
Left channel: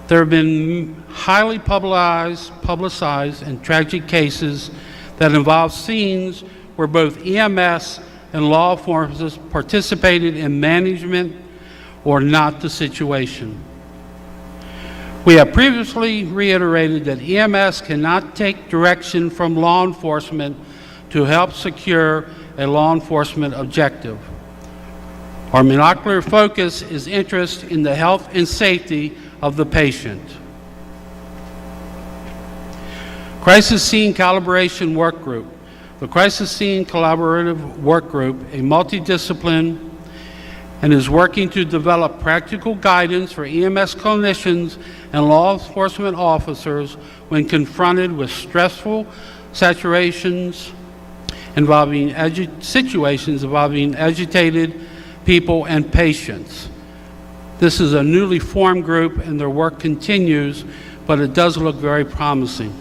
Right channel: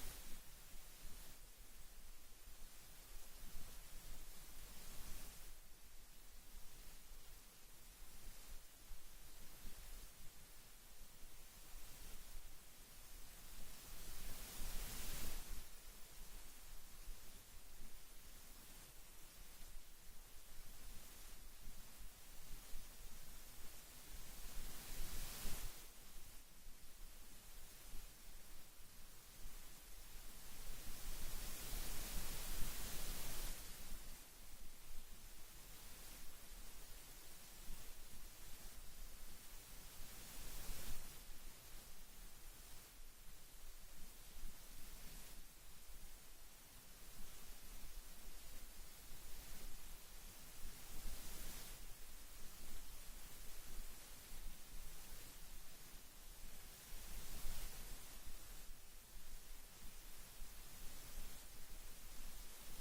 There have been highly publicized and tragic cases that involve scenes where both EMS and law enforcement participated in management or not the situation. We have previously reiterated that EMS cannot take direction from law enforcement to help secure a law enforcement objective. Our monocular focus is interest in the health and safety of the patient. Crisis Scene Calibration Work Group. The Crisis Scene Collaborative Work Group, a multidiscipline, and is working to develop practical guidance for EMS clinicians and law enforcement officers when confronted with stressful situations involving agitated people and patients. This is a newly formed group and their work continues, but it does look very promising.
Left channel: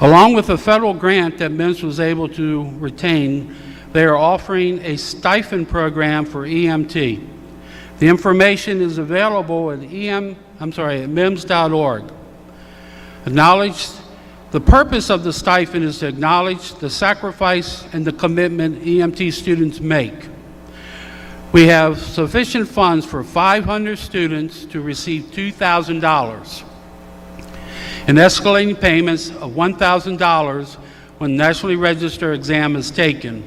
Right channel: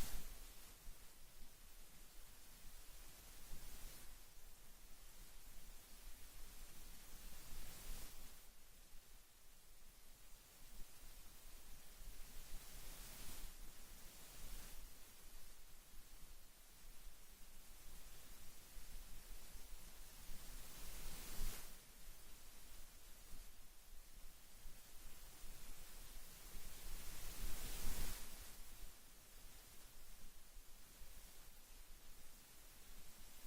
Along with a federal grant that MIMS was able to retain, they are offering a stipend program for EMT. The information is available at MIMS.org. The purpose of the stipend is to acknowledge the sacrifice and the commitment EMT students make. We have sufficient funds for 500 students to receive $2,000 and escalating payments of $1,000 when nationally registered exam is taken.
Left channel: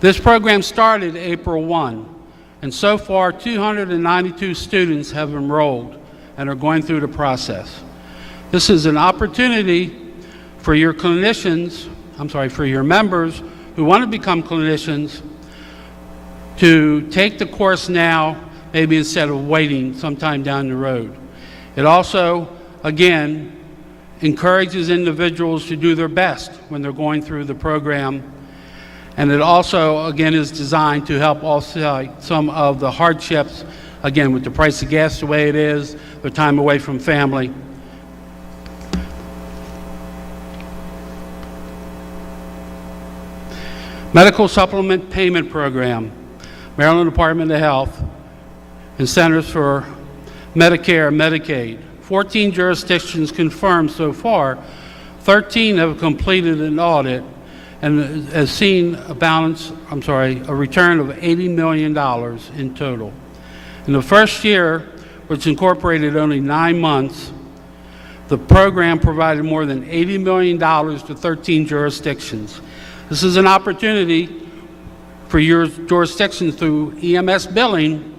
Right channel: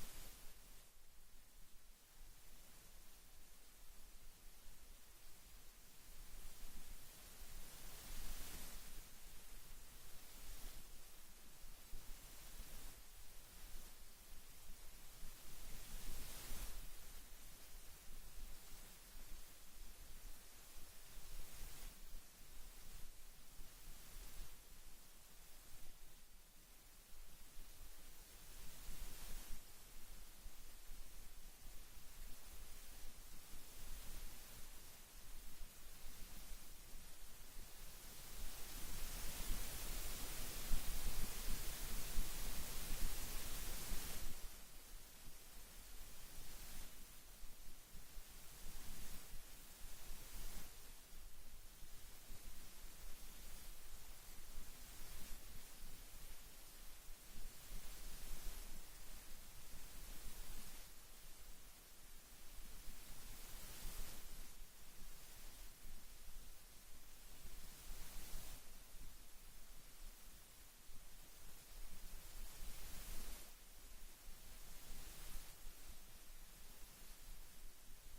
This program started April 1, and so far 292 students have enrolled and are going through the process. This is an opportunity for your for your members who want to become clinicians to take the course now, maybe instead of waiting sometime down the road. It also, again, encourages individuals to do their best when they're going through the program. And it also, again, is designed to help offset some of the hardships, again, with the price of gas the way it is, the time away from family. Medical Supplement Payment Program, Maryland Department of Health, and Centers for Medicare and Medicaid. 14 jurisdictions confirmed so far. 13 have completed an audit and has seen a return of $80 million in total. In the first year, which incorporated only 9 months, the program provided more than $80 million to 13 jurisdictions. This is an opportunity for your jurisdictions through EMS billing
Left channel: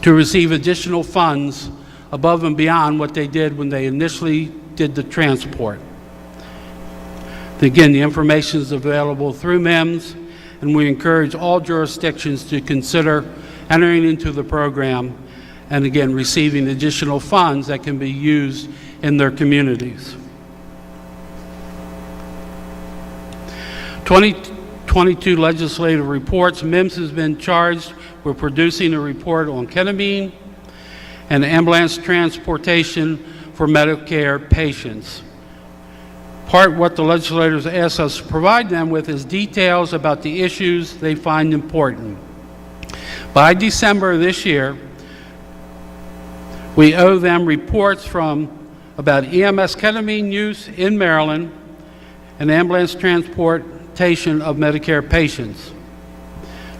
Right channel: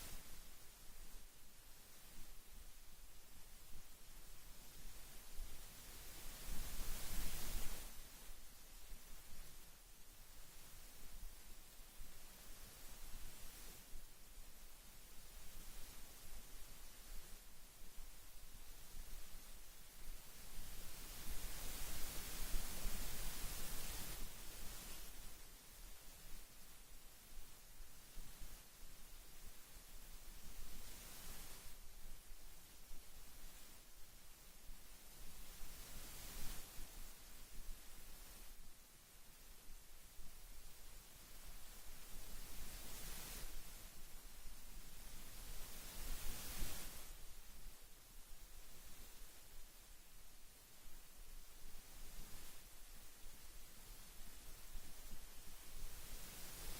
to receive additional funds above and beyond what they did when they initially did the transport. Again, the information is available through MIMS, and we encourage all jurisdictions to consider entering into the program and, again, receiving additional funds that can be used in their communities. 2022 legislative reports. MIMS has been charged with producing a report on ketamine and ambulance transportation for Medicare patients. What the legislators asked us to provide them with is details about the issues they find important. By December of this year, we owe them reports about EMS ketamine use in Maryland and ambulance transportation of Medicare patients.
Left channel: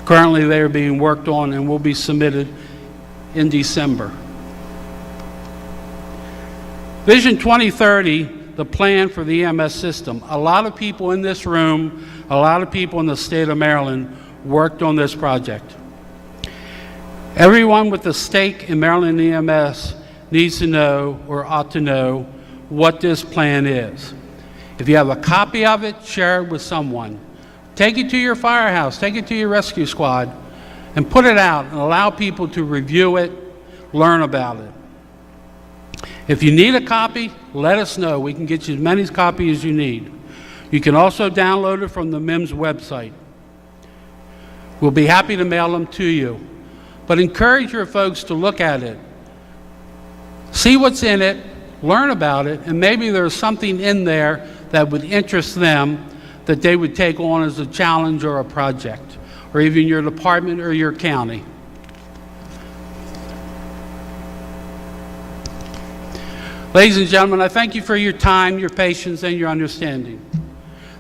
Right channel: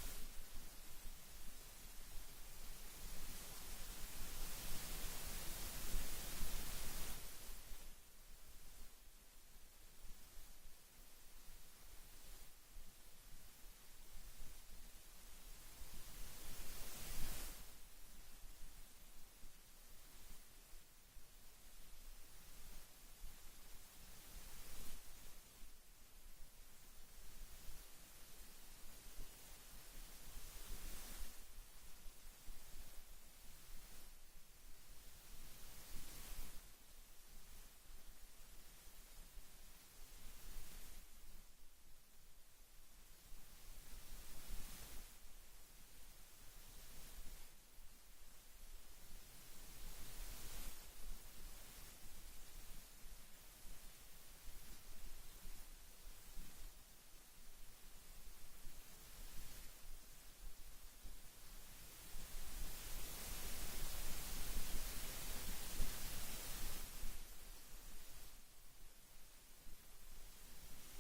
Currently, they are being worked on and will be submitted in December. Vision 2030 the plan for the EMS system. A lot of people in this room, a lot of people in the state of Maryland worked on this project. Everyone with a stake in Maryland EMS needs to know or ought to know what this plan is. If you have a copy of it, share it with someone. Take it to your firehouse, take it to your rescue squad, and put it out and allow people to review it, learn about it. If you need a copy, let us know. We can get you as many copies as you need. You can also download it from the MIMS website. We'll be happy to mail them to you. But encourage your folks to look at it, see what's in it, learn about it, and maybe there's something in there that would interest them that they would take on as a challenge or a project, or even your department or your county. Ladies and gentlemen, I thank you for your time, your patience, and your understanding.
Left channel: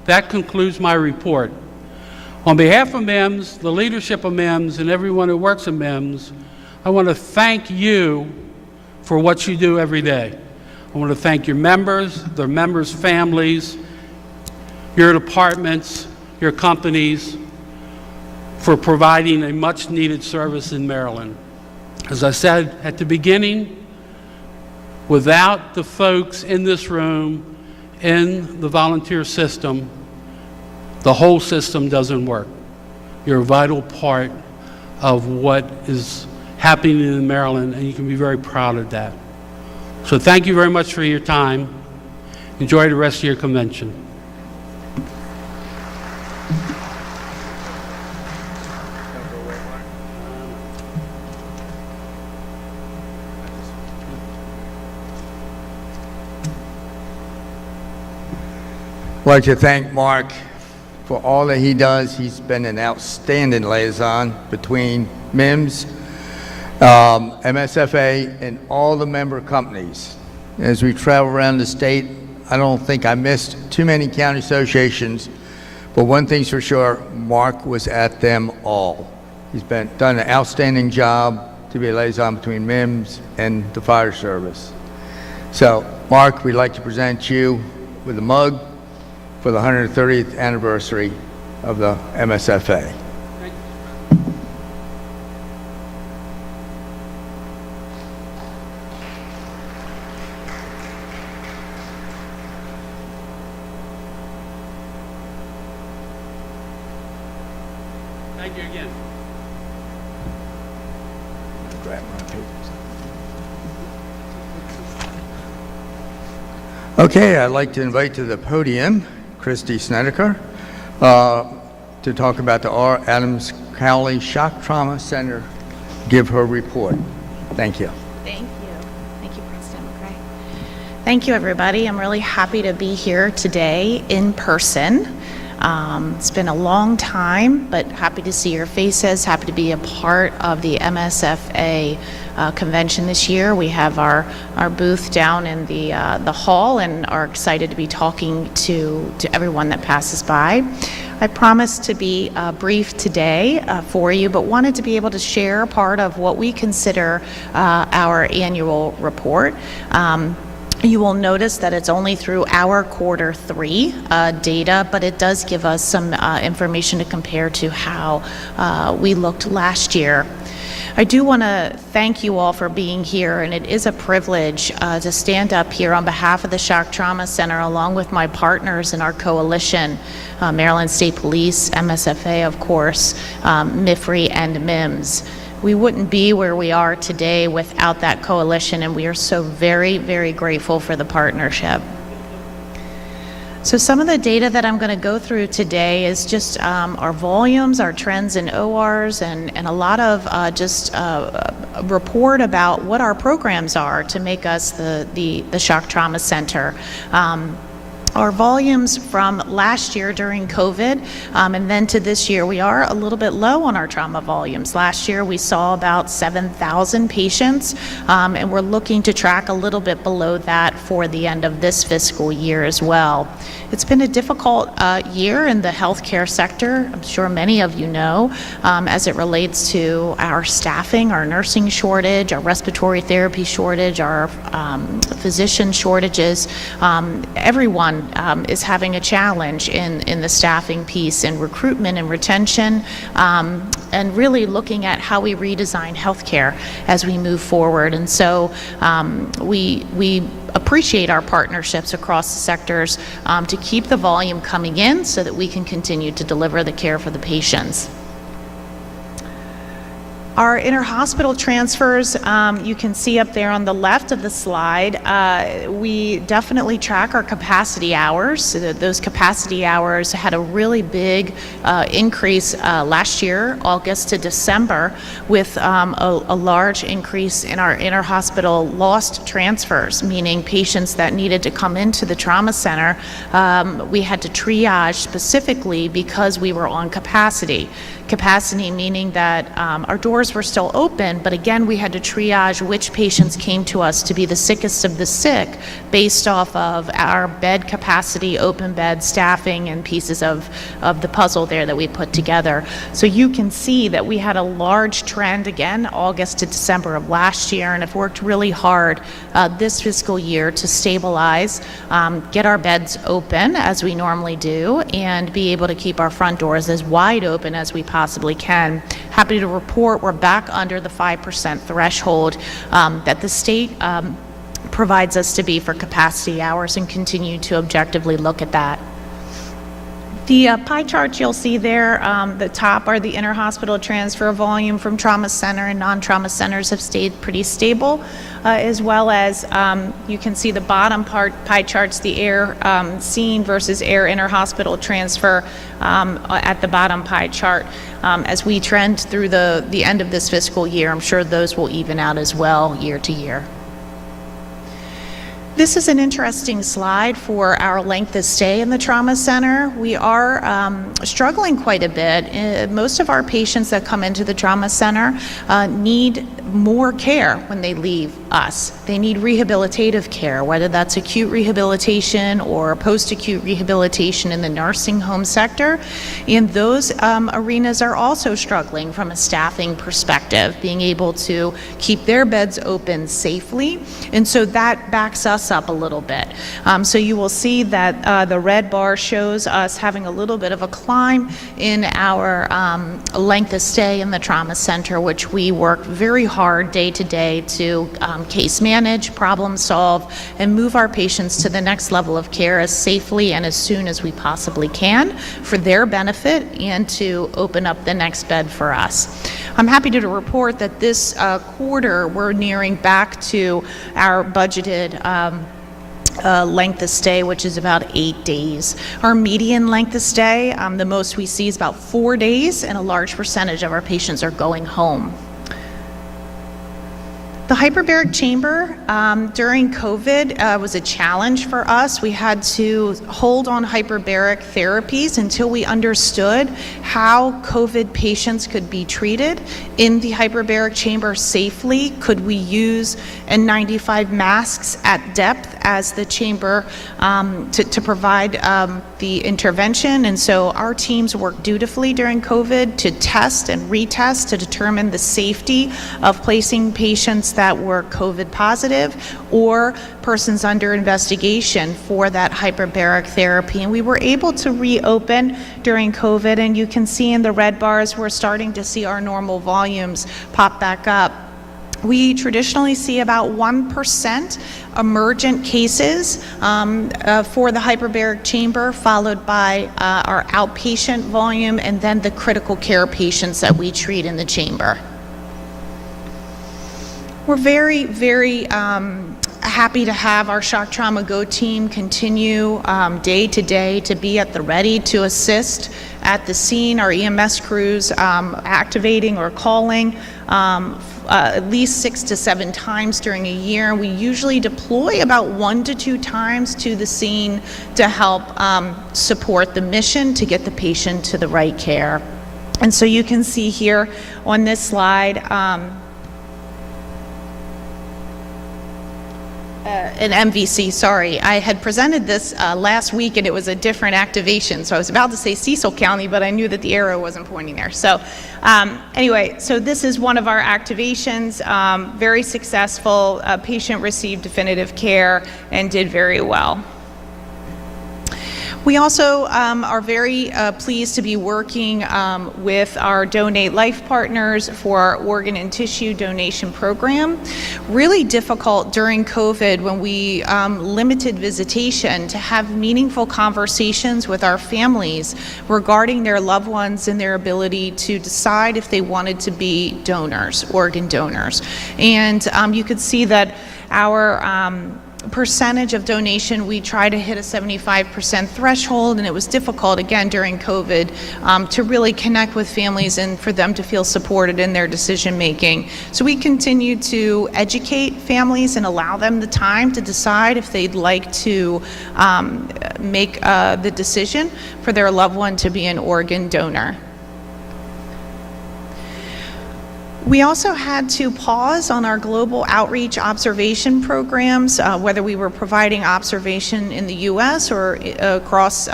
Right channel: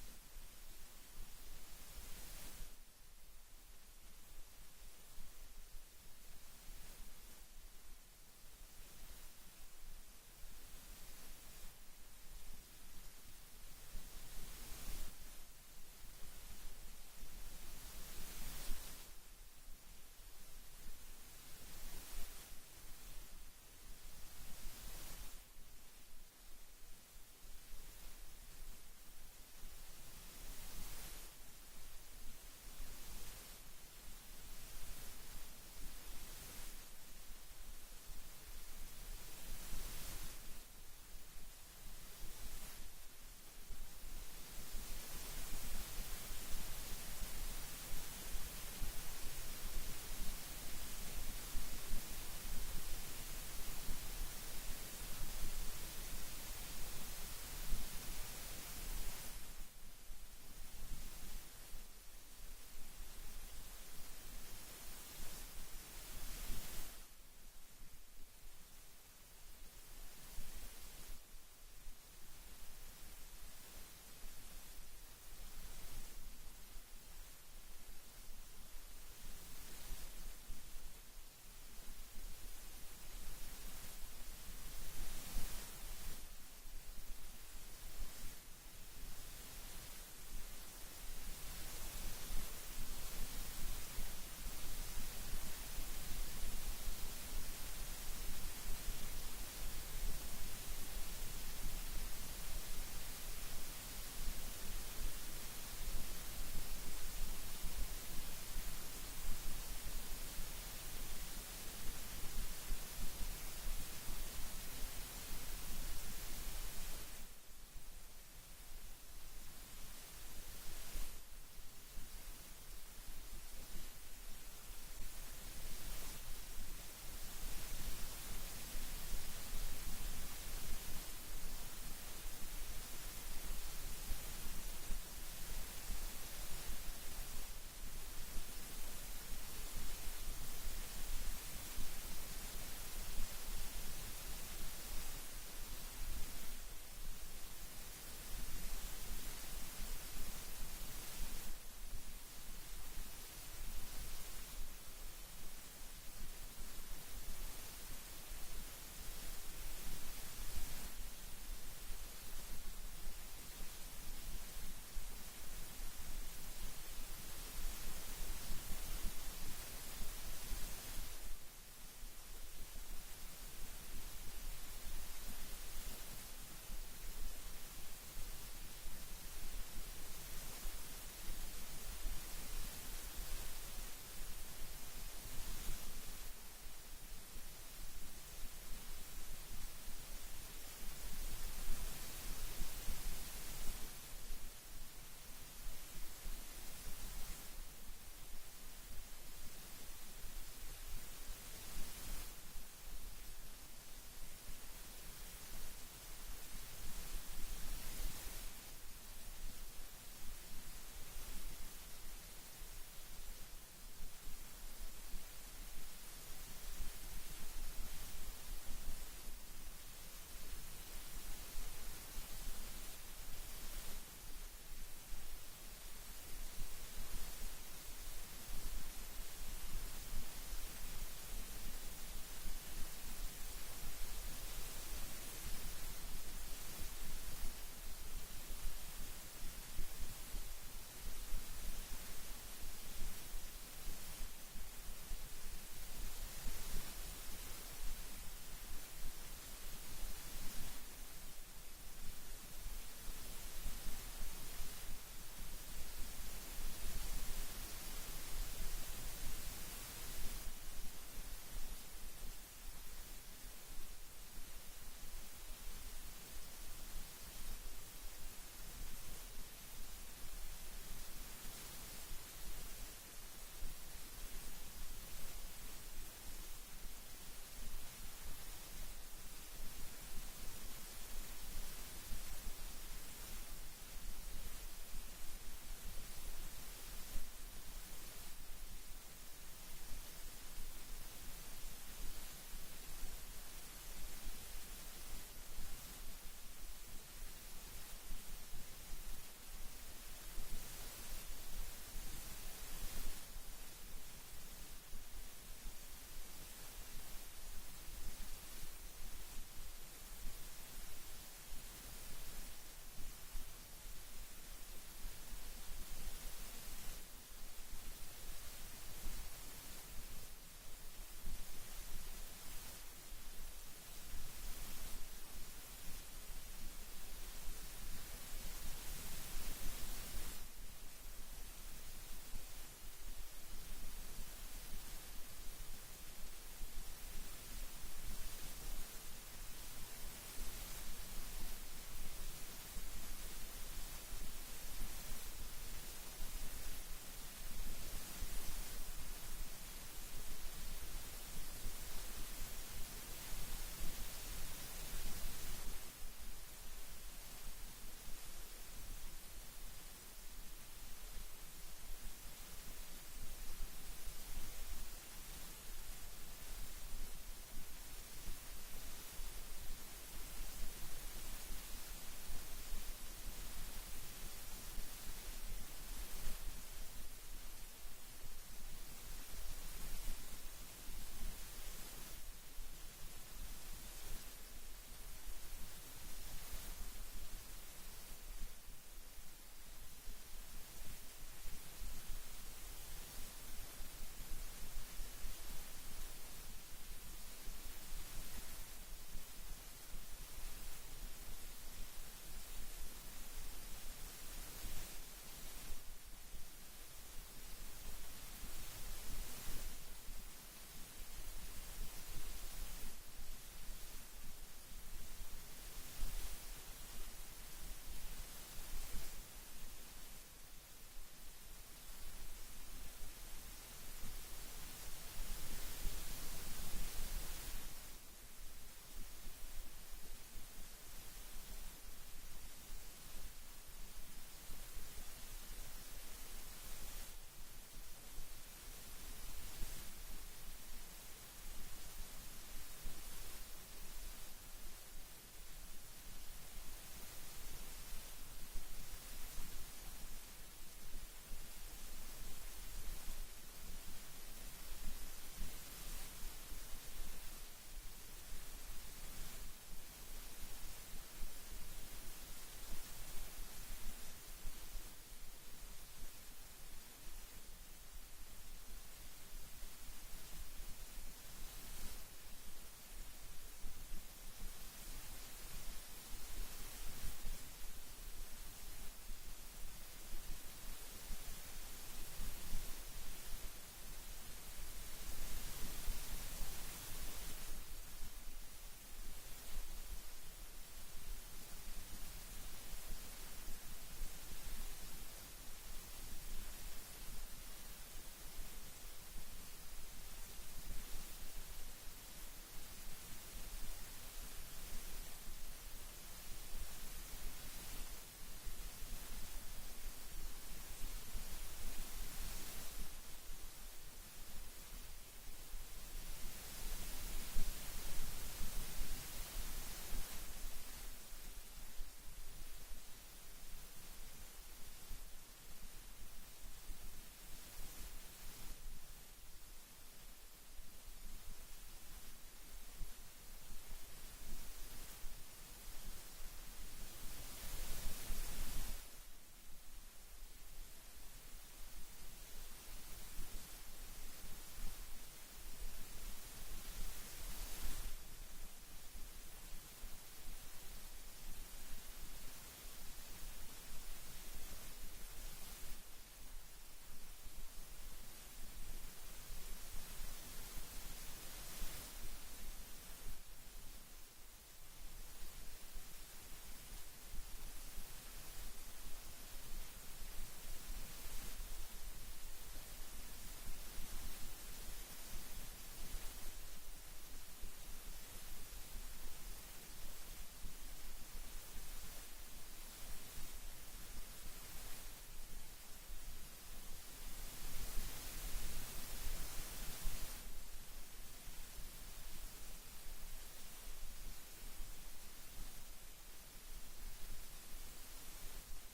That concludes my report. On behalf of MIMS, the leadership of MIMS, and everyone who works at MIMS, I want to thank you for what you do every day. I want to thank your members, their members' families, your departments, your companies, for providing a much-needed service in Maryland. As I said at the beginning, without the folks in this room, in the volunteer system, the whole system doesn't work. You're a vital part of what is happening in Maryland, and you can be very proud of that. So thank you very much for your time. Enjoy the rest of your convention. I'd like to thank Mark for all that he does. He's been an outstanding liaison between MIMS, MSFA, and all the member companies. As we travel around the state, I don't think I missed too many county associations, but one thing's for sure, Mark was at them all. He's done an outstanding job to be a liaison between MIMS and the fire service. So, Mark, we'd like to present you with a mug for the 130th anniversary of the MSFA. Thank you again. Grab my papers. Okay, I'd like to invite to the podium Christy Snedeker to talk about the R. Adams Cowley Shock Trauma Center, give her report. Thank you. Thank you. Thank you, President McRae. Thank you, everybody. I'm really happy to be here today in person. It's been a long time, but happy to see your faces, happy to be a part of the MSFA convention this year. We have our booth down in the hall and are excited to be talking to everyone that passes by. I promised to be brief today for you, but wanted to be able to share part of what we consider our annual report. You will notice that it's only through our Q3 data, but it does give us some information to compare to how we looked last year. I do want to thank you all for being here, and it is a privilege to stand up here on behalf of the Shock Trauma Center along with my partners in our coalition, Maryland State Police, MSFA, of course, MIFRI, and MIMS. We wouldn't be where we are today without that coalition, and we are so very, very grateful for the partnership. So some of the data that I'm going to go through today is just our volumes, our trends in ORs, and a lot of just a report about what our programs are to make us the Shock Trauma Center. our volumes from last year during COVID and then to this year, we are a little bit low on our trauma volumes. Last year, we saw about 7,000 patients, and we're looking to track a little bit below that for the end of this fiscal year as well. It's been a difficult year in the healthcare sector, I'm sure many of you know, as it relates to our staffing, our nursing shortage, our respiratory therapy shortage, our physician shortages. Everyone is having a challenge in the staffing piece, in recruitment and retention, and really looking at how we redesign healthcare as we move forward. And so we appreciate our partnerships across the sectors to keep the volume coming in so that we can continue to deliver the care for the patients. Our interhospital transfers, you can see up there on the left of the slide, we definitely track our capacity hours. So those capacity hours had a really big increase last year, August to December, with a large increase in our interhospital lost transfers, meaning patients that needed to come into the trauma center, we had to triage specifically because we were on capacity. Capacity meaning that our doors were still open, but again, we had to triage which patients came to us to be the sickest of the sick based off of our bed capacity, open bed staffing, and pieces of the puzzle there that we put together. So you can see that we had a large trend again, August to December of last year, and have worked really hard this fiscal year to stabilize, get our beds open as we normally do, and be able to keep our front doors as wide open as we possibly can. Happy to report we're back under the 5% threshold that the state provides us to be for capacity hours, and continue to objectively look at that. The pie charts you'll see there, the top are the interhospital transfer volume from trauma center, and non-trauma centers have stayed pretty stable, as well as you can see the bottom pie charts, the air scene versus air interhospital transfer at the bottom pie chart. As we trend through the end of this fiscal year, I'm sure those will even out as well year to year. This is an interesting slide for our length of stay in the trauma center. We are struggling quite a bit. Most of our patients that come into the trauma center need more care when they leave us. They need rehabilitative care, whether that's acute rehabilitation or post-acute rehabilitation in the nursing home sector. And those arenas are also struggling from a staffing perspective, being able to keep their beds open safely. And so that backs us up a little bit. So you will see that the red bar shows us having a little bit of a climb in our length of stay in the trauma center, which we work very hard day to day to case manage, problem solve, and move our patients to the next level of care as safely and as soon as we possibly can for their benefit, and to open up the next bed for us. I'm happy to report that this quarter we're nearing back to our budgeted length of stay, which is about 8 days. Our median length of stay, the most we see is about 4 days, and a large percentage of our patients are going home. The hyperbaric chamber during COVID was a challenge for us. We had to hold on hyperbaric therapies until we understood how COVID patients could be treated in the hyperbaric chamber safely. Could we use N95 masks at depth as the chamber to provide the intervention? And so our teams worked dutifully during COVID to test and retest to determine the safety of placing patients that were COVID positive or persons under investigation for that hyperbaric therapy. And we were able to reopen during COVID, and you can see in the red bars we're starting to see our normal volumes pop back up. We traditionally see about 1% emergent cases for the hyperbaric chamber, followed by our outpatient volume, and then the critical care patients that we treat in the chamber. We're very, very happy to have our Shock Trauma Go team continue day to day to be at the ready to assist at the scene. Our EMS crews activating or calling at least 6 to 7 times during a year. We usually deploy about 1 to 2 times to the scene to help support the mission to get the patient to the right care. And so you can see here on this slide an MVC, sorry. I had presented this last week and it was a different activation. So I was about to say Cecil County, but I knew that the arrow wasn't pointing there. So anyway, so this is one of our activations, very successful. A patient received definitive care and did very well. We also are very pleased to be working with our Donate Life partners for our organ and tissue donation program. Really difficult during COVID when we limited visitation to have meaningful conversations with our families regarding their loved ones and their ability to decide if they wanted to be donors, organ donors. And you could see that our percentage of donation, we try to hit a 75% threshold, and it was difficult again during COVID to really connect with families and for them to feel supported in their decision making. So we continue to educate families and allow them the time to decide if they'd like to make the decision for their loved one to be an organ donor. We also had to pause on our global outreach observation programs, whether we were providing observation in the U.S. or across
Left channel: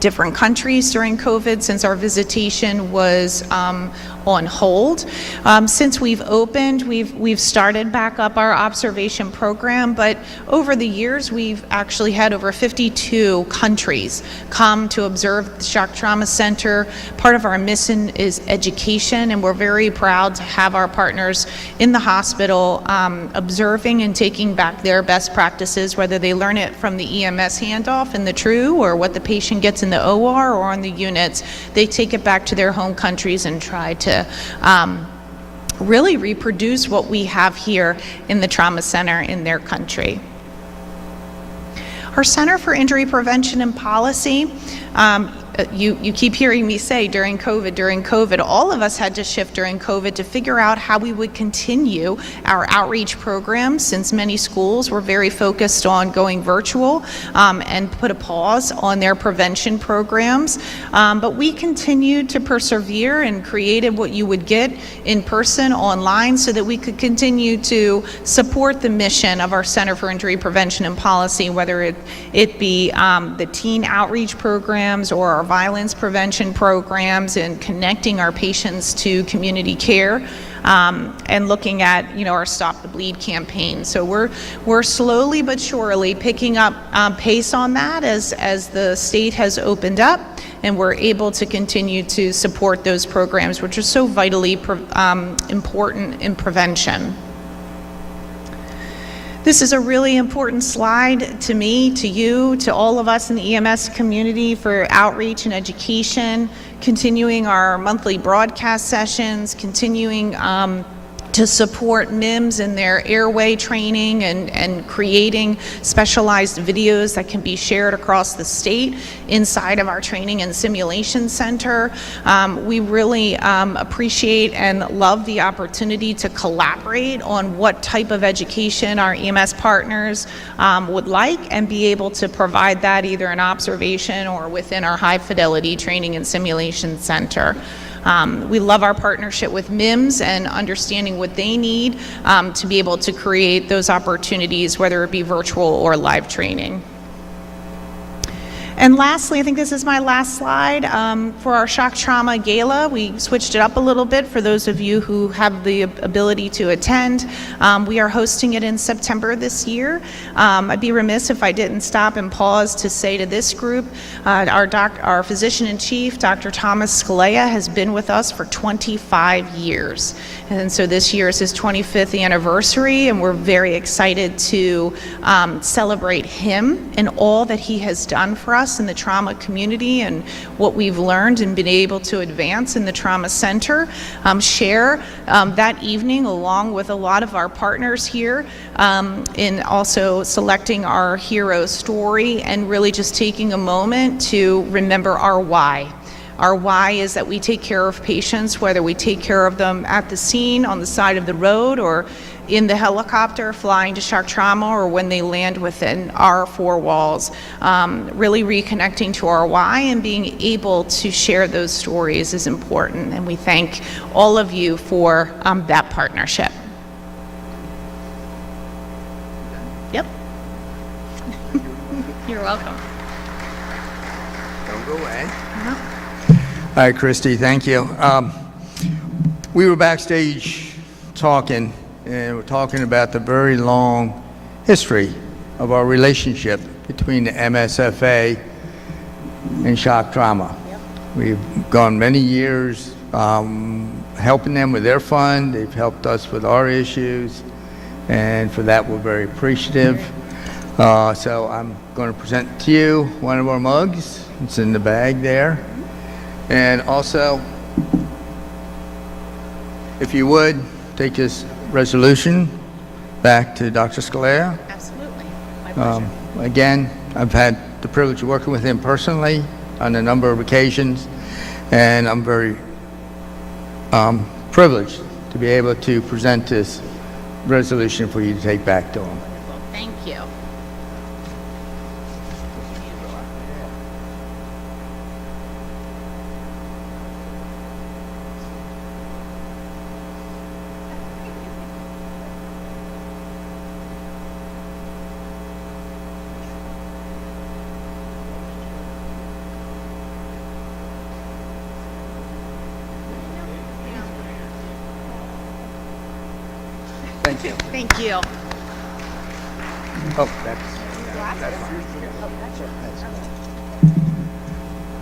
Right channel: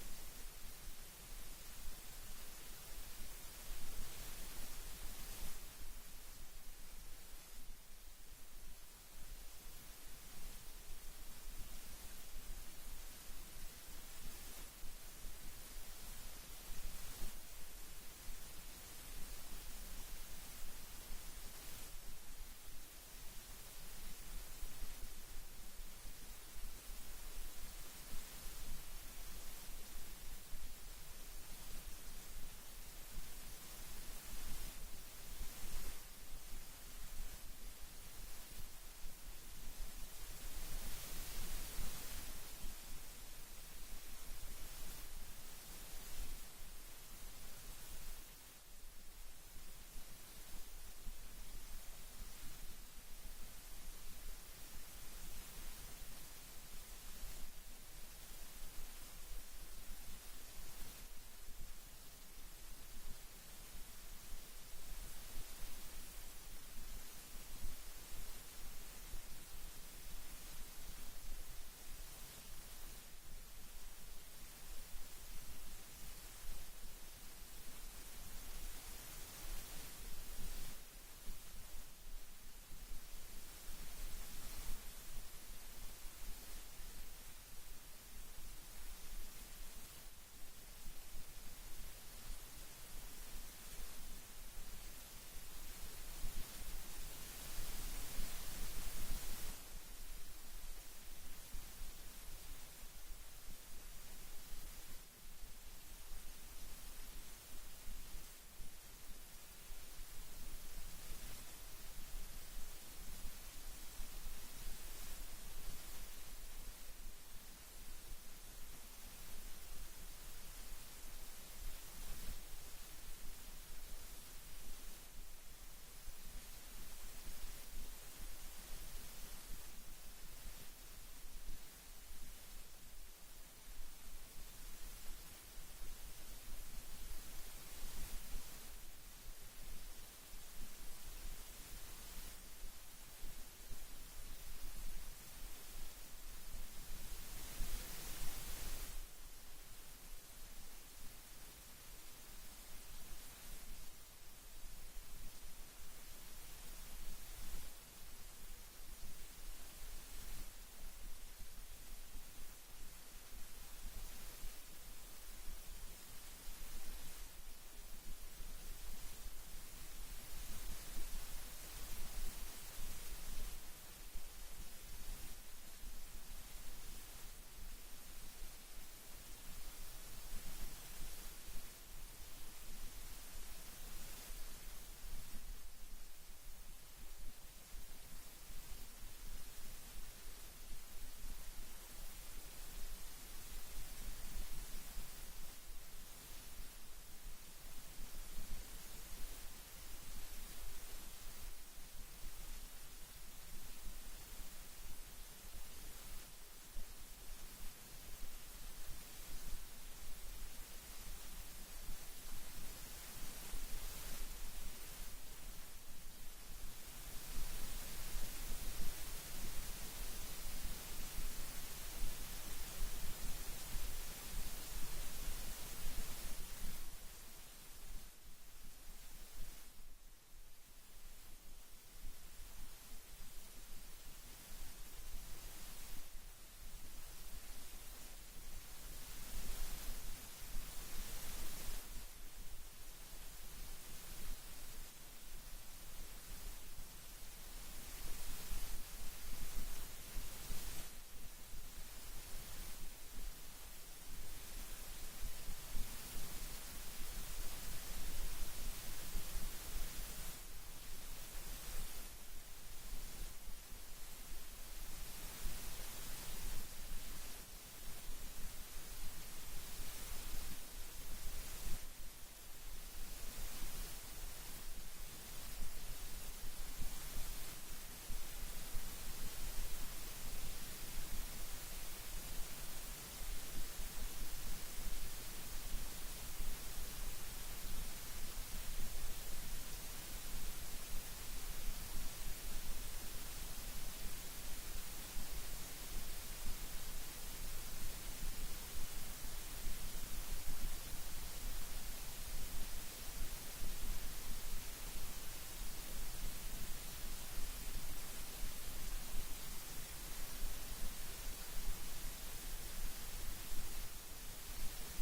different countries during COVID, since our visitation was on hold. Since we've opened, we've started back up our observation program, but over the years we've actually had over 52 countries come to observe the Shock Trauma Center. Part of our mission is education, and we're very proud to have our partners in the hospital observing and taking back their best practices, whether they learn it from the EMS handoff in the TRU or what the patient gets in the OR or on the units. They take it back to their home countries and try to really reproduce what we have here in the trauma center in their country. Our Center for Injury Prevention and Policy, you keep hearing me say during COVID, all of us had to shift during COVID to figure out how we would continue our outreach programs, since many schools were very focused on going virtual and put a pause on their prevention programs. But we continued to persevere and created what you would get in person online so that we could continue to support the mission of our Center for Injury Prevention and Policy, whether it be the teen outreach programs or our violence prevention programs, and connecting our patients to community care, and looking at our Stop the Bleed campaign. So we're slowly but surely picking up pace on that as the state has opened up, and we're able to continue to support those programs, which are so vitally important in prevention. This is a really important slide to me, to you, to all of us in the EMS community for outreach and education, continuing our monthly broadcast sessions, continuing to support MIMS in their airway training and creating specialized videos that can be shared across the state inside of our training and simulation center. We really appreciate and love the opportunity to collaborate on what type of education our EMS partners would like, and be able to provide that either in observation or within our high fidelity training and simulation center. We love our partnership with MIMS and understanding what they need to be able to create those opportunities, whether it be virtual or live training. And lastly, I think this is my last slide, for our Shock Trauma Gala. We switched it up a little bit for those of you who have the ability to attend. We are hosting it in September this year. I'd be remiss if I didn't stop and pause to say to this group, our physician-in-chief, Dr. Thomas Scalea, has been with us for 25 years. And so this year is his 25th anniversary, and we're very excited to celebrate him and all that he has done for us us in the trauma community and what we've learned and been able to advance in the trauma center, share that evening along with a lot of our partners here in also selecting our hero story and really just taking a moment to remember our why. Our why is that we take care of patients, whether we take care of them at the scene, on the side of the road, or in the helicopter flying to shock trauma, or when they land within our four walls. Really reconnecting to our why and being able to share those stories is important, and we thank all of you for that partnership. Yep. You're welcome. Don't go away. All right, Christy, thank you. We were backstage talking, and we're talking about the very long history of our relationship between the MSFA and shock trauma. Yep. We've gone many years helping them with their fund. They've helped us with our issues, and for that we're very appreciative. So I'm going to present to you one of our mugs. It's in the bag there. And also, if you would, take this resolution back to Dr. Scalera. Absolutely. My pleasure. Again, I've had the privilege of working with him personally on a number of occasions, and I'm very privileged to be able to present this resolution for you to take back to him. Thank you. Thank you. Thank you. Oh, that's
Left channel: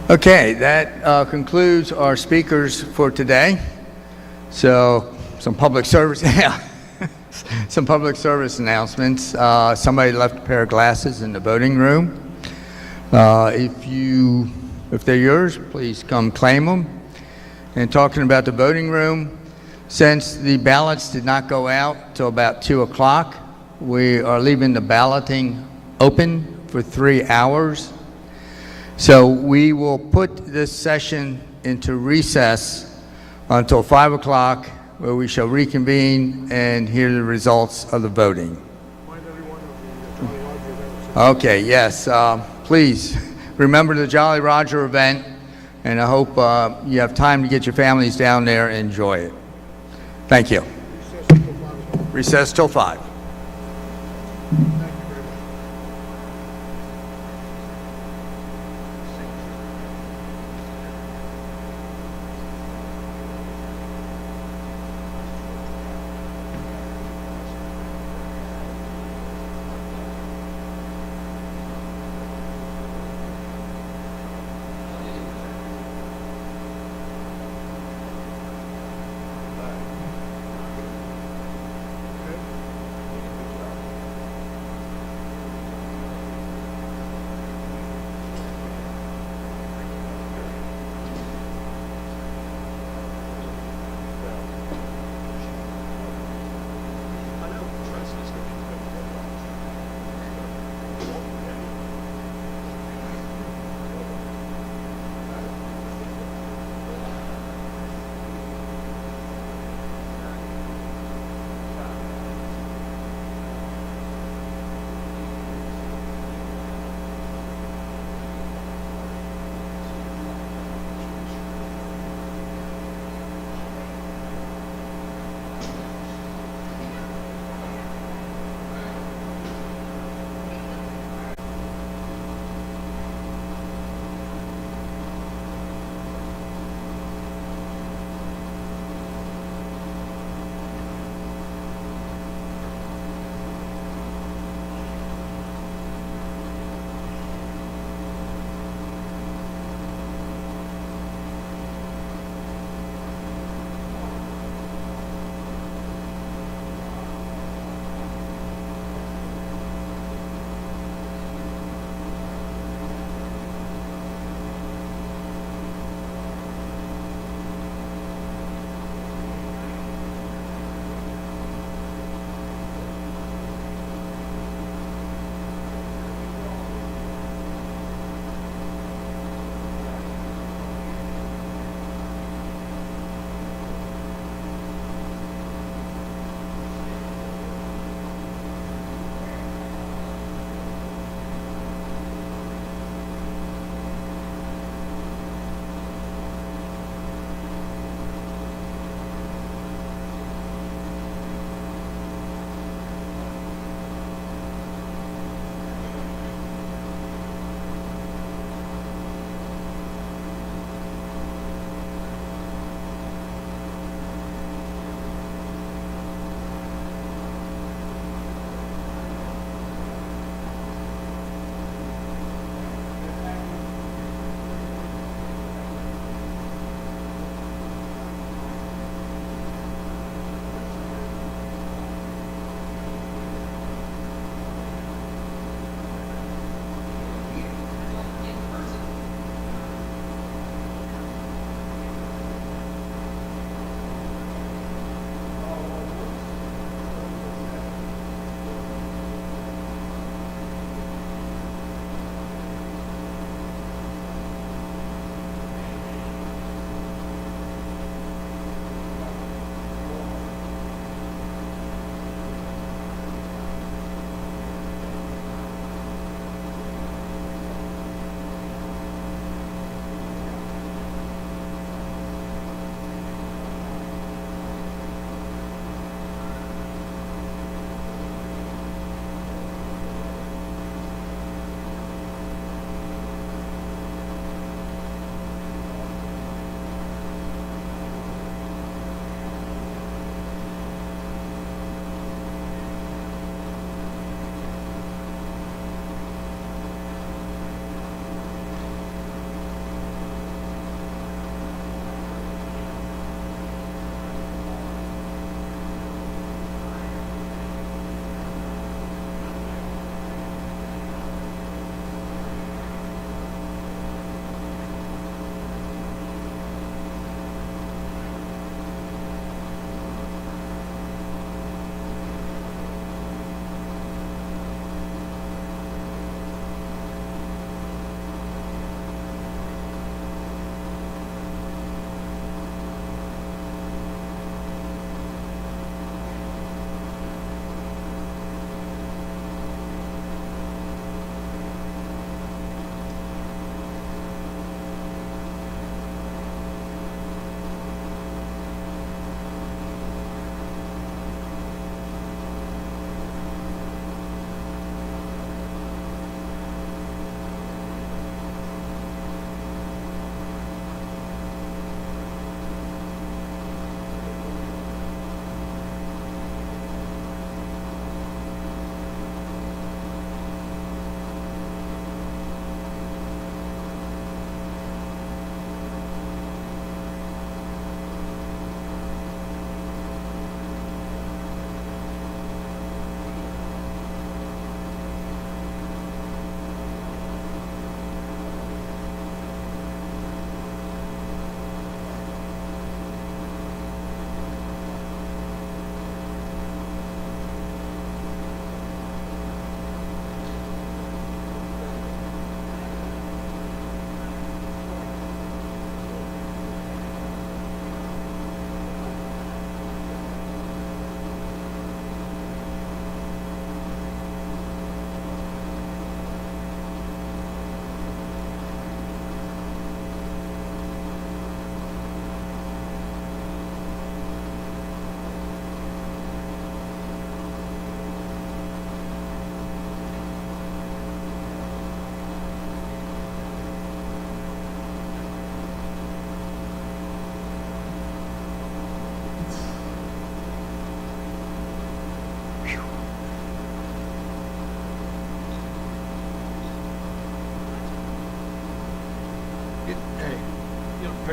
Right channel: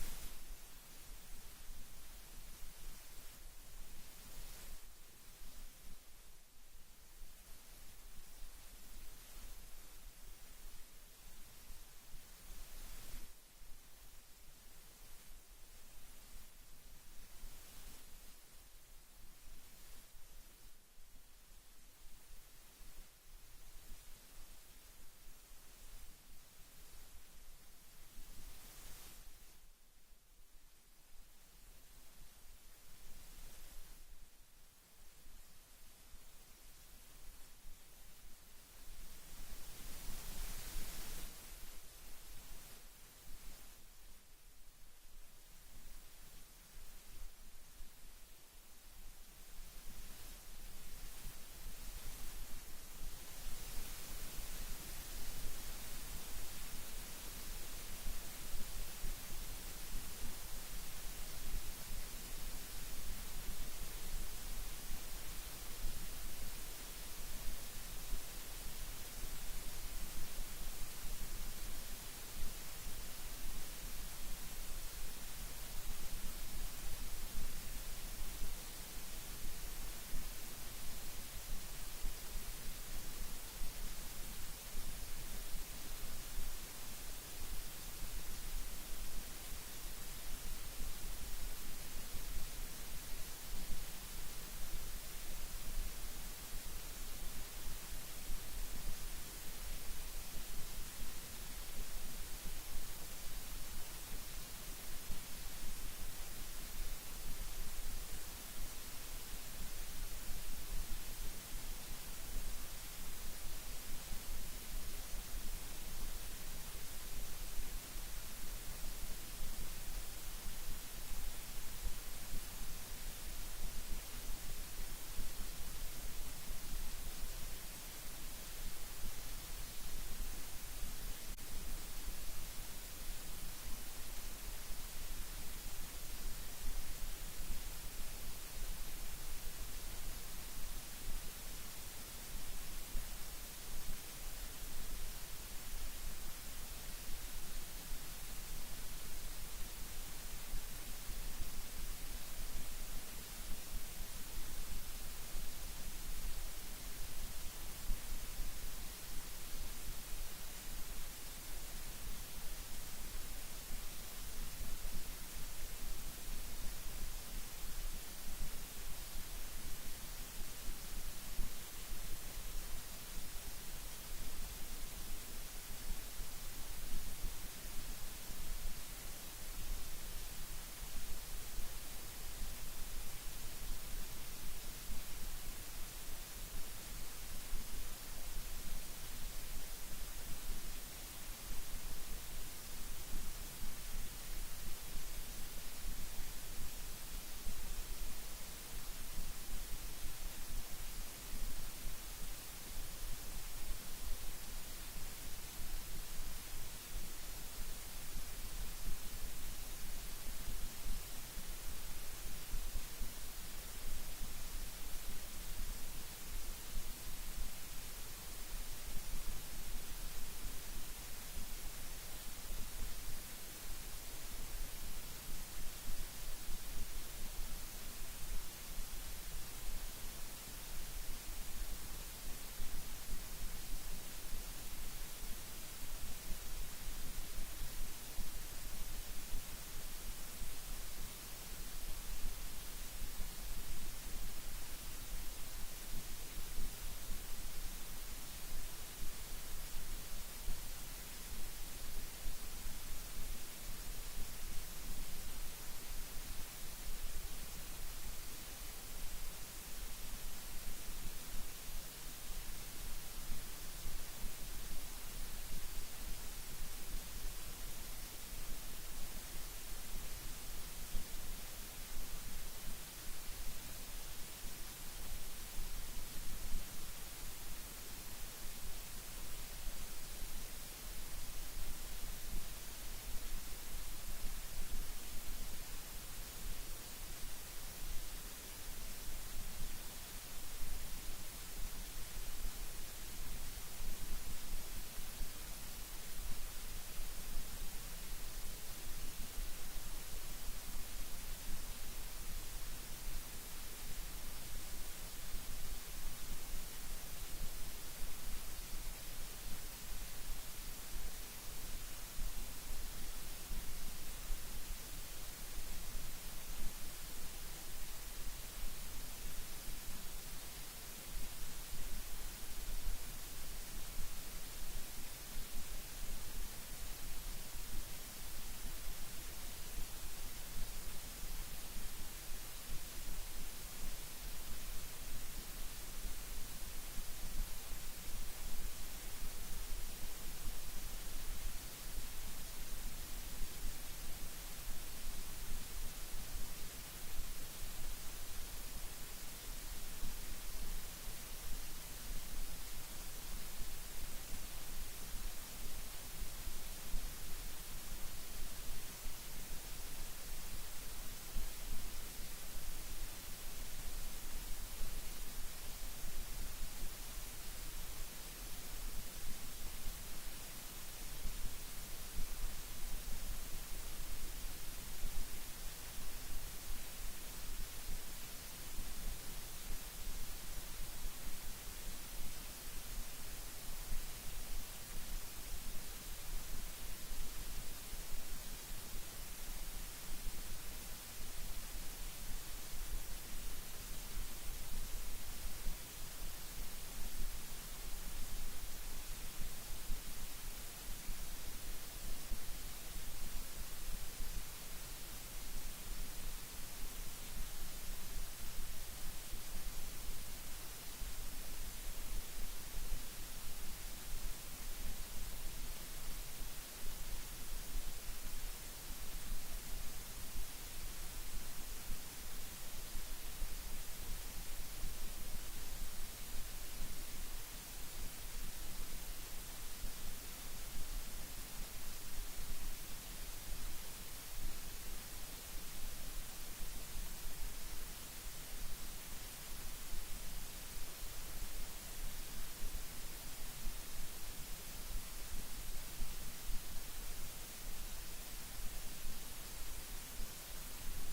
okay, that concludes our speakers for today. So some public service, some public service announcements. Somebody left a pair of glasses in the voting room. If they're yours, please come claim them. And talking about the voting room, since the ballots did not go out till about 2 o'clock, we are leaving the balloting open for 3 hours. So we will put this session into recess until 5 o'clock, where we shall reconvene and hear the results of the voting. Okay, yes, please remember the Jolly Roger event, and I hope you have time to get your families down there and enjoy it. Thank you. Recess till 5.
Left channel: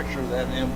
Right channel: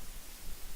picture of that, Em.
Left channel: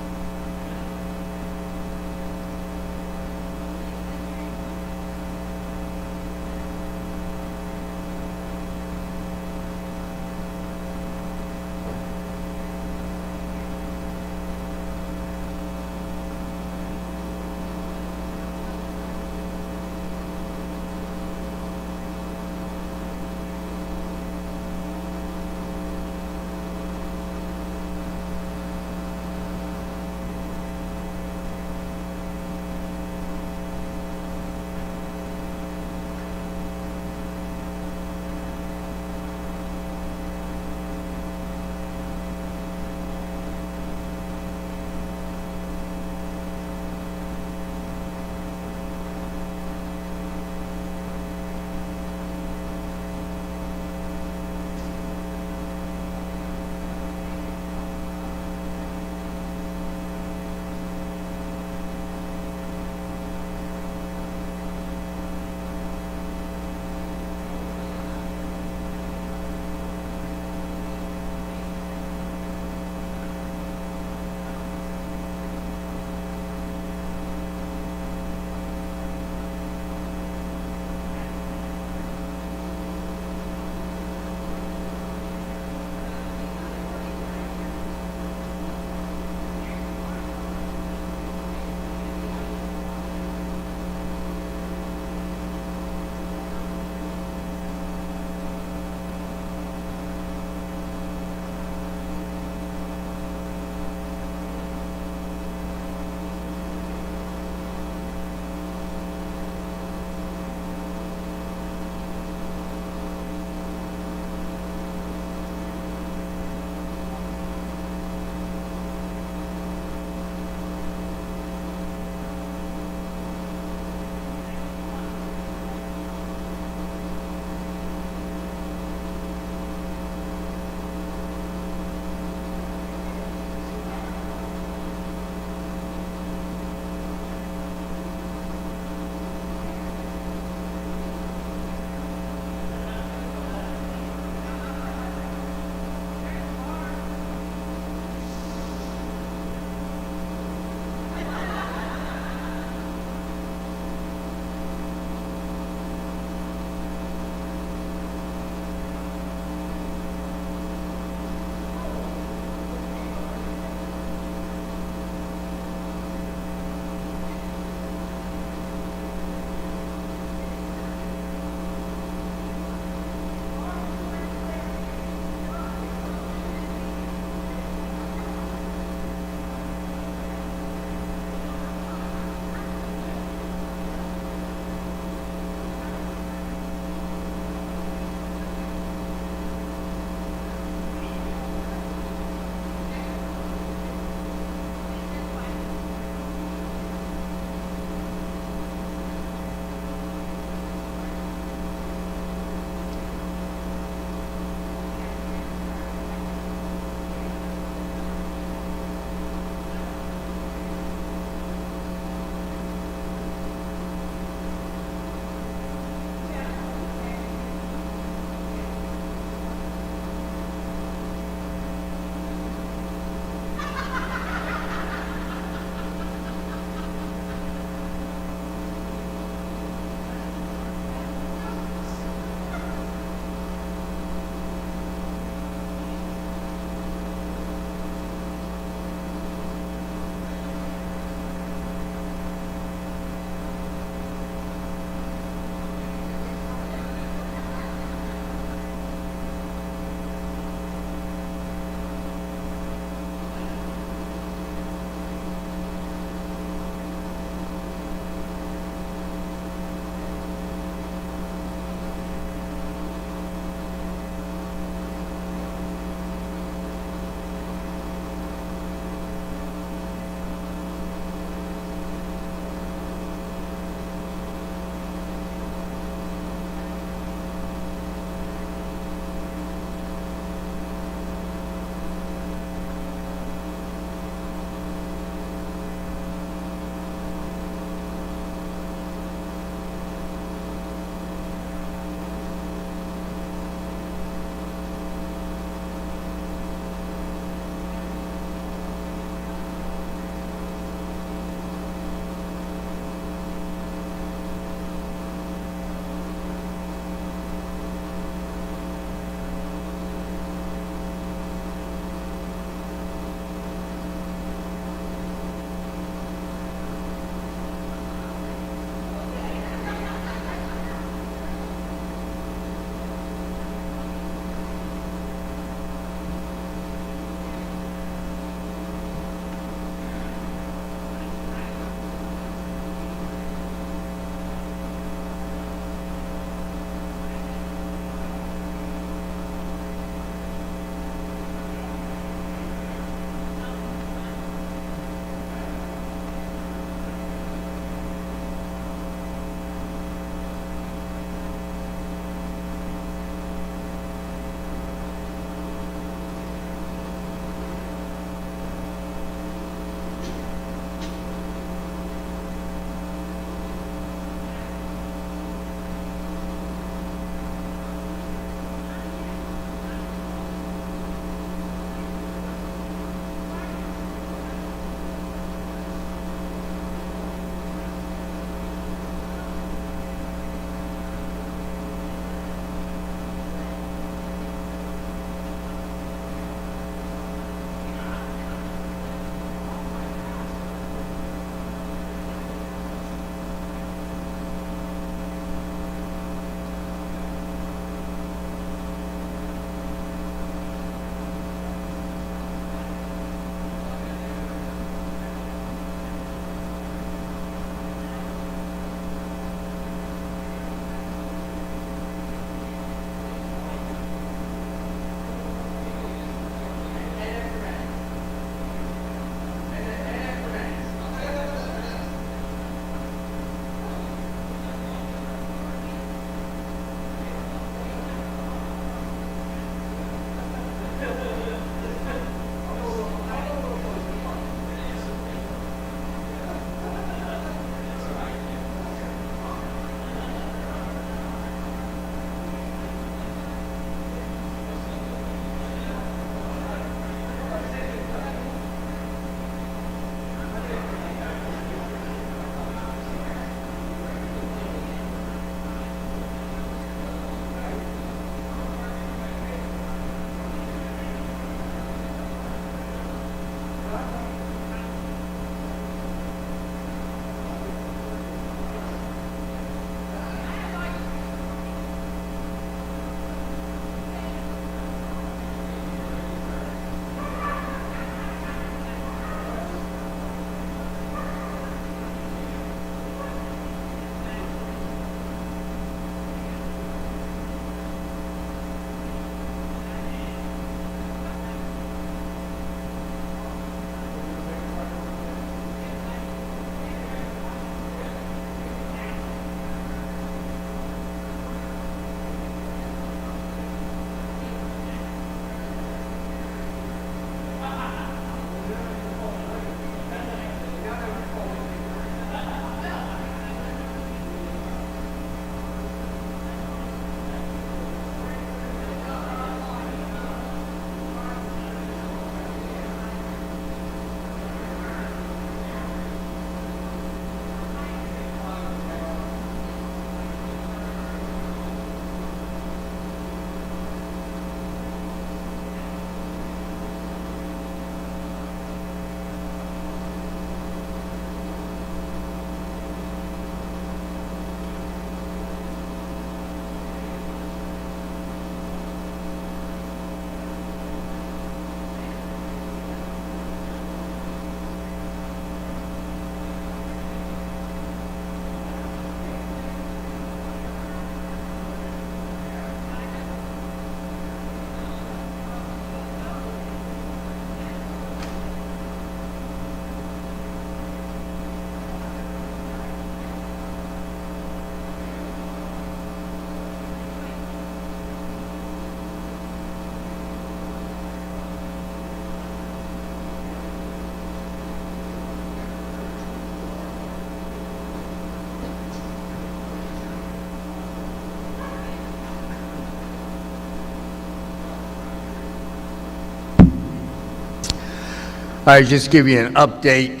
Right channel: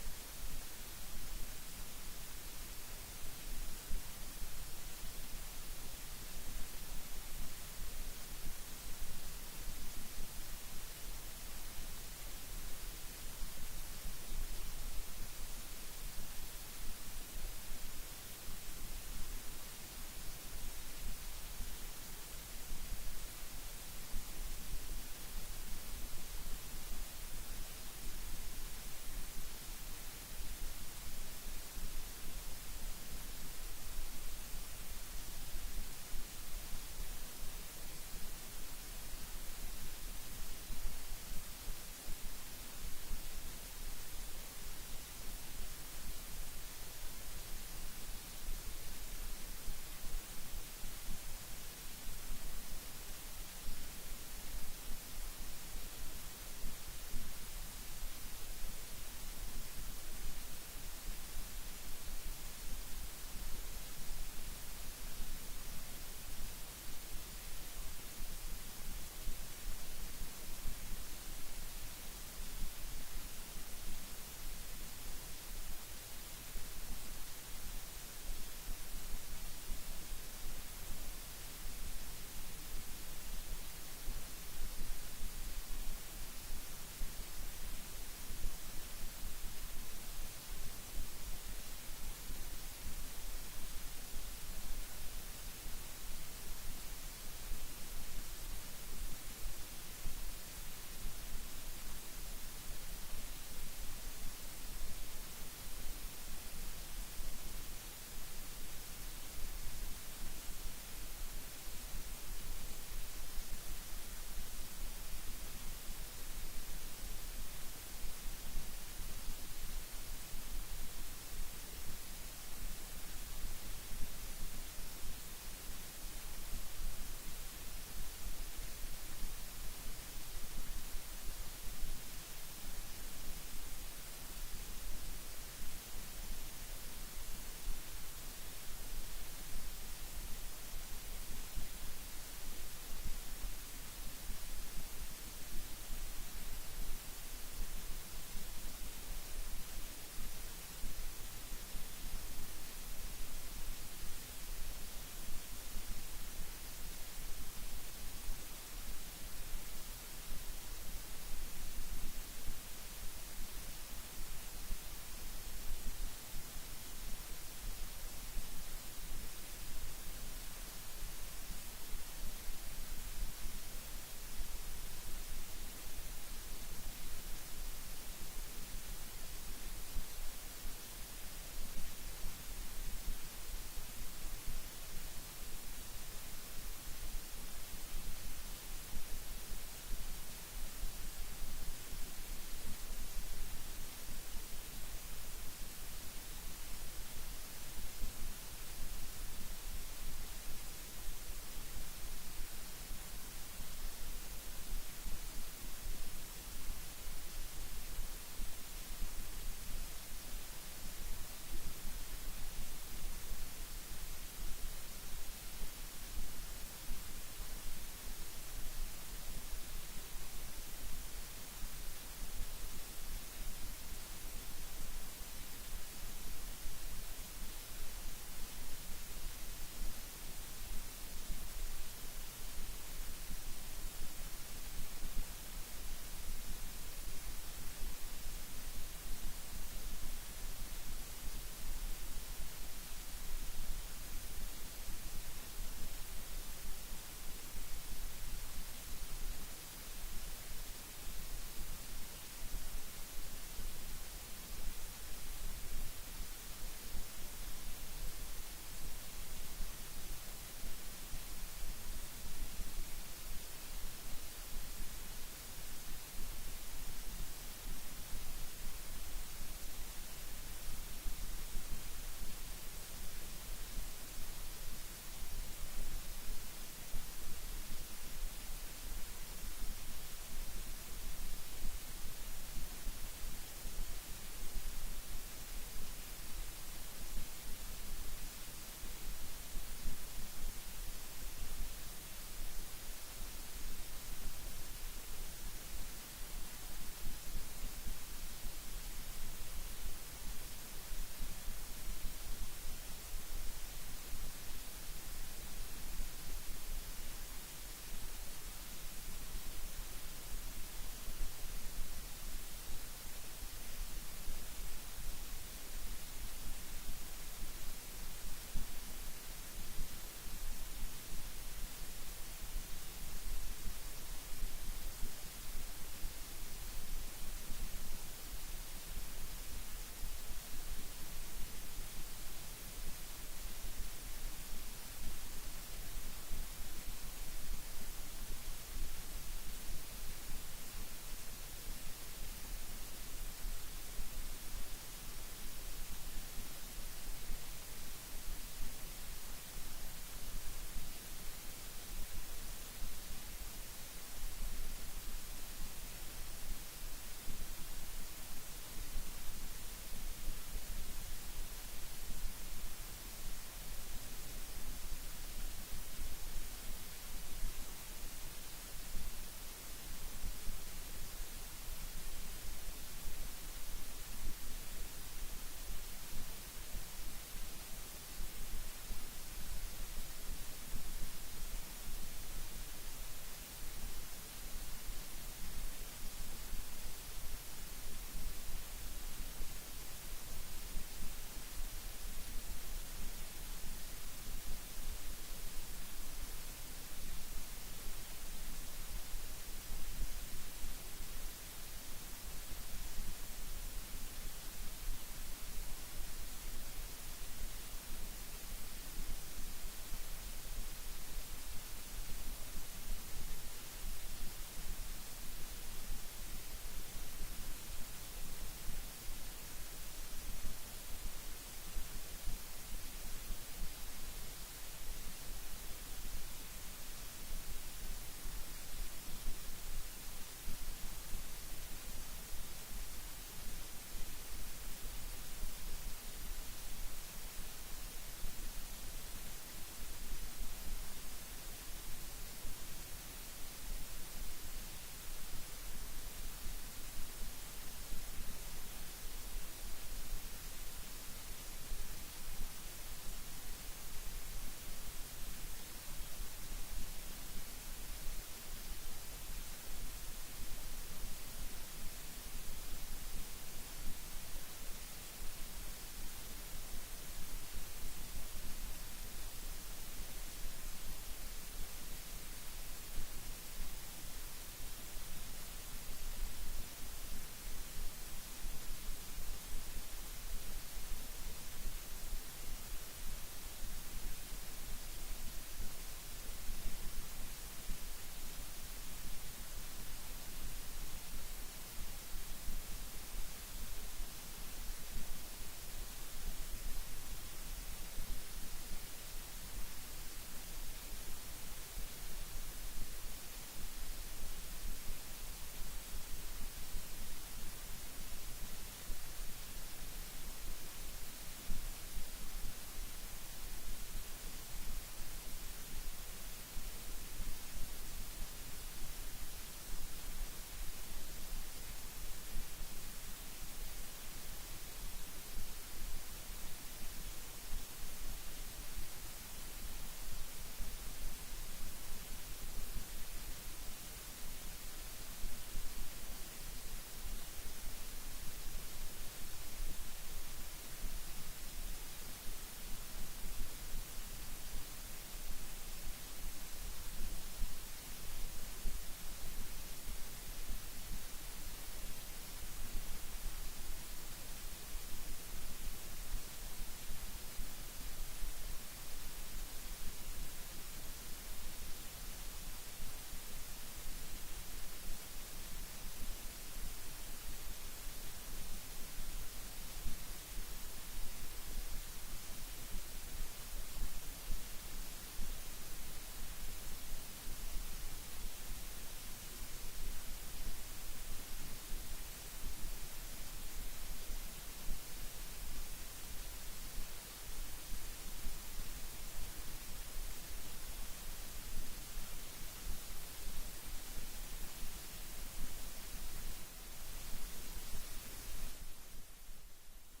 I just give you an update.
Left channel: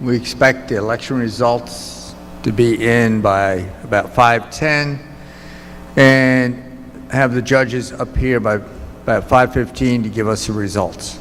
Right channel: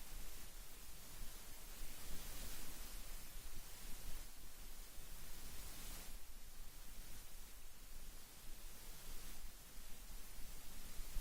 We expect the election results to be in by about 5:10 and have the judges up here by about 5:15 to give us the results.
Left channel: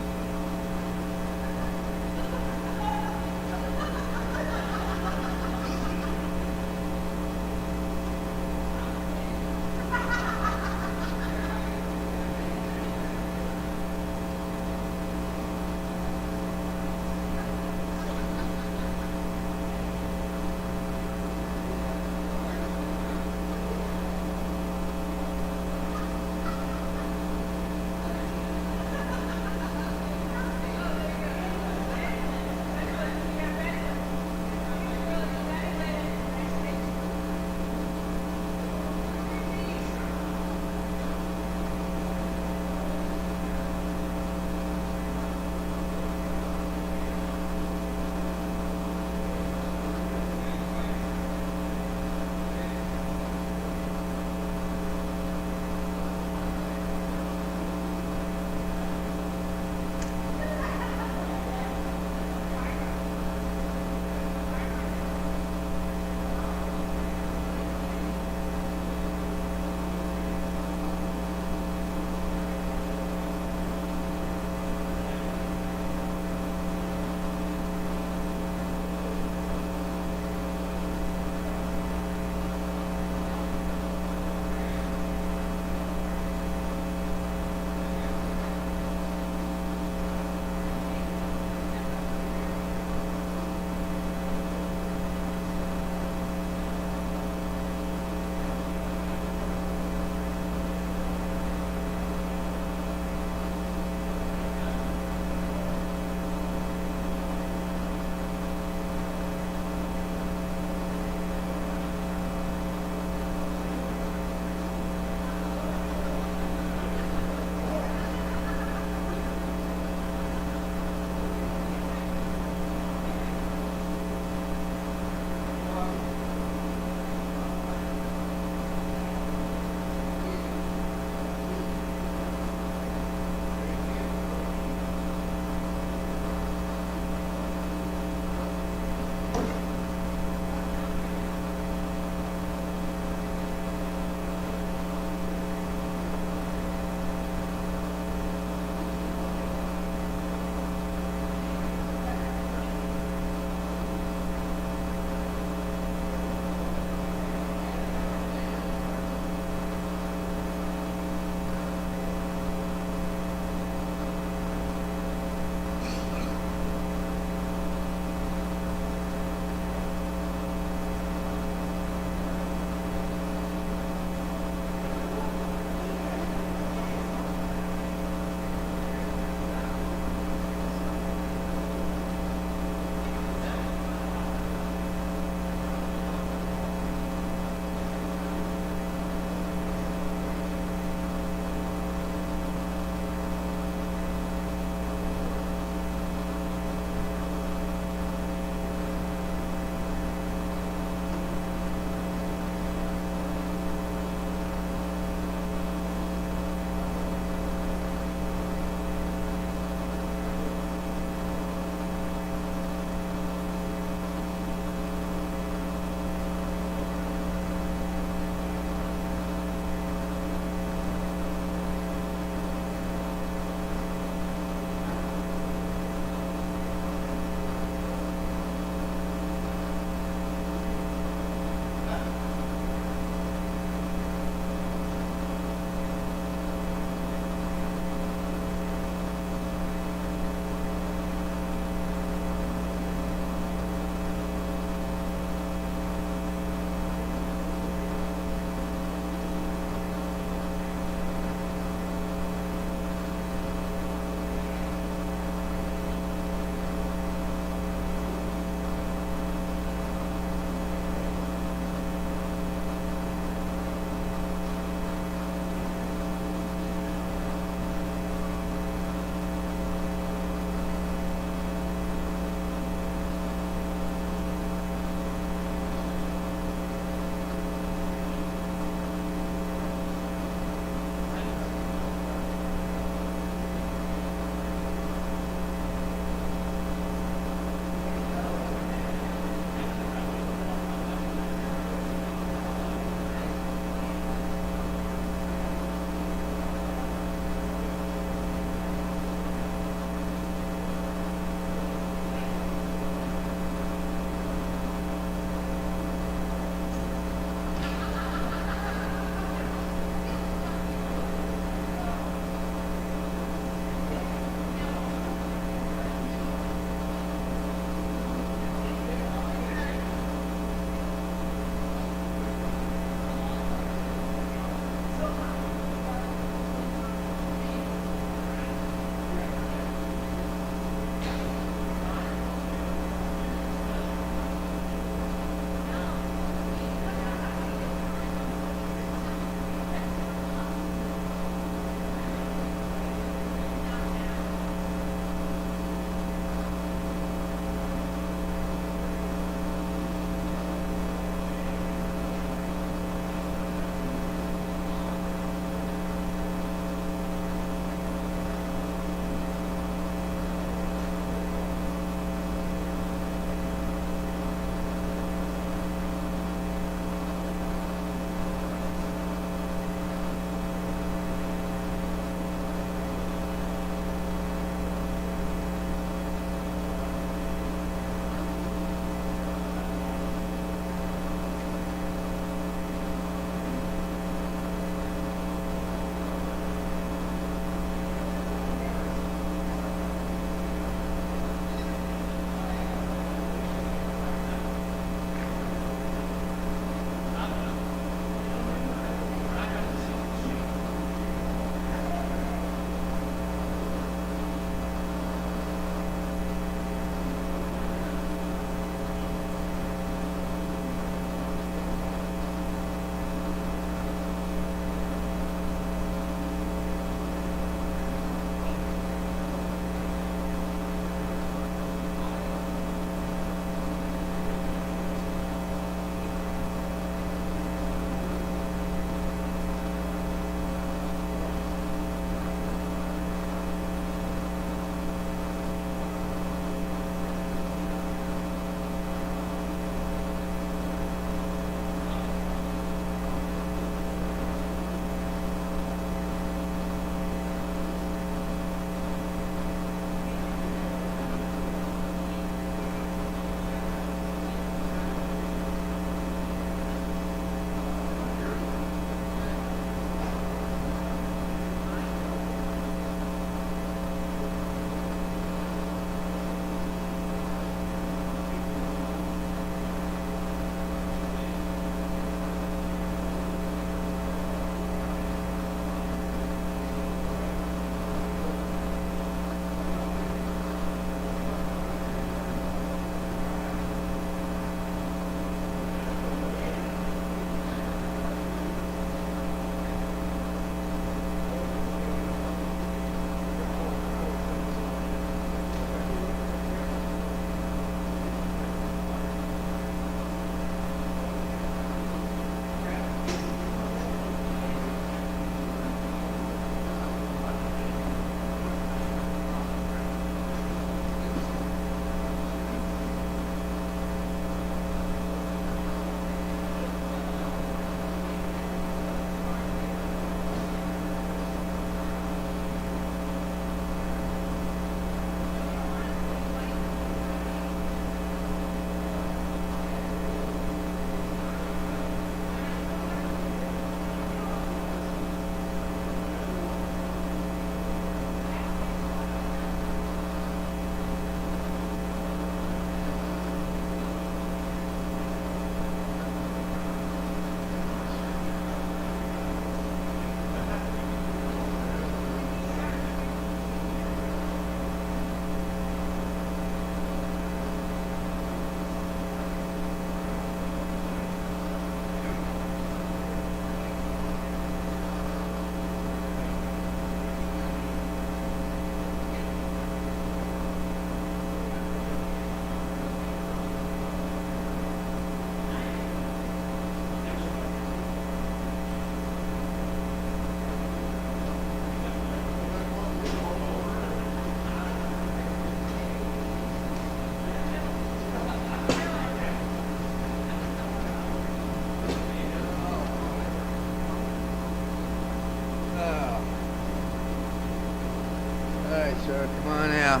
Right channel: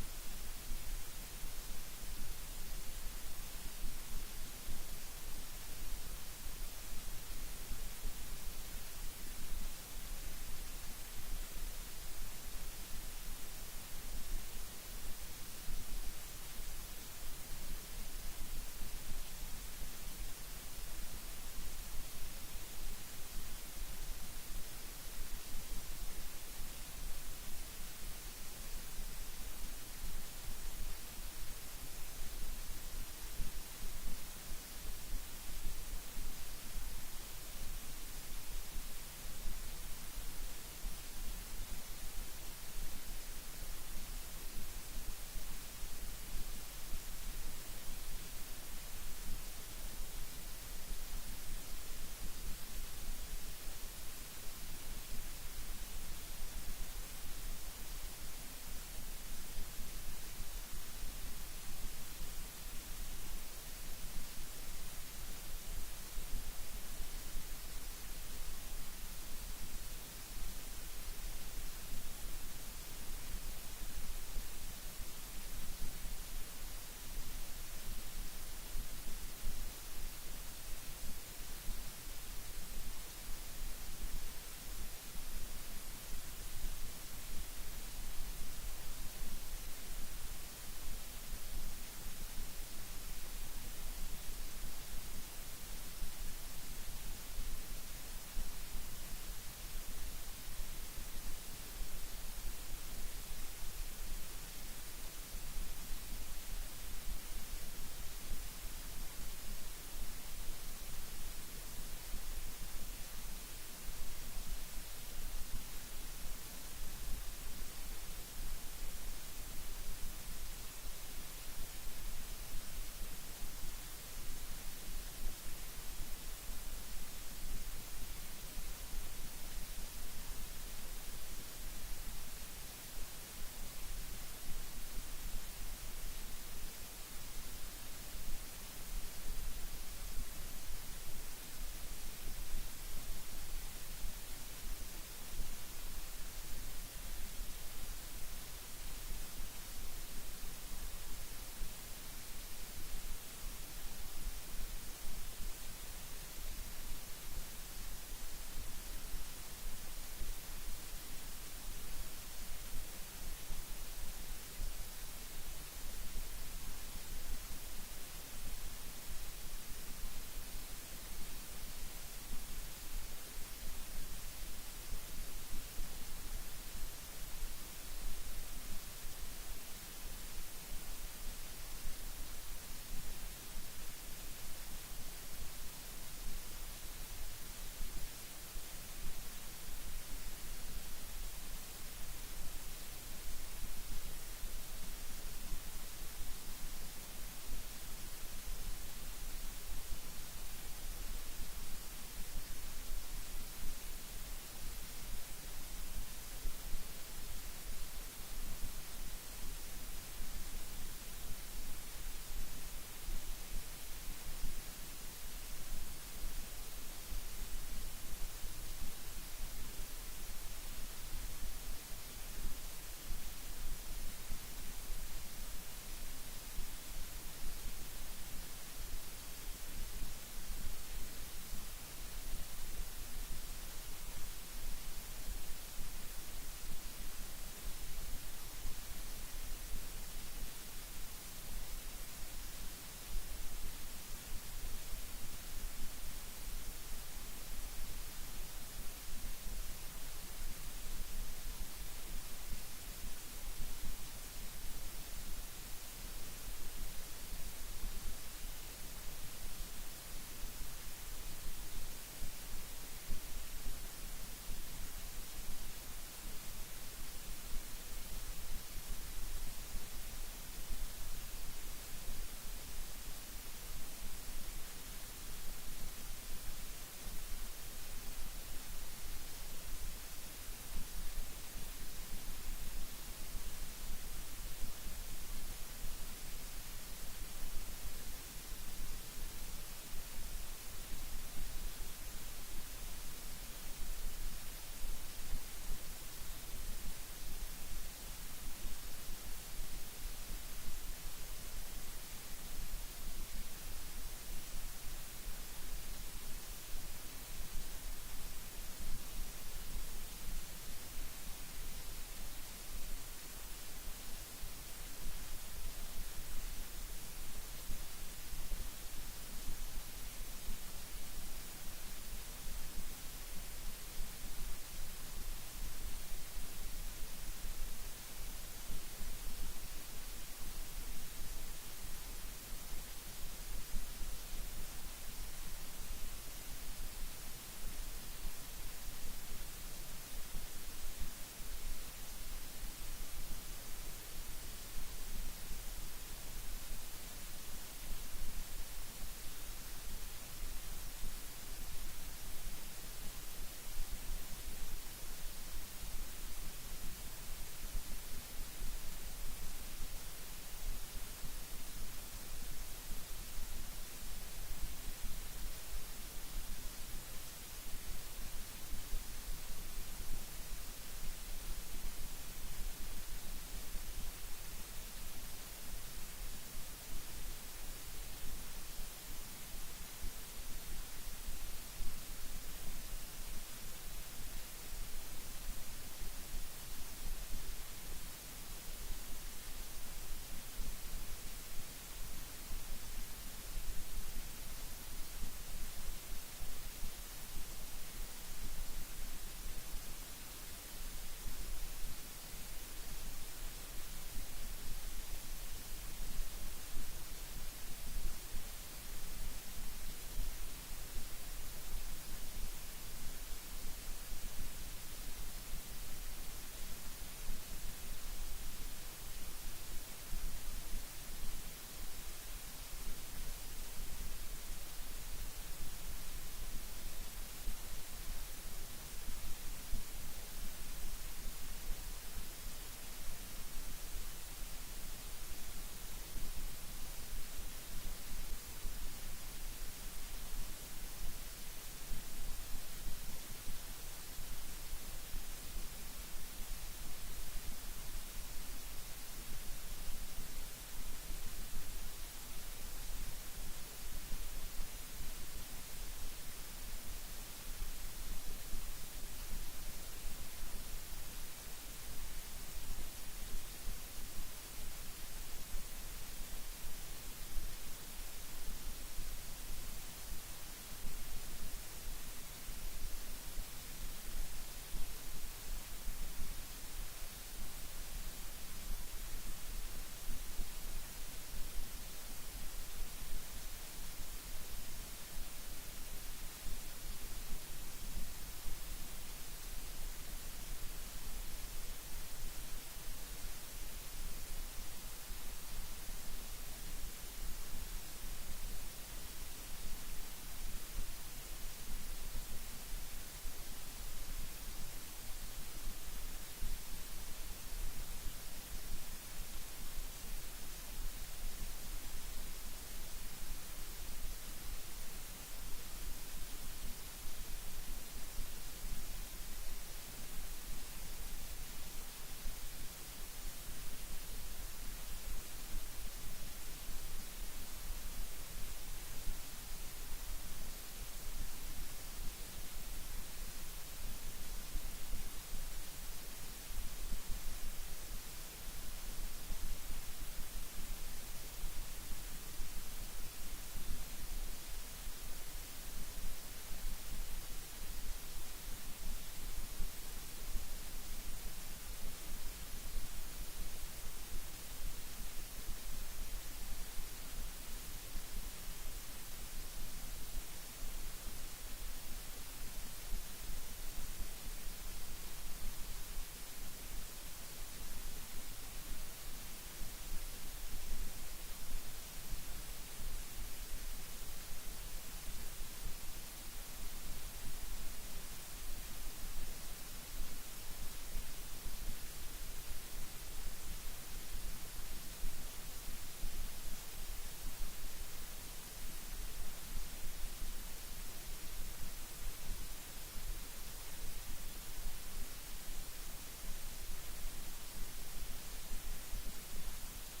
sir. Come on out.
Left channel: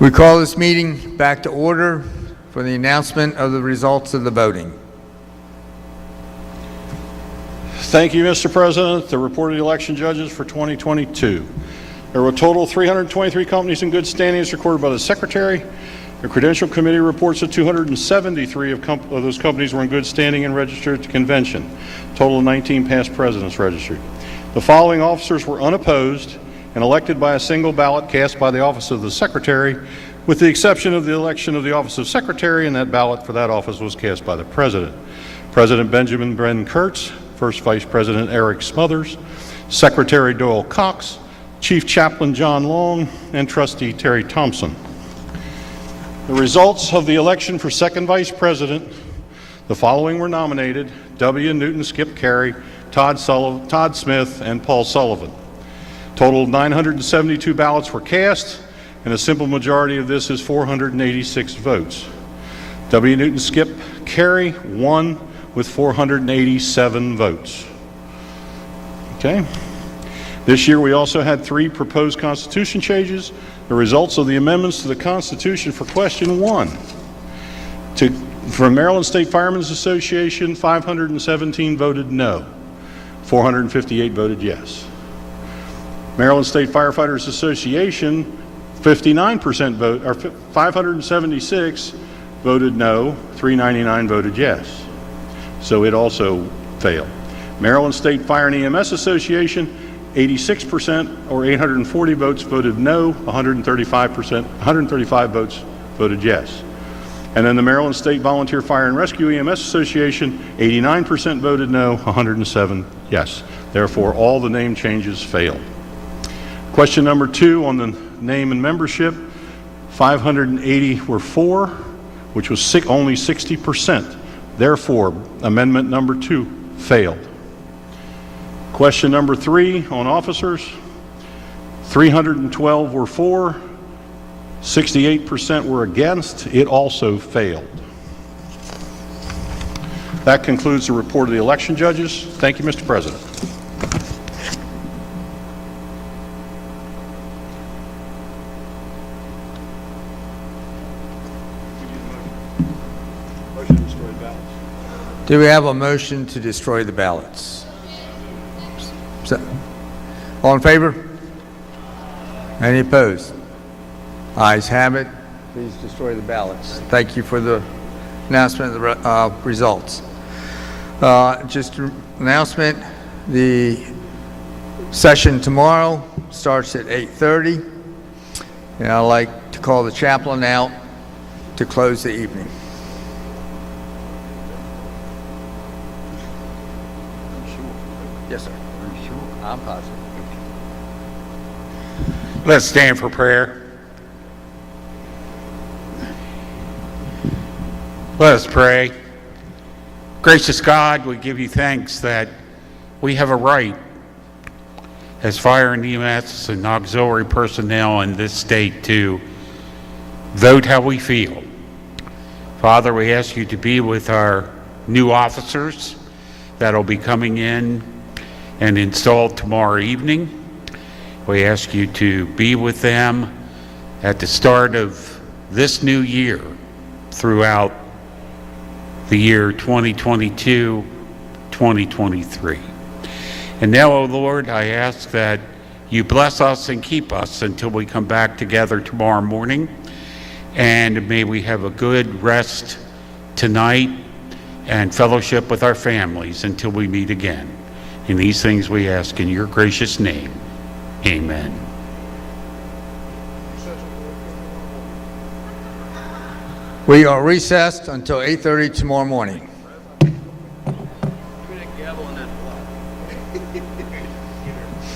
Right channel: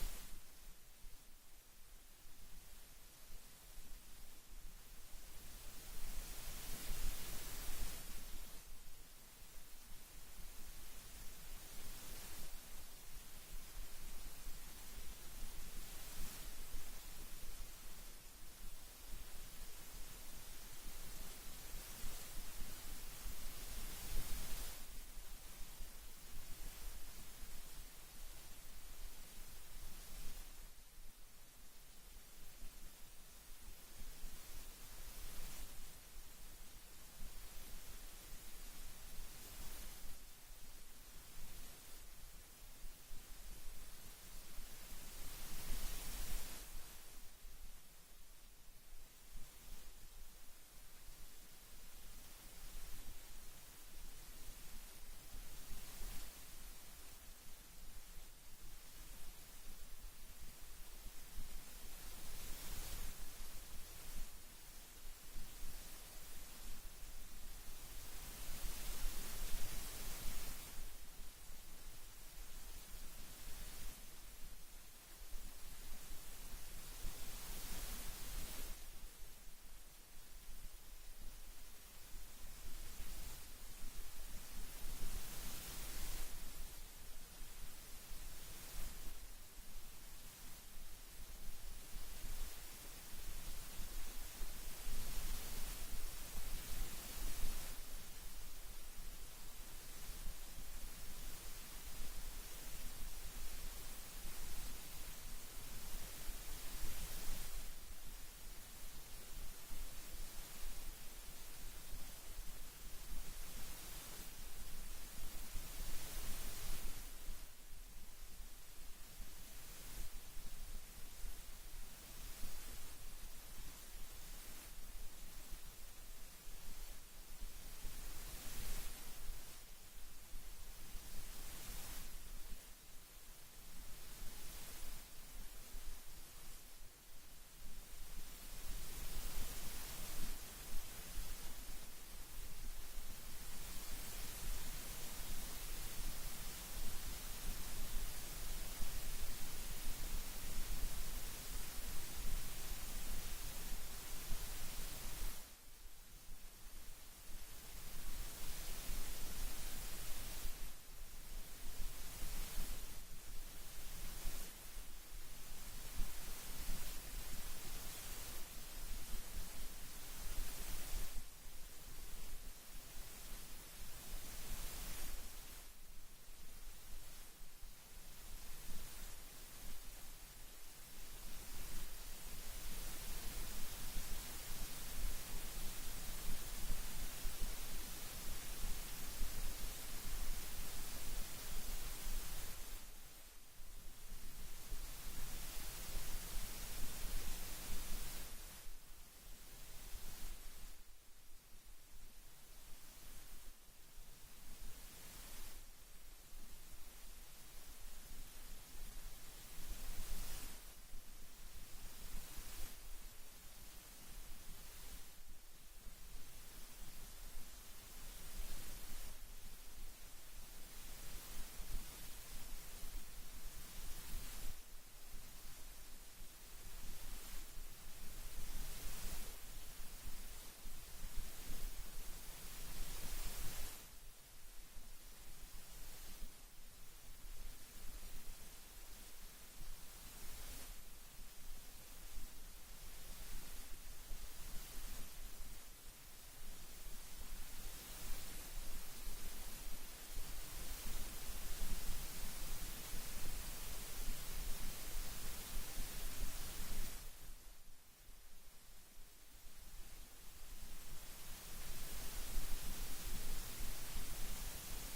We call this meeting back to order for the announcement of the results of the voting. Thank you, Mr. President. The report of the election judges for 2022. There were a total of 323 companies in good standing as recorded by the Secretary. The Credential Committee reports that 273 of those companies were in good standing and registered at the convention. A total of 19 past presidents registered. The following officers were unopposed and elected by a single ballot cast by the office of the Secretary, with the exception of the election of the office of Secretary, and that ballot for that office was cast by the President. President Benjamin Bren Kurtz, First Vice President Eric Smothers, Secretary Doyle Cox, Chief Chaplain John Long, and Trustee Terry Thompson. The results of the election for Second Vice President, the following were nominated: W. Newton Skip Carey, Todd Smith, and Paul Sullivan. Total of 972 ballots were cast, and a simple majority of this is 486 votes. W. Newton Skip Carey won with 487 votes. Okay. This year we also had 3 proposed Constitution changes. The results of the amendments to the Constitution for question 1. For Maryland State Firemen's Association, 517 voted no. 458 voted yes. Maryland State Firefighters Association, 59% vote, or 576 voted no, 399 voted yes. So it also failed. Maryland State Fire and EMS Association, 86% or 840 votes voted no, 135 votes voted yes. And then the Maryland State Volunteer Fire and Rescue EMS Association, 89% voted no, 107 yes. Therefore, all the name changes failed. Question number 2 on the name and membership, 580 were for, which was only 60%. Therefore, amendment number 2 failed. Question number 3 on officers, 312 were for, 68% were against. It also failed. That concludes the report of the election judges. Thank you, Mr. President. Do we have a motion to destroy the ballots? All in favor? Any opposed? Ayes have it. Please destroy the ballots. Thank you for the announcement of the results. Just an announcement, the session tomorrow starts at 8:30, and I'd like to call the chaplain out to close the evening. Yes, sir. I'm positive. Let's stand for prayer. Let us pray. Gracious God, we give you thanks that we have a right as fire and EMS and auxiliary personnel in this state to vote how we feel. Father, we ask you to be with our new officers that'll be coming in and installed tomorrow evening. We ask you to be with them at the start of this new year throughout the year 2022, 2023. And now, O Lord, I ask that you bless us and keep us until we come back together tomorrow morning. And may we have a good rest tonight and fellowship with our families until we meet again. In these things we ask in your gracious name. Amen. We are recessed until 8:30 tomorrow morning.